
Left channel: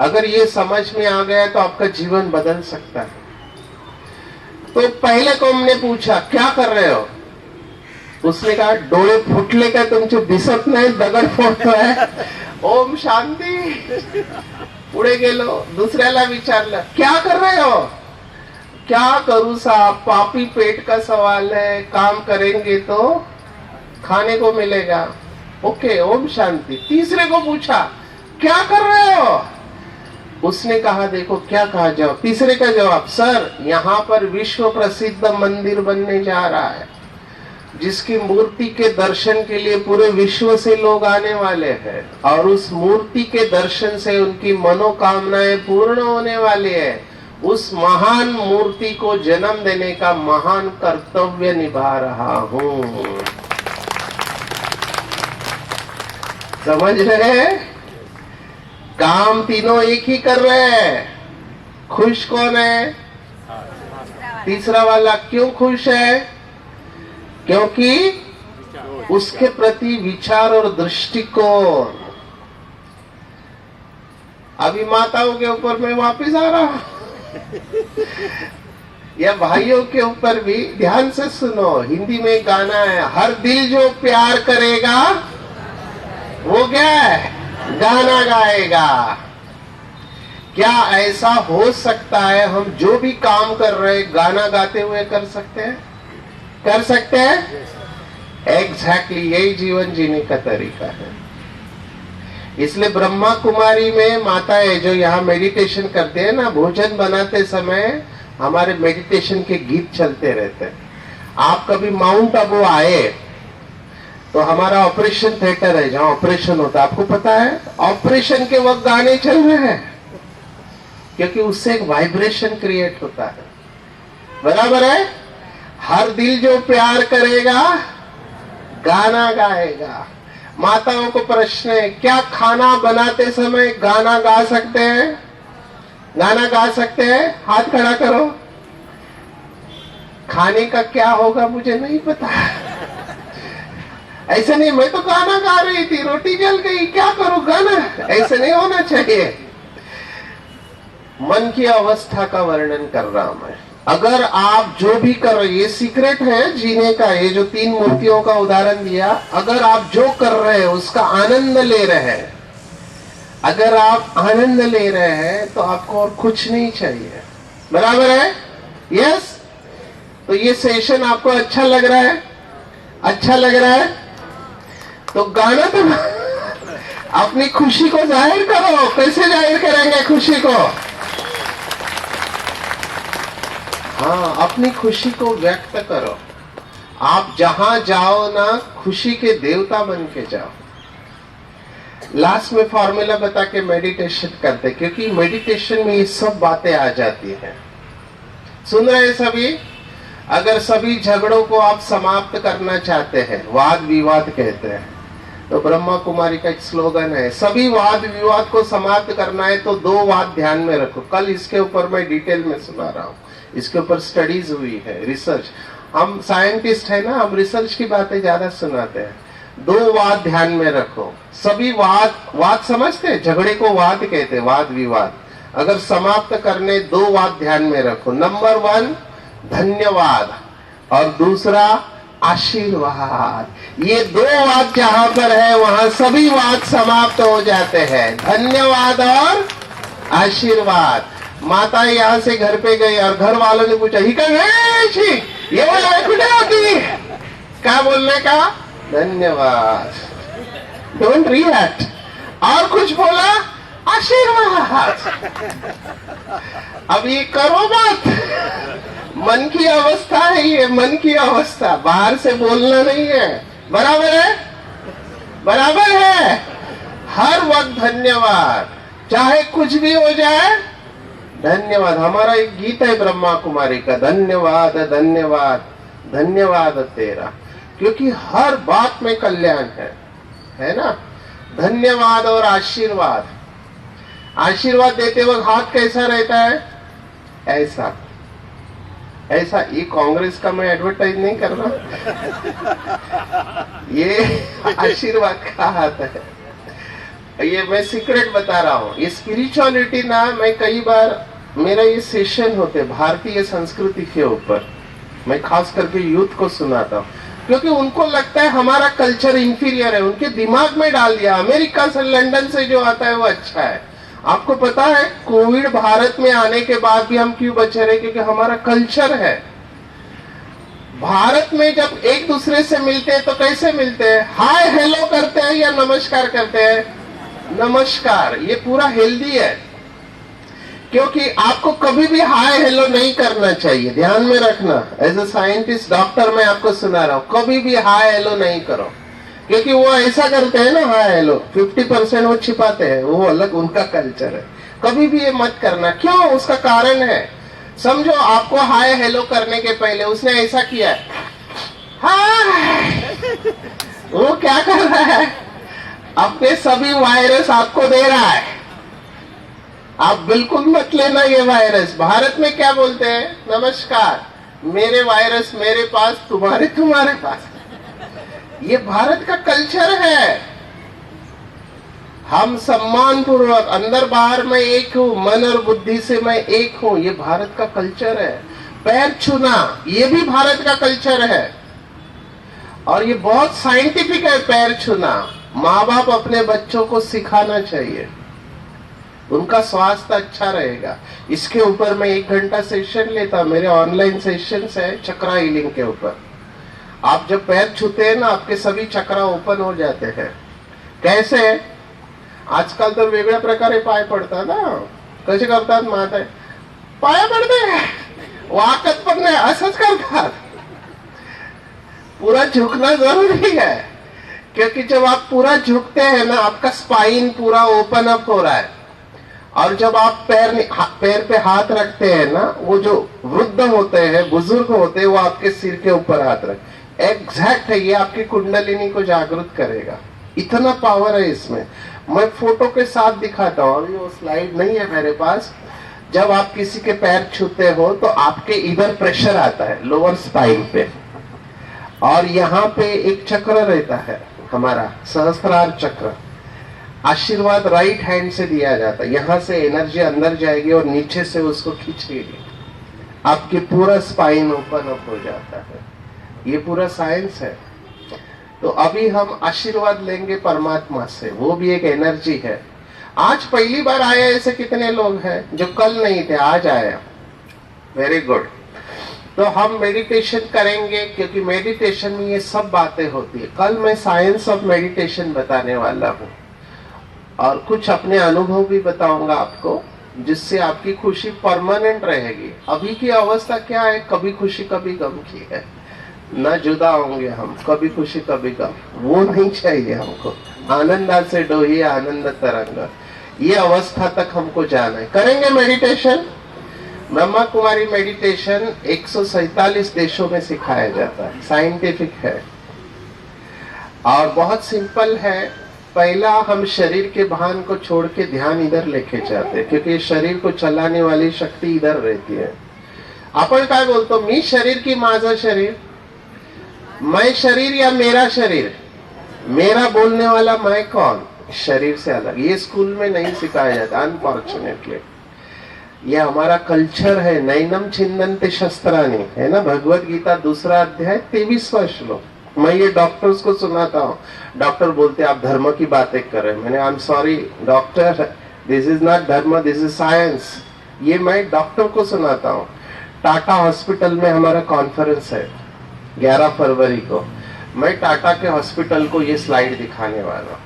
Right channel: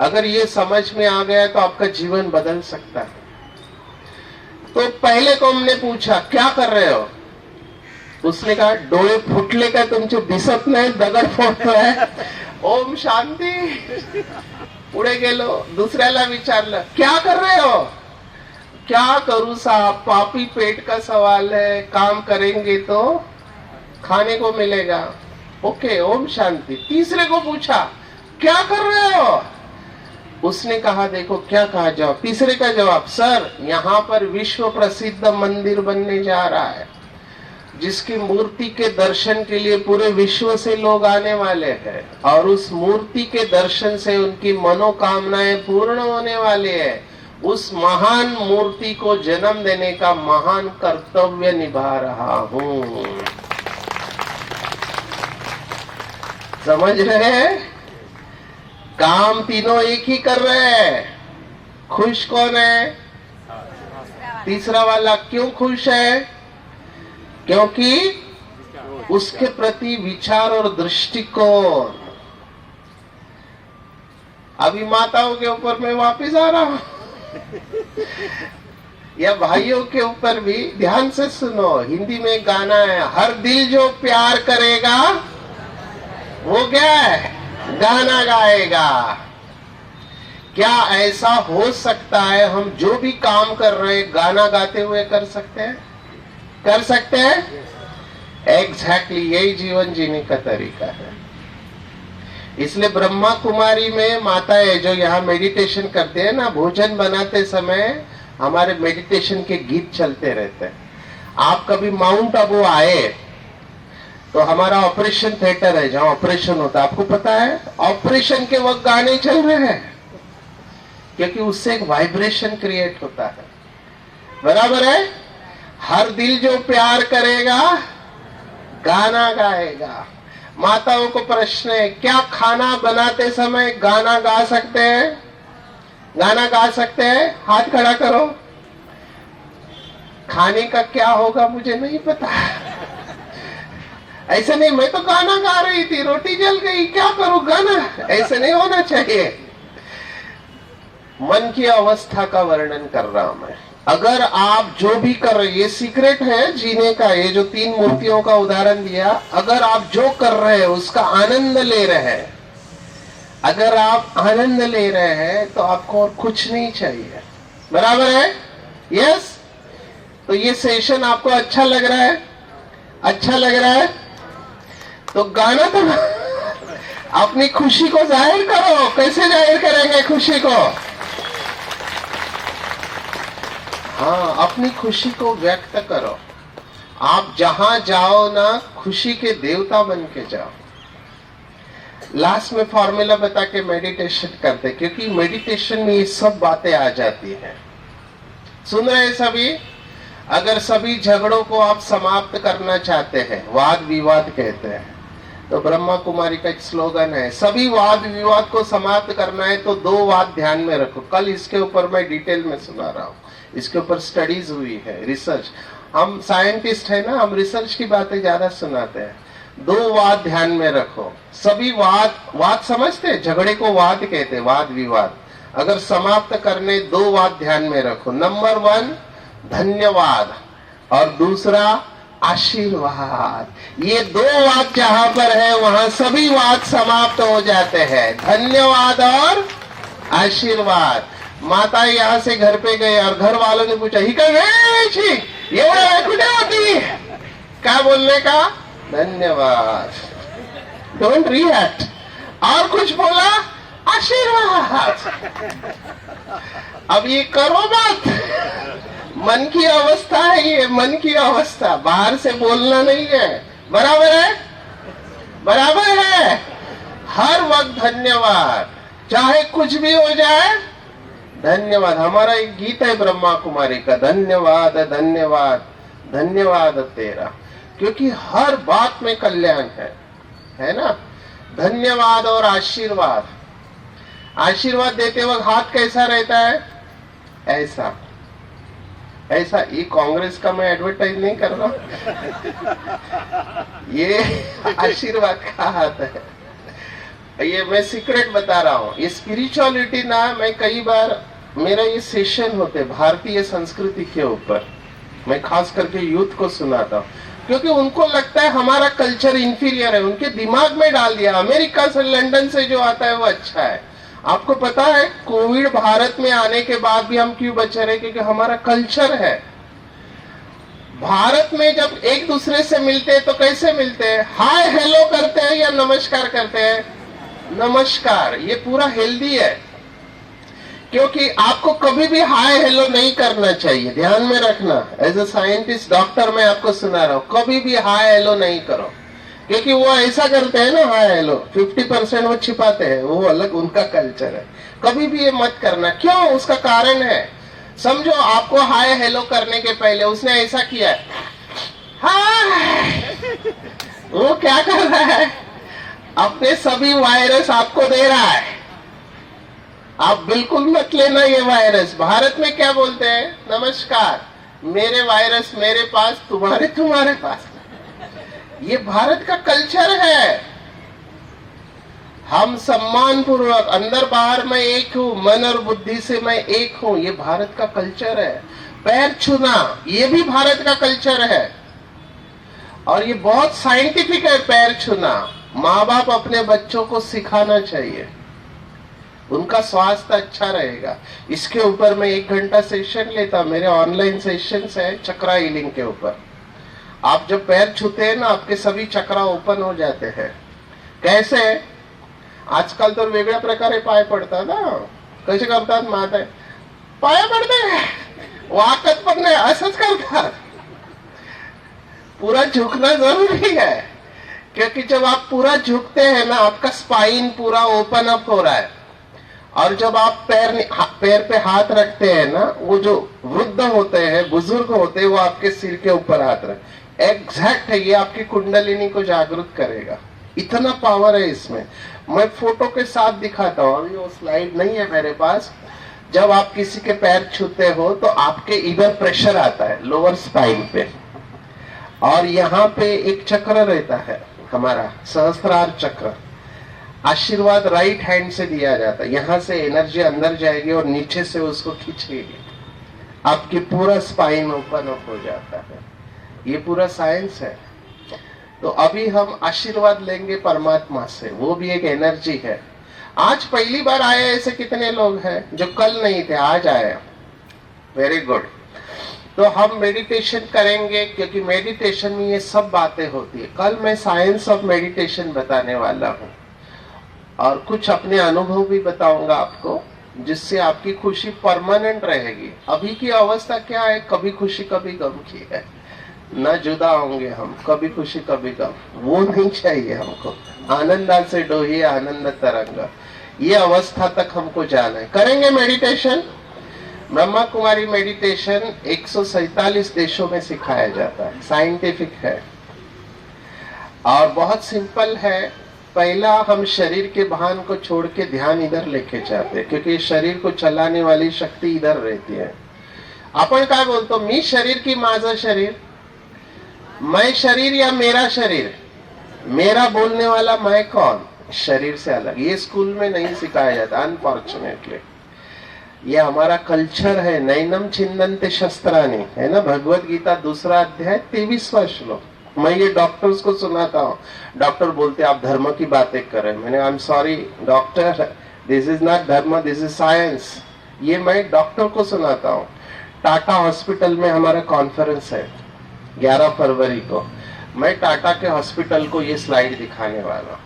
अगर ये समझ में आ गया तो आपका जीवन बदल सकता है। तो पहले को हमने पूछा क्या कर रहे हो? उसने कहा डोळे फुटले का तुमचे दिसत नाही दगड फोडतोय. ओम शांती. पुढे गेलो, दुसऱ्याला विचारलं क्या कर रहे हो. क्या करूं साहब, पापी पेट का सवाल है, काम करेंगे तो खाने को मिलेगा. ओके ओम शांति. तीसरे को पूछा क्या कर रहे हो. उसने कहा देखो क्या कहा जवाब. तीसरे का जवाब, सर यहाँ पर विश्व प्रसिद्ध मंदिर बनने जा रहा है जिसकी मूर्ति के दर्शन के लिए पूरे विश्व से लोग आने वाले हैं और उस मूर्ति के दर्शन से उनकी मनोकामनाएं पूर्ण होने वाली है. उस महान मूर्ति को जन्म देने का महान कर्तव्य निभा रहा हूं. समझ रहे हैं. काम तीनों एक ही कर रहे हैं. खुश कौन है. तीसरा वाला क्यों खुश है. क्योंकि उसके प्रति विचार और दृष्टिकोण. अभी माताओं के ऊपर मैं वापिस आ रहा हूं या भाइयों के ऊपर भी. ध्यान से सुनो, हिंदी में गाना है, हर दिल जो प्यार करेगा वो क्या है, गाना गाएगा. क्या ऐसा हो सकता है हम जो भी काम कर रहे हैं गाना गाते हुए कर सकते हैं. कर सकते हैं. एग्जैक्टली यही जीवन जीने का तरीका है. इसलिए ब्रह्मा कुमारी में माताएं जो यहाँ मेडिटेशन करते हैं ना, भोजन बनाते समय हमारे मेडिटेशन के गीत चलते रहते हैं. आप कभी माउंट आबू आए तो हमारा ऑपरेशन थिएटर है जहाँ ऑपरेशन होता है. आपको पता है ऑपरेशन के वक्त गाने चल रहे हैं क्योंकि उससे एक वाइब्रेशन क्रिएट होता है. बराबर है. हर दिल जो प्यार करेगा गाना गाएगा. माताओं को प्रश्न है, क्या खाना बनाते समय गाना गा सकते हैं. गाना गा सकते हैं. हाथ खड़ा करो. खाने का क्या होगा मुझे नहीं पता. ऐसे नहीं, मैं तो गाना गा रही थी, रोटी जल गई, क्या करूं गाना. ऐसे नहीं होना चाहिए. मन की अवस्था का वर्णन कर रहा हूं मैं. अगर आप जो भी कर रहे, ये सीक्रेट है जीने का. ये जो 3 मूर्तियों का उदाहरण दिया, अगर आप जो कर रहे हैं उसका आनंद ले रहे हैं, अगर आप आनंद ले रहे हैं तो आपको और कुछ नहीं चाहिए. बराबर है. यस. तो ये सेशन आपको अच्छा लग रहा है. अच्छा लग रहा है तो गाना तो अपनी खुशी को जाहिर करो. कैसे जाहिर करेंगे खुशी को. हाँ, अपनी खुशी को व्यक्त करो. आप जहां जाओ ना, खुशी के देवता बन के जाओ. लास्ट में फॉर्मूला बता के मेडिटेशन करते, क्योंकि मेडिटेशन में ये सब बातें आ जाती हैं. सुन रहे हैं सभी. अगर सभी झगड़ों को आप समाप्त करना चाहते हैं, वाद विवाद कहते हैं, तो ब्रह्मा कुमारी का एक स्लोगन है, सभी वाद विवाद को समाप्त करना है तो 2 बात ध्यान में रखो. कल इसके ऊपर मैं डिटेल में सुना रहा हूं. इसके ऊपर स्टडीज हुई है, रिसर्च. हम साइंटिस्ट है ना, हम रिसर्च की बातें ज्यादा सुनाते हैं. 2 बात ध्यान में रखो. सभी वाद समझते हैं, झगड़े को वाद कहते हैं, वाद विवाद. अगर समाप्त करने 2 बात ध्यान में रखो. नंबर 1 धन्यवाद और दूसरा आशीर्वाद. ये 2 बात जहां पर है वहां सभी बात समाप्त हो जाते हैं. धन्यवाद और आशीर्वाद. माता यहाँ से घर पे गए और घर वालों ने पूछा, ही कहे ये बोला कुछ होती क्या बोलने का. धन्यवाद. Don't react. और कुछ बोला, आशीर्वाद. अब ये करो बात. मन की अवस्था है ये, मन की अवस्था. बाहर से बोलना नहीं है. बराबर है. बराबर है. हर वक्त धन्यवाद. चाहे कुछ भी हो जाए, धन्यवाद. हमारा एक गीत है ब्रह्मा कुमारी का, धन्यवाद धन्यवाद धन्यवाद तेरा. क्योंकि हर बात में कल्याण है ना. धन्यवाद और आशीर्वाद. आशीर्वाद देते वक्त हाथ कैसा रहता है, ऐसा ऐसा. ये कांग्रेस का मैं एडवर्टाइज नहीं कर रहा. ये आशीर्वाद का हाथ है. ये मैं सीक्रेट बता रहा हूँ. ये स्पिरिचुअलिटी ना, मैं कई बार मेरा ये सेशन होते भारतीय संस्कृति के ऊपर, मैं खास करके यूथ को सुनाता हूँ. क्योंकि उनको लगता है हमारा कल्चर इंफीरियर है, उनके दिमाग में डाल दिया अमेरिका से लंदन से जो आता है वो अच्छा है। आपको पता है कोविड भारत में आने के बाद भी हम क्यों बचे रहे? क्योंकि हमारा कल्चर है। भारत में जब एक दूसरे से मिलते हैं तो कैसे मिलते हैं? हाय हेलो करते हैं या नमस्कार करते हैं? नमस्कार। ये पूरा हेल्दी है, क्योंकि आपको कभी भी हाय हेलो नहीं करना चाहिए, ध्यान में रखना। एज अ साइंटिस्ट डॉक्टर मैं आपको सुना रहा हूं, कभी भी हाय हेलो नहीं करो, क्योंकि वो ऐसा करते हैं ना हाय हेलो, 50% वो छिपाते हैं, वो अलग उनका कल्चर है। कभी भी ये मत करना। क्यों? उसका कारण है। समझो आपको हाय हेलो करने के पहले उसने ऐसा किया है, हाय, वो क्या कर रहा है? अपने सभी वायरस आपको दे रहा है। आप बिल्कुल मत लेना ये वायरस। भारत में क्या बोलते हैं? नमस्कार, मेरे वायरस मेरे पास, तुम्हारे पास। ये भारत का कल्चर है। हम सम्मान पूर्वक, अंदर बाहर मैं एक हूं, मन और बुद्धि से मैं एक हूं, ये भारत का कल्चर है। पैर छूना ये भी भारत का कल्चर है, और ये बहुत साइंटिफिक है। पैर छूना माँ बाप अपने बच्चों को सिखाना चाहिए, उनका स्वास्थ्य अच्छा रहेगा। इसके ऊपर मैं 1 घंटा सेशन लेता, मेरे ऑनलाइन सेशंस है चक्रा हीलिंग के ऊपर। आप जब पैर छूते हैं ना, आपके सभी चक्रा ओपन हो जाते हैं। कैसे? आजकाल तर वेगळ्या प्रकारे पाय पडतात ना, कसे करतात माहित आहे? पाय पडते, वाकत पण नाही, असंच करतात। पूरा झुकना जरूरी है, क्योंकि जब आप पूरा झुकते हैं ना, आपका स्पाइन पूरा ओपन अप हो रहा है। और जब आप पैर पे हाथ रखते हैं ना, वो जो वृद्ध होते हैं, बुजुर्ग होते हैं, वो आपके सिर के ऊपर हाथ रख, एग्जैक्ट है, ये आपकी कुंडलिनी को जागृत करेगा। इतना पावर है इसमें। मैं फोटो के साथ दिखाता हूँ, अभी वो स्लाइड नहीं है मेरे पास। जब आप किसी के पैर छूते हो तो आपके इधर प्रेशर आता है लोअर स्पाइन पे, और यहाँ पे एक चक्र रहता है हमारा सहस्त्रार चक्र। आशीर्वाद राइट हैंड से दिया जाता है, यहाँ से एनर्जी अंदर जाएगी और नीचे से उसको खींचेगी, आपकी पूरा स्पाइन ओपन अप हो जाता है। ये पूरा साइंस है। तो अभी हम आशीर्वाद लेंगे परमात्मा से, वो भी एक एनर्जी है। आज पहली बार आए ऐसे कितने लोग हैं जो कल नहीं थे, आज आए? Very good. तो हम मेडिटेशन करेंगे, क्योंकि मेडिटेशन में ये सब बातें होती है। कल मैं साइंस ऑफ मेडिटेशन बताने वाला हूँ, और कुछ अपने अनुभव भी बताऊंगा आपको, जिससे आपकी खुशी परमानेंट रहेगी। अभी की अवस्था क्या है? कभी खुशी कभी गम की है, न जुदा होंगे हम, कभी खुशी कभी गम, वो नहीं चाहिए हमको। आनंदा से डोही आनंद तरंग, ये अवस्था तक हमको जाना है। करेंगे मेडिटेशन। ब्रह्मा कुमारी मेडिटेशन 147 देशों में सिखाया जाता है, साइंटिफिक है और बहुत सिंपल है। पहला, हम शरीर के भान को छोड़ के ध्यान इधर लेके जाते हैं, क्योंकि शरीर को चलाने वाली शक्ति इधर रहती है। आपण काय बोलतो? मी शरीर की माझं शरीर, मैं शरीर या मेरा शरीर? मेरा बोलने वाला मैं कौन? शरीर से अलग। ये स्कूल में नहीं सिखाया जाता अनफॉर्चुनेटली। ये हमारा कल्चर है। नैनम छिन्दन्ते शस्त्राणि, है ना, भगवत गीता 2 अध्याय 23वां श्लोक। मैं ये डॉक्टर्स को सुनाता हूँ। डॉक्टर बोलते आप धर्म की बातें कर रहे हैं। मैंने I am sorry doctor, this is not धर्म, दिस इज साइंस। ये मैं डॉक्टर को सुनाता हूँ। टाटा हॉस्पिटल में हमारा कॉन्फ्रेंस है 11 फरवरी को। मैं टाटा के हॉस्पिटल को ये स्लाइड दिखाने वाला हूँ,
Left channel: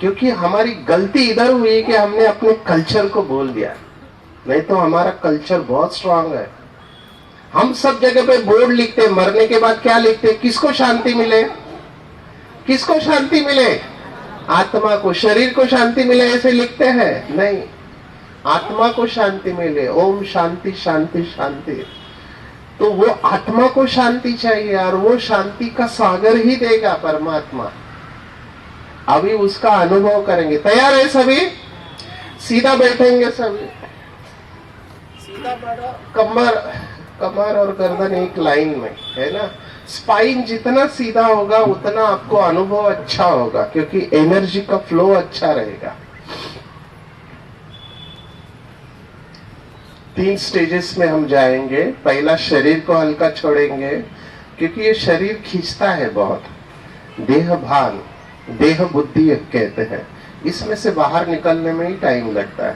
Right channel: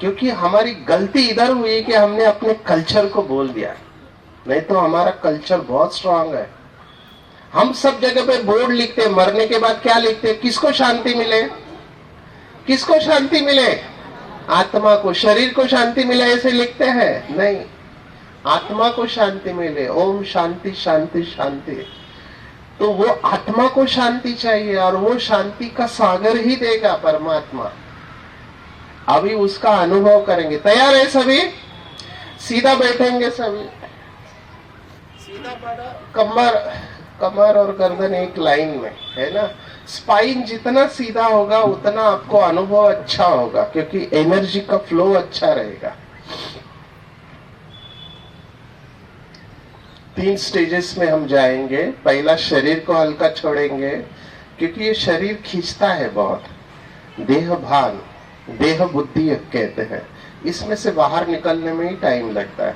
क्योंकि हमारी गलती इधर हुई कि हमने अपने कल्चर को बोल दिया। नहीं तो हमारा कल्चर बहुत स्ट्रांग है। हम सब जगह पे बोर्ड लिखते हैं, मरने के बाद क्या लिखते हैं? किसको शांति मिले? किसको शांति मिले? आत्मा को। शरीर को शांति मिले ऐसे लिखते हैं? नहीं, आत्मा को शांति मिले। ओम शांति शांति शांति। तो वो आत्मा को शांति चाहिए, और वो शांति का सागर ही देगा परमात्मा। अभी उसका अनुभव करेंगे। तैयार है सभी? सीधा बैठेंगे सभी, सीधा बैठो। कमर और गर्दन एक लाइन में, है ना। स्पाइन जितना सीधा होगा उतना आपको अनुभव अच्छा होगा, क्योंकि एनर्जी का फ्लो अच्छा रहेगा। 3 स्टेजेस में हम जाएंगे। पहला, शरीर को हल्का छोड़ेंगे, क्योंकि ये शरीर खींचता है बहुत। देह भान, देह बुद्धि कहते हैं, इसमें से बाहर निकलने में ही टाइम लगता है।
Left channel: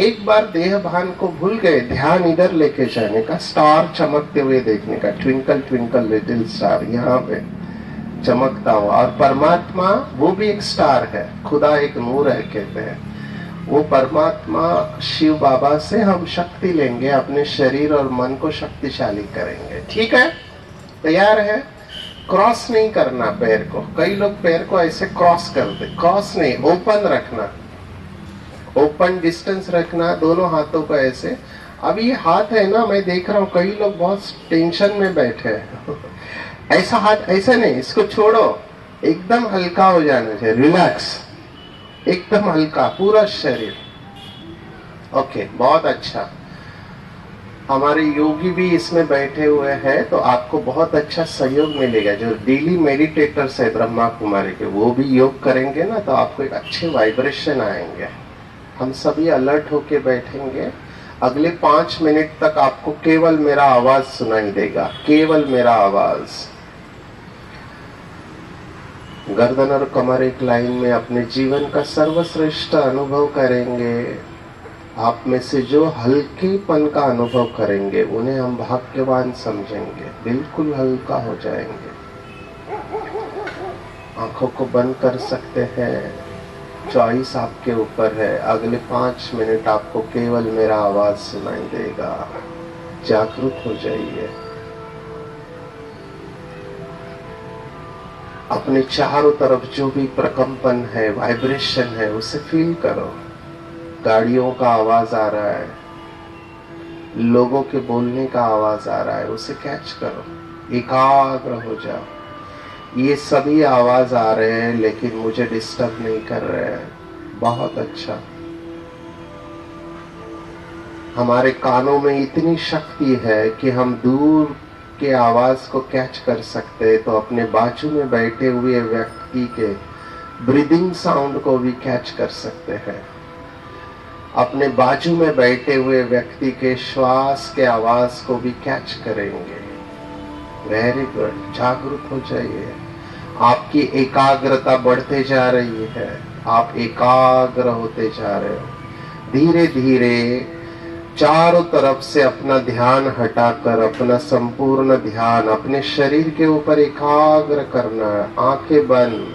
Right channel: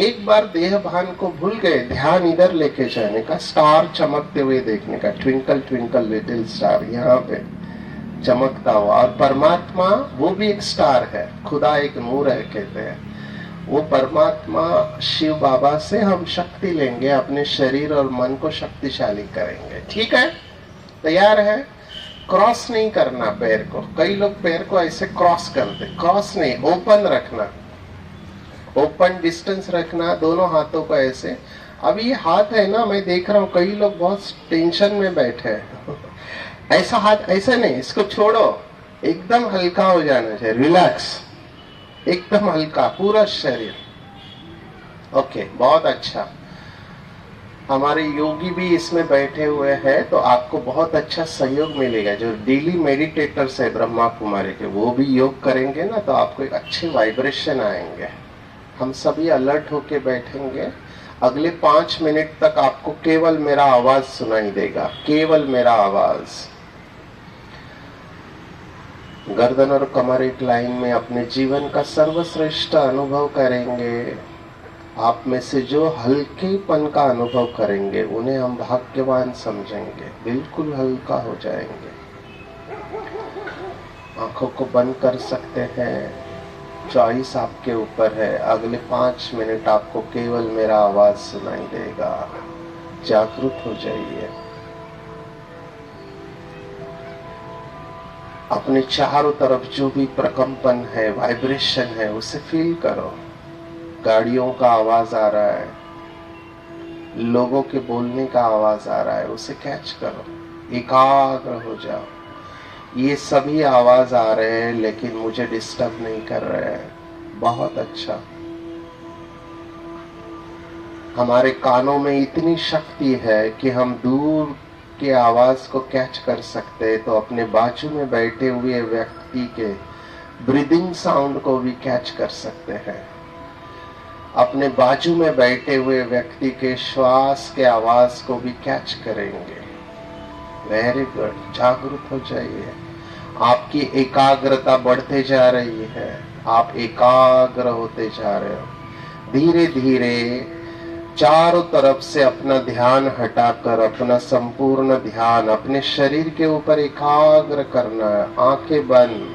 एक बार देह भान को भूल गए, ध्यान इधर लेके जाने का, स्टार चमकते हुए देखने का, ट्विंकल ट्विंकल लिटिल स्टार यहाँ पे चमकता हुआ। और परमात्मा वो भी एक स्टार है, खुदा एक नूर है कहते हैं। वो परमात्मा शिव बाबा से हम शक्ति लेंगे, अपने शरीर और मन को शक्तिशाली करेंगे। ठीक है, तैयार है? क्रॉस नहीं करना पैर को। कई लोग पैर को ऐसे क्रॉस करते, क्रॉस नहीं, ओपन रखना, ओपन डिस्टेंस रखना, दोनों हाथों को ऐसे। अब ये हाथ है ना, मैं देख रहा हूँ कई लोग बहुत टेंशन में बैठे हैं। ऐसा हाथ ऐसा नहीं, इसको छोड़ो, एकदम हल्का हो जाना चाहिए, रिलैक्स, एकदम हल्का पूरा शरीर। ओके, बहुत अच्छा। हमारे योगी भी इसमें बैठे हुए हैं, तो आपको बहुत अच्छा सहयोग मिलेगा। जो डेली मेडिटेटर्स है ब्रह्मा कुमारी के, वो भी योग करेंगे ना, तो आपको एक अच्छे वाइब्रेशन आएंगे। हम सभी अलर्ट होके बैठेंगे। अगले 5 मिनट तक आपको केवल मेरा आवाज सुनाई देगा, केवल मेरा आवाज। गर्दन और कमर एक लाइन में अपने जीवन का सर्वश्रेष्ठ अनुभव करेंगे। आप में से जो हल्केपन का अनुभव करेंगे, उन्हें हम भाग्यवान समझेंगे, बिल्कुल हल्का हो जाएंगे। आंखों को बंद कर सकते हैं, चॉइस आपके ऊपर है। अगले 5 मिनट आपको केवल मेरा आवाज सुनाई देगा। जागरूक हो जाइए। अपने चारों तरफ जो भी प्रकंपन है, वाइब्रेशन है, उसे फील करो। गाड़ियों का आवाज आ रहा है, लोगों के बोलने का आवाज आ रहा है, उसे कैच करो, एकाग्र हो जाओ। ये सभी आवाज आ रहे हैं लेकिन मुझे डिस्टर्ब नहीं कर रहे हैं। बहुत अच्छा। हमारे कानों में इतनी शक्ति है कि हम दूर के आवाज को कैच कर सकते हैं, तो अपने बाजू में बैठे हुए व्यक्ति के ब्रीदिंग साउंड को भी कैच कर सकते हैं। अपने बाजू में बैठे हुए व्यक्ति के श्वास के आवाज को भी कैच करेंगे। वेरी गुड, जागरूक हो जाइए। आपकी एकाग्रता बढ़ते जा रही है, आप एकाग्र होते जा रहे हो। धीरे धीरे चारों तरफ से अपना ध्यान हटाकर अपना संपूर्ण ध्यान अपने शरीर के ऊपर एकाग्र करना है। आंखें बंद,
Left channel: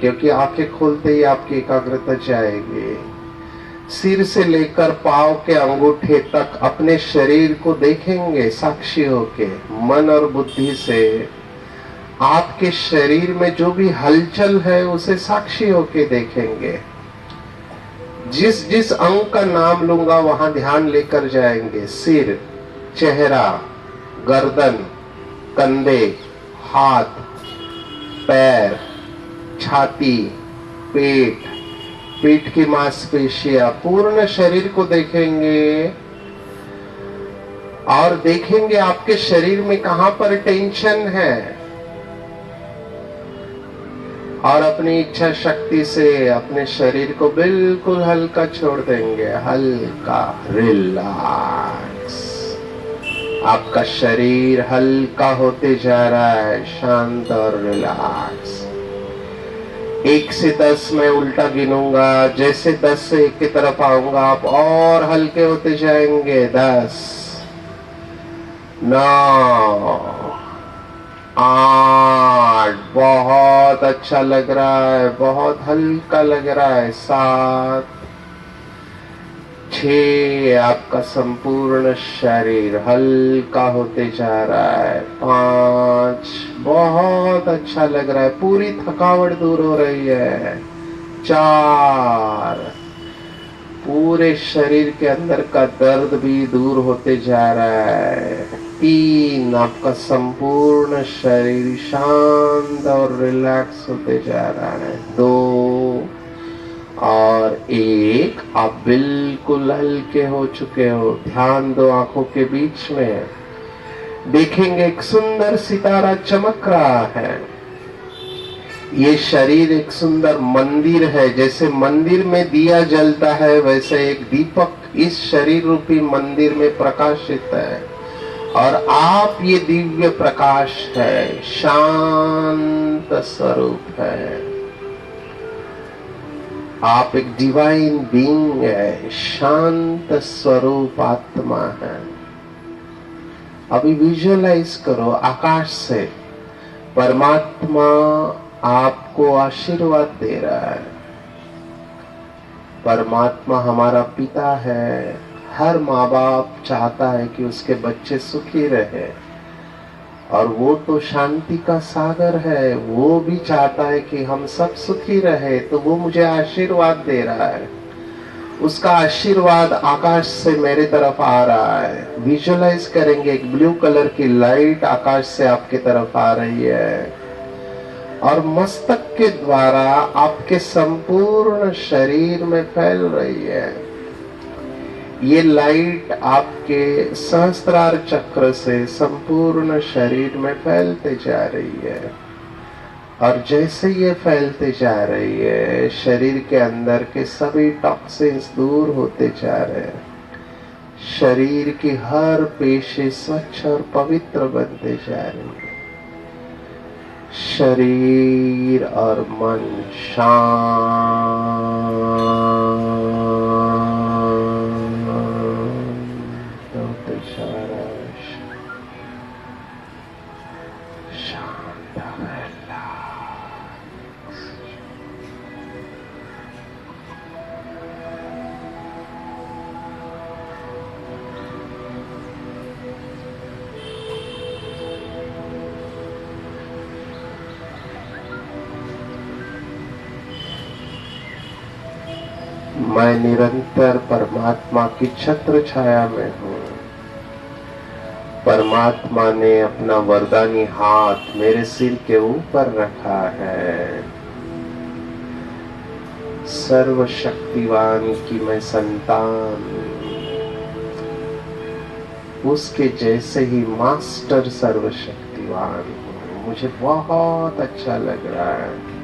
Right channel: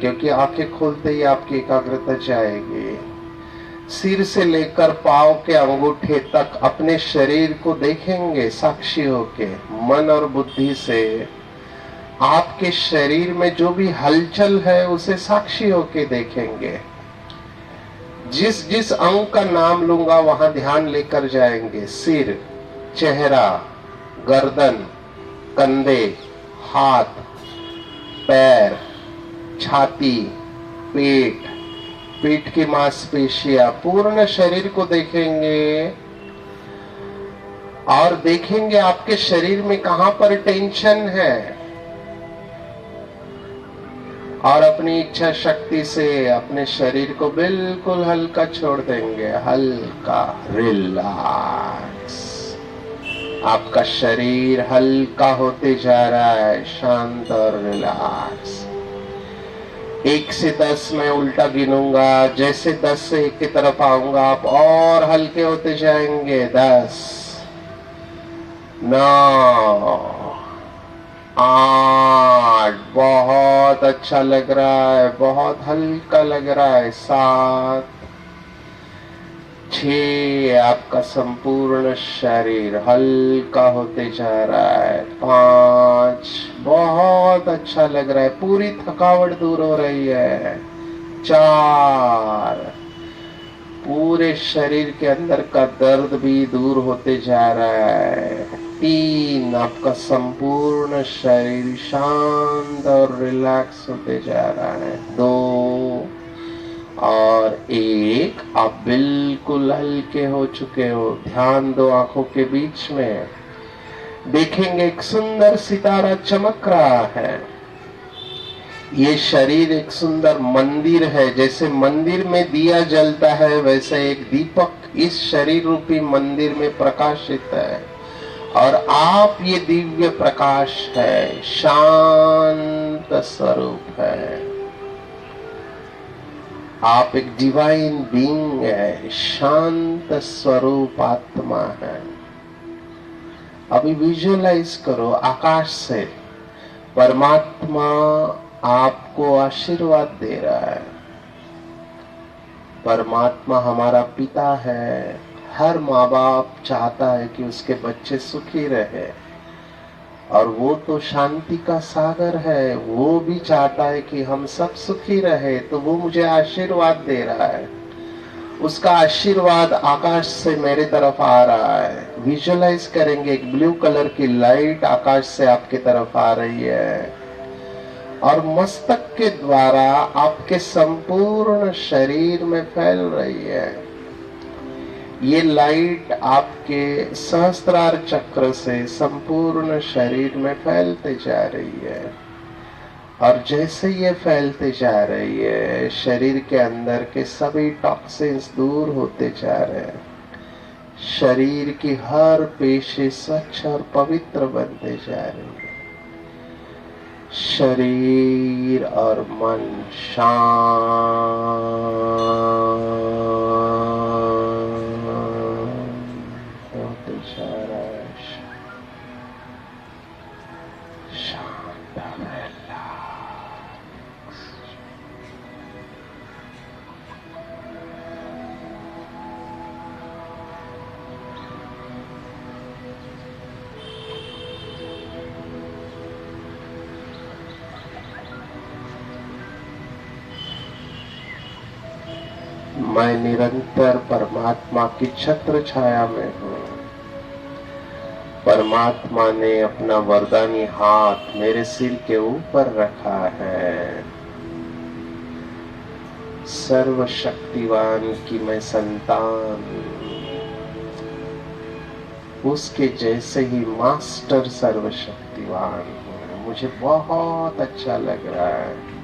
क्योंकि आंखें खोलते ही आपकी एकाग्रता जाएगी। सिर से लेकर पांव के अंगूठे तक अपने शरीर को देखेंगे साक्षी होके, मन और बुद्धि से। आपके शरीर में जो भी हलचल है उसे साक्षी होके देखेंगे। जिस जिस अंग का नाम लूंगा वहां ध्यान लेकर जाएंगे। सिर, चेहरा, गर्दन, कंधे, हाथ, पैर, छाती, पेट, पीठ की मांसपेशियां, पूर्ण शरीर को देखेंगे। और देखेंगे आपके शरीर में कहां पर टेंशन है, और अपनी इच्छा शक्ति से अपने शरीर को बिल्कुल हल्का छोड़ देंगे। हल्का, रिलैक्स। आपका शरीर हल्का होते जा रहा है, शांत और रिलैक्स। 1 से 10 मैं उल्टा गिनूंगा, जैसे 10 से 1 की तरफ आऊंगा आप और हल्के होते जाएंगे। 10, 9, 8, बहुत अच्छा लग रहा है, बहुत हल्का लग रहा है। 7, 6, आपका संपूर्ण शरीर हल्का होते जा रहा है। 5, बहुत अच्छा लग रहा है, पूरी थकावट दूर हो रही है। 4, पूरे शरीर के अंदर का दर्द भी दूर होते जा रहा है। 3, आपका संपूर्ण शरीर शांत और रिलैक्स होते जा रहा है। 2 और 1, आप बिल्कुल हल्के हो चुके हो। ध्यान दो आंखों के बीच में, देखेंगे एक सुंदर सितारा चमक रहा है। ये शरीर एक सुंदर मंदिर है। जैसे मंदिर में दिया जलता है, वैसे एक दीपक इस शरीर रूपी मंदिर में प्रकाशित है। और आप ये दिव्य प्रकाश है, शांत स्वरूप है। आप एक डिवाइन बीइंग है, शांत स्वरूप आत्मा है। अभी विजुअलाइज करो, आकाश से परमात्मा आपको आशीर्वाद दे रहा है। परमात्मा हमारा पिता है। हर माँ बाप चाहता है कि उसके बच्चे सुखी रहे, और वो तो शांति का सागर है। वो भी चाहता है कि हम सब सुखी रहे, तो वो मुझे आशीर्वाद दे रहा है। उसका आशीर्वाद आकाश से मेरे तरफ आ रहा है। विजुअलाइज करेंगे, एक ब्लू कलर की लाइट आकाश से आपके तरफ आ रही है, और मस्तक के द्वारा आपके संपूर्ण शरीर में फैल रही है। ये लाइट आपके सहस्त्रार चक्र से संपूर्ण शरीर में फैलते जा रही है, और जैसे ये फैलते जा रही है, शरीर के अंदर के सभी टॉक्सिन्स दूर होते जा रहे हैं। शरीर की हर पेशी स्वच्छ और पवित्र बनते जा रही है। शरीर और मन शांत होते जा रहा है। शांत रहना। मैं निरंतर परमात्मा की छत्र छाया में हूँ। परमात्मा ने अपना वरदानी हाथ मेरे सिर के ऊपर रखा है। सर्वशक्तिवान की मैं संतान, उसके जैसे ही मास्टर सर्वशक्तिवान हूँ। मुझे बहुत अच्छा लग रहा है।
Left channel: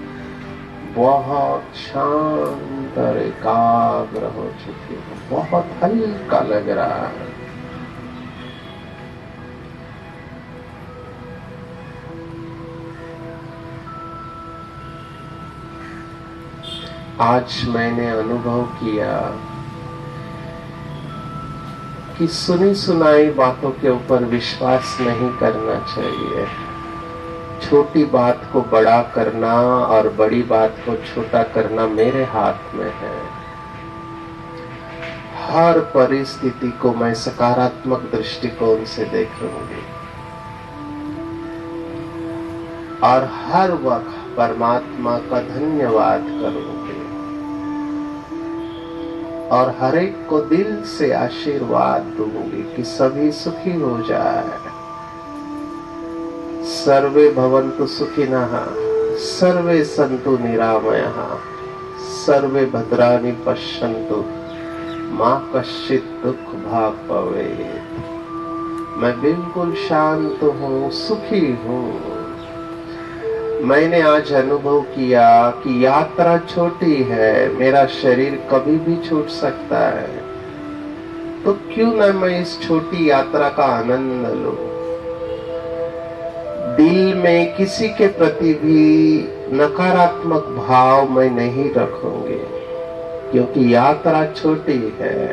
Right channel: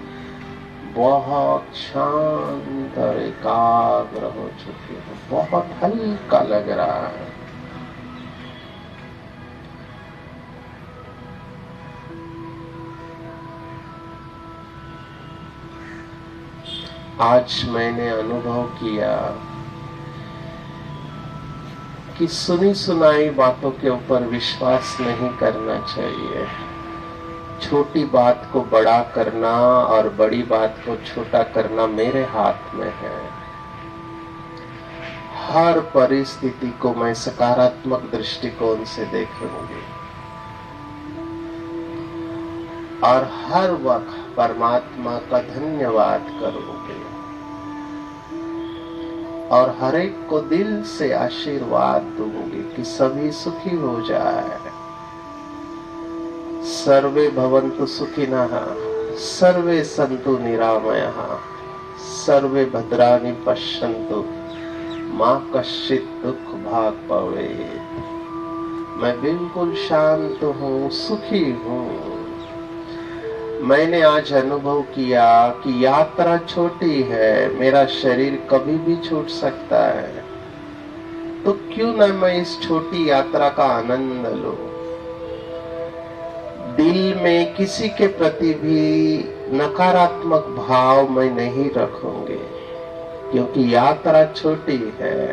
बहुत शांत और एकाग्र हो चुकी हूँ। बहुत हल्का लग रहा है। आज मैंने अनुभव किया कि सुनी सुनाई बातों के ऊपर विश्वास नहीं करना चाहिए। छोटी बात को बड़ा करना और बड़ी बात को छोटा करना मेरे हाथ में है। हर परिस्थिति को मैं सकारात्मक दृष्टिकोण से देखूंगी, और हर वक्त परमात्मा का धन्यवाद करूंगी, और हर एक को दिल से आशीर्वाद दूंगी कि सभी सुखी हो जाए। सर्वे भवन्तु सुखिनः, सर्वे सन्तु निरामयः, सर्वे भद्राणि पश्यन्तु, मा कश्चित् दुःख भाग् भवेत्। मैं बिल्कुल शांत हूँ, सुखी हूँ। मैंने आज अनुभव किया कि यात्रा छोटी है, मेरा शरीर कभी भी छूट सकता है, तो क्यों न मैं इस छोटी यात्रा का आनंद लूं। दिल में किसी के प्रति भी नकारात्मक भाव मैं नहीं रखूंगी, क्योंकि यात्रा छोटी है,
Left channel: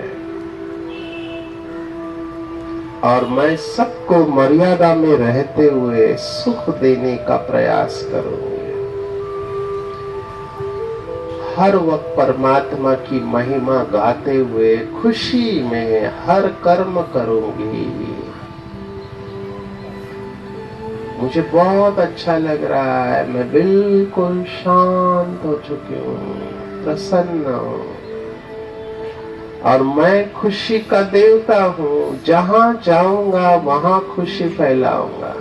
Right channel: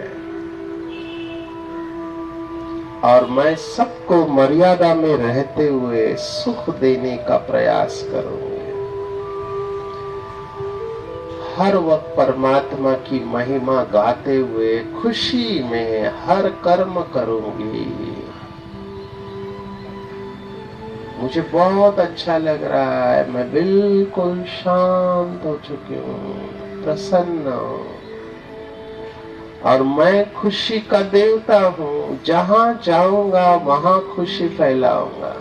और मैं सबको मर्यादा में रहते हुए सुख देने का प्रयास करूंगी। हर वक्त परमात्मा की महिमा गाते हुए खुशी में हर कर्म करूंगी। मुझे बहुत अच्छा लग रहा है। मैं बिल्कुल शांत हो चुकी हूँ, प्रसन्न हूँ, और मैं खुशी का देवता हूँ। जहाँ जाऊंगा वहाँ खुशी फैलाऊंगा।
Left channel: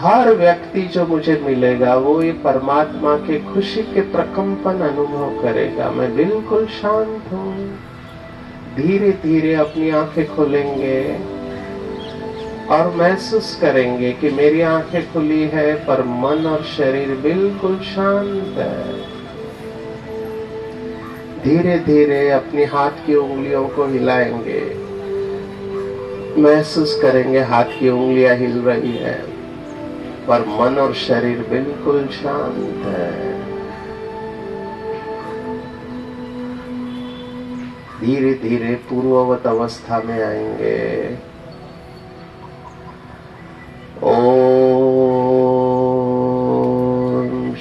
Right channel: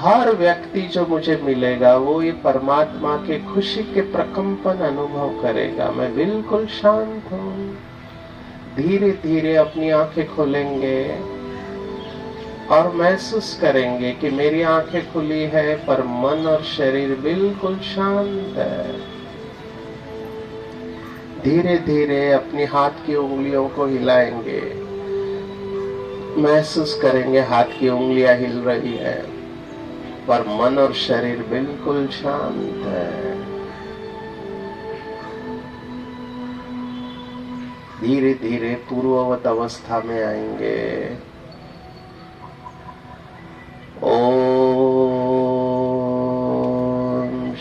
हर व्यक्ति जो मुझे मिलेगा वो ये परमात्मा के खुशी के प्रकंपन अनुभव करेगा। मैं बिल्कुल शांत हूँ। धीरे धीरे अपनी आंखें खोलेंगे और महसूस करेंगे कि मेरी आंखें खुली है, पर मन और शरीर बिल्कुल शांत है। धीरे धीरे अपनी हाथ की उंगलियों को हिलाएंगे, महसूस करेंगे हाथ की उंगलियां हिल रही है, पर मन और शरीर बिल्कुल शांत है। धीरे धीरे पूर्ववत अवस्था में आएंगे। ओम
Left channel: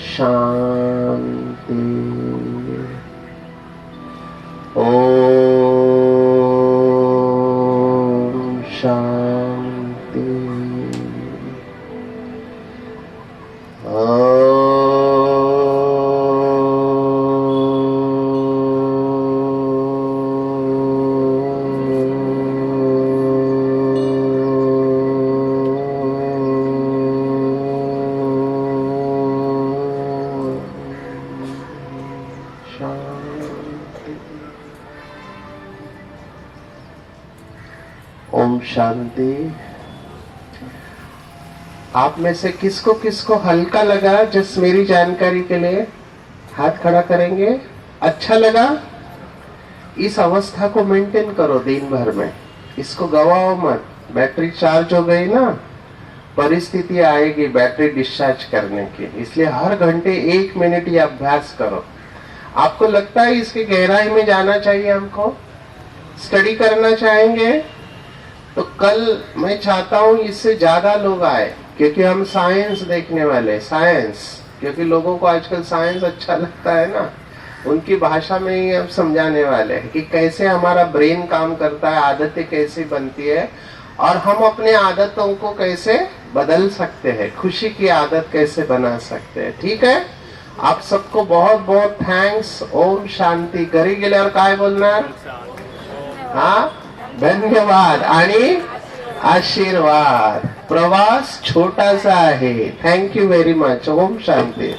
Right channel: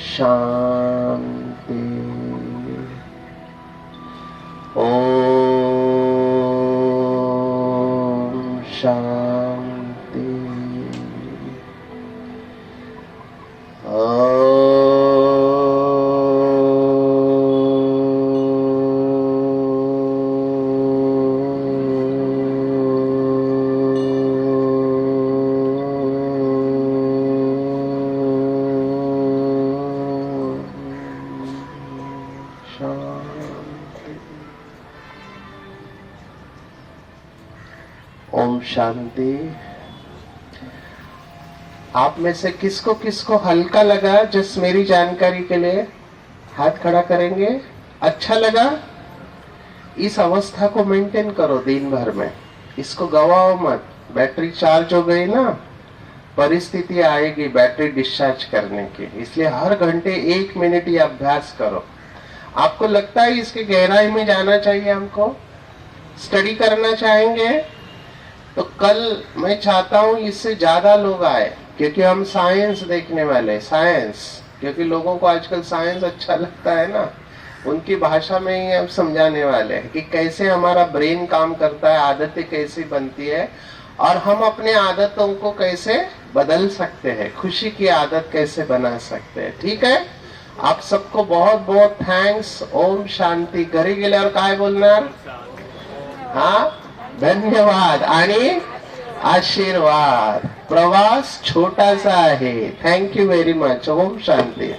शांति। ओम शांति। ओम शांति। आप में से किसको किसको हल्का लगा, जस्ट मेरी जानकारी के लिए हाथ खड़ा करेंगे। अच्छा लगा? इस अवस्था को मेंटेन करो दिन भर में, इसको गवाओ मत। बैटरी चार्ज हो गई ना, परिस्थिति आएगी बैटरी डिस्चार्ज करने की, इसलिए हर घंटे 1 मिनट ये अभ्यास करो। आपको लगता है इसके गहराई में जाना चाहिए, हमको स्टडी करना चाहेंगे, तो कल मैं चाहता हूं इससे ज्यादा लोग आए, क्योंकि हम साइंस देखने वाले। साइंस, क्योंकि लोगों को आजकल साइंस अच्छा लगता है ना, उनकी भाषा में ही हम समझाने वाले हैं कि कैसे हमारा ब्रेन काम करता है, आदतें कैसी बनती है, और हम अपने आदतों को कैसे बदल सकते हैं, खुशी की आदत कैसे बना सकते हैं। ठीक है, आप सबको बहुत बहुत थँक्स। ओम शांती। घरी गेल्यावर काय बोलणार? हाँ, धन्यवाद आणि आशीर्वाद। प्रवास छोटासा आहे। Thank you very much. ओम शांती।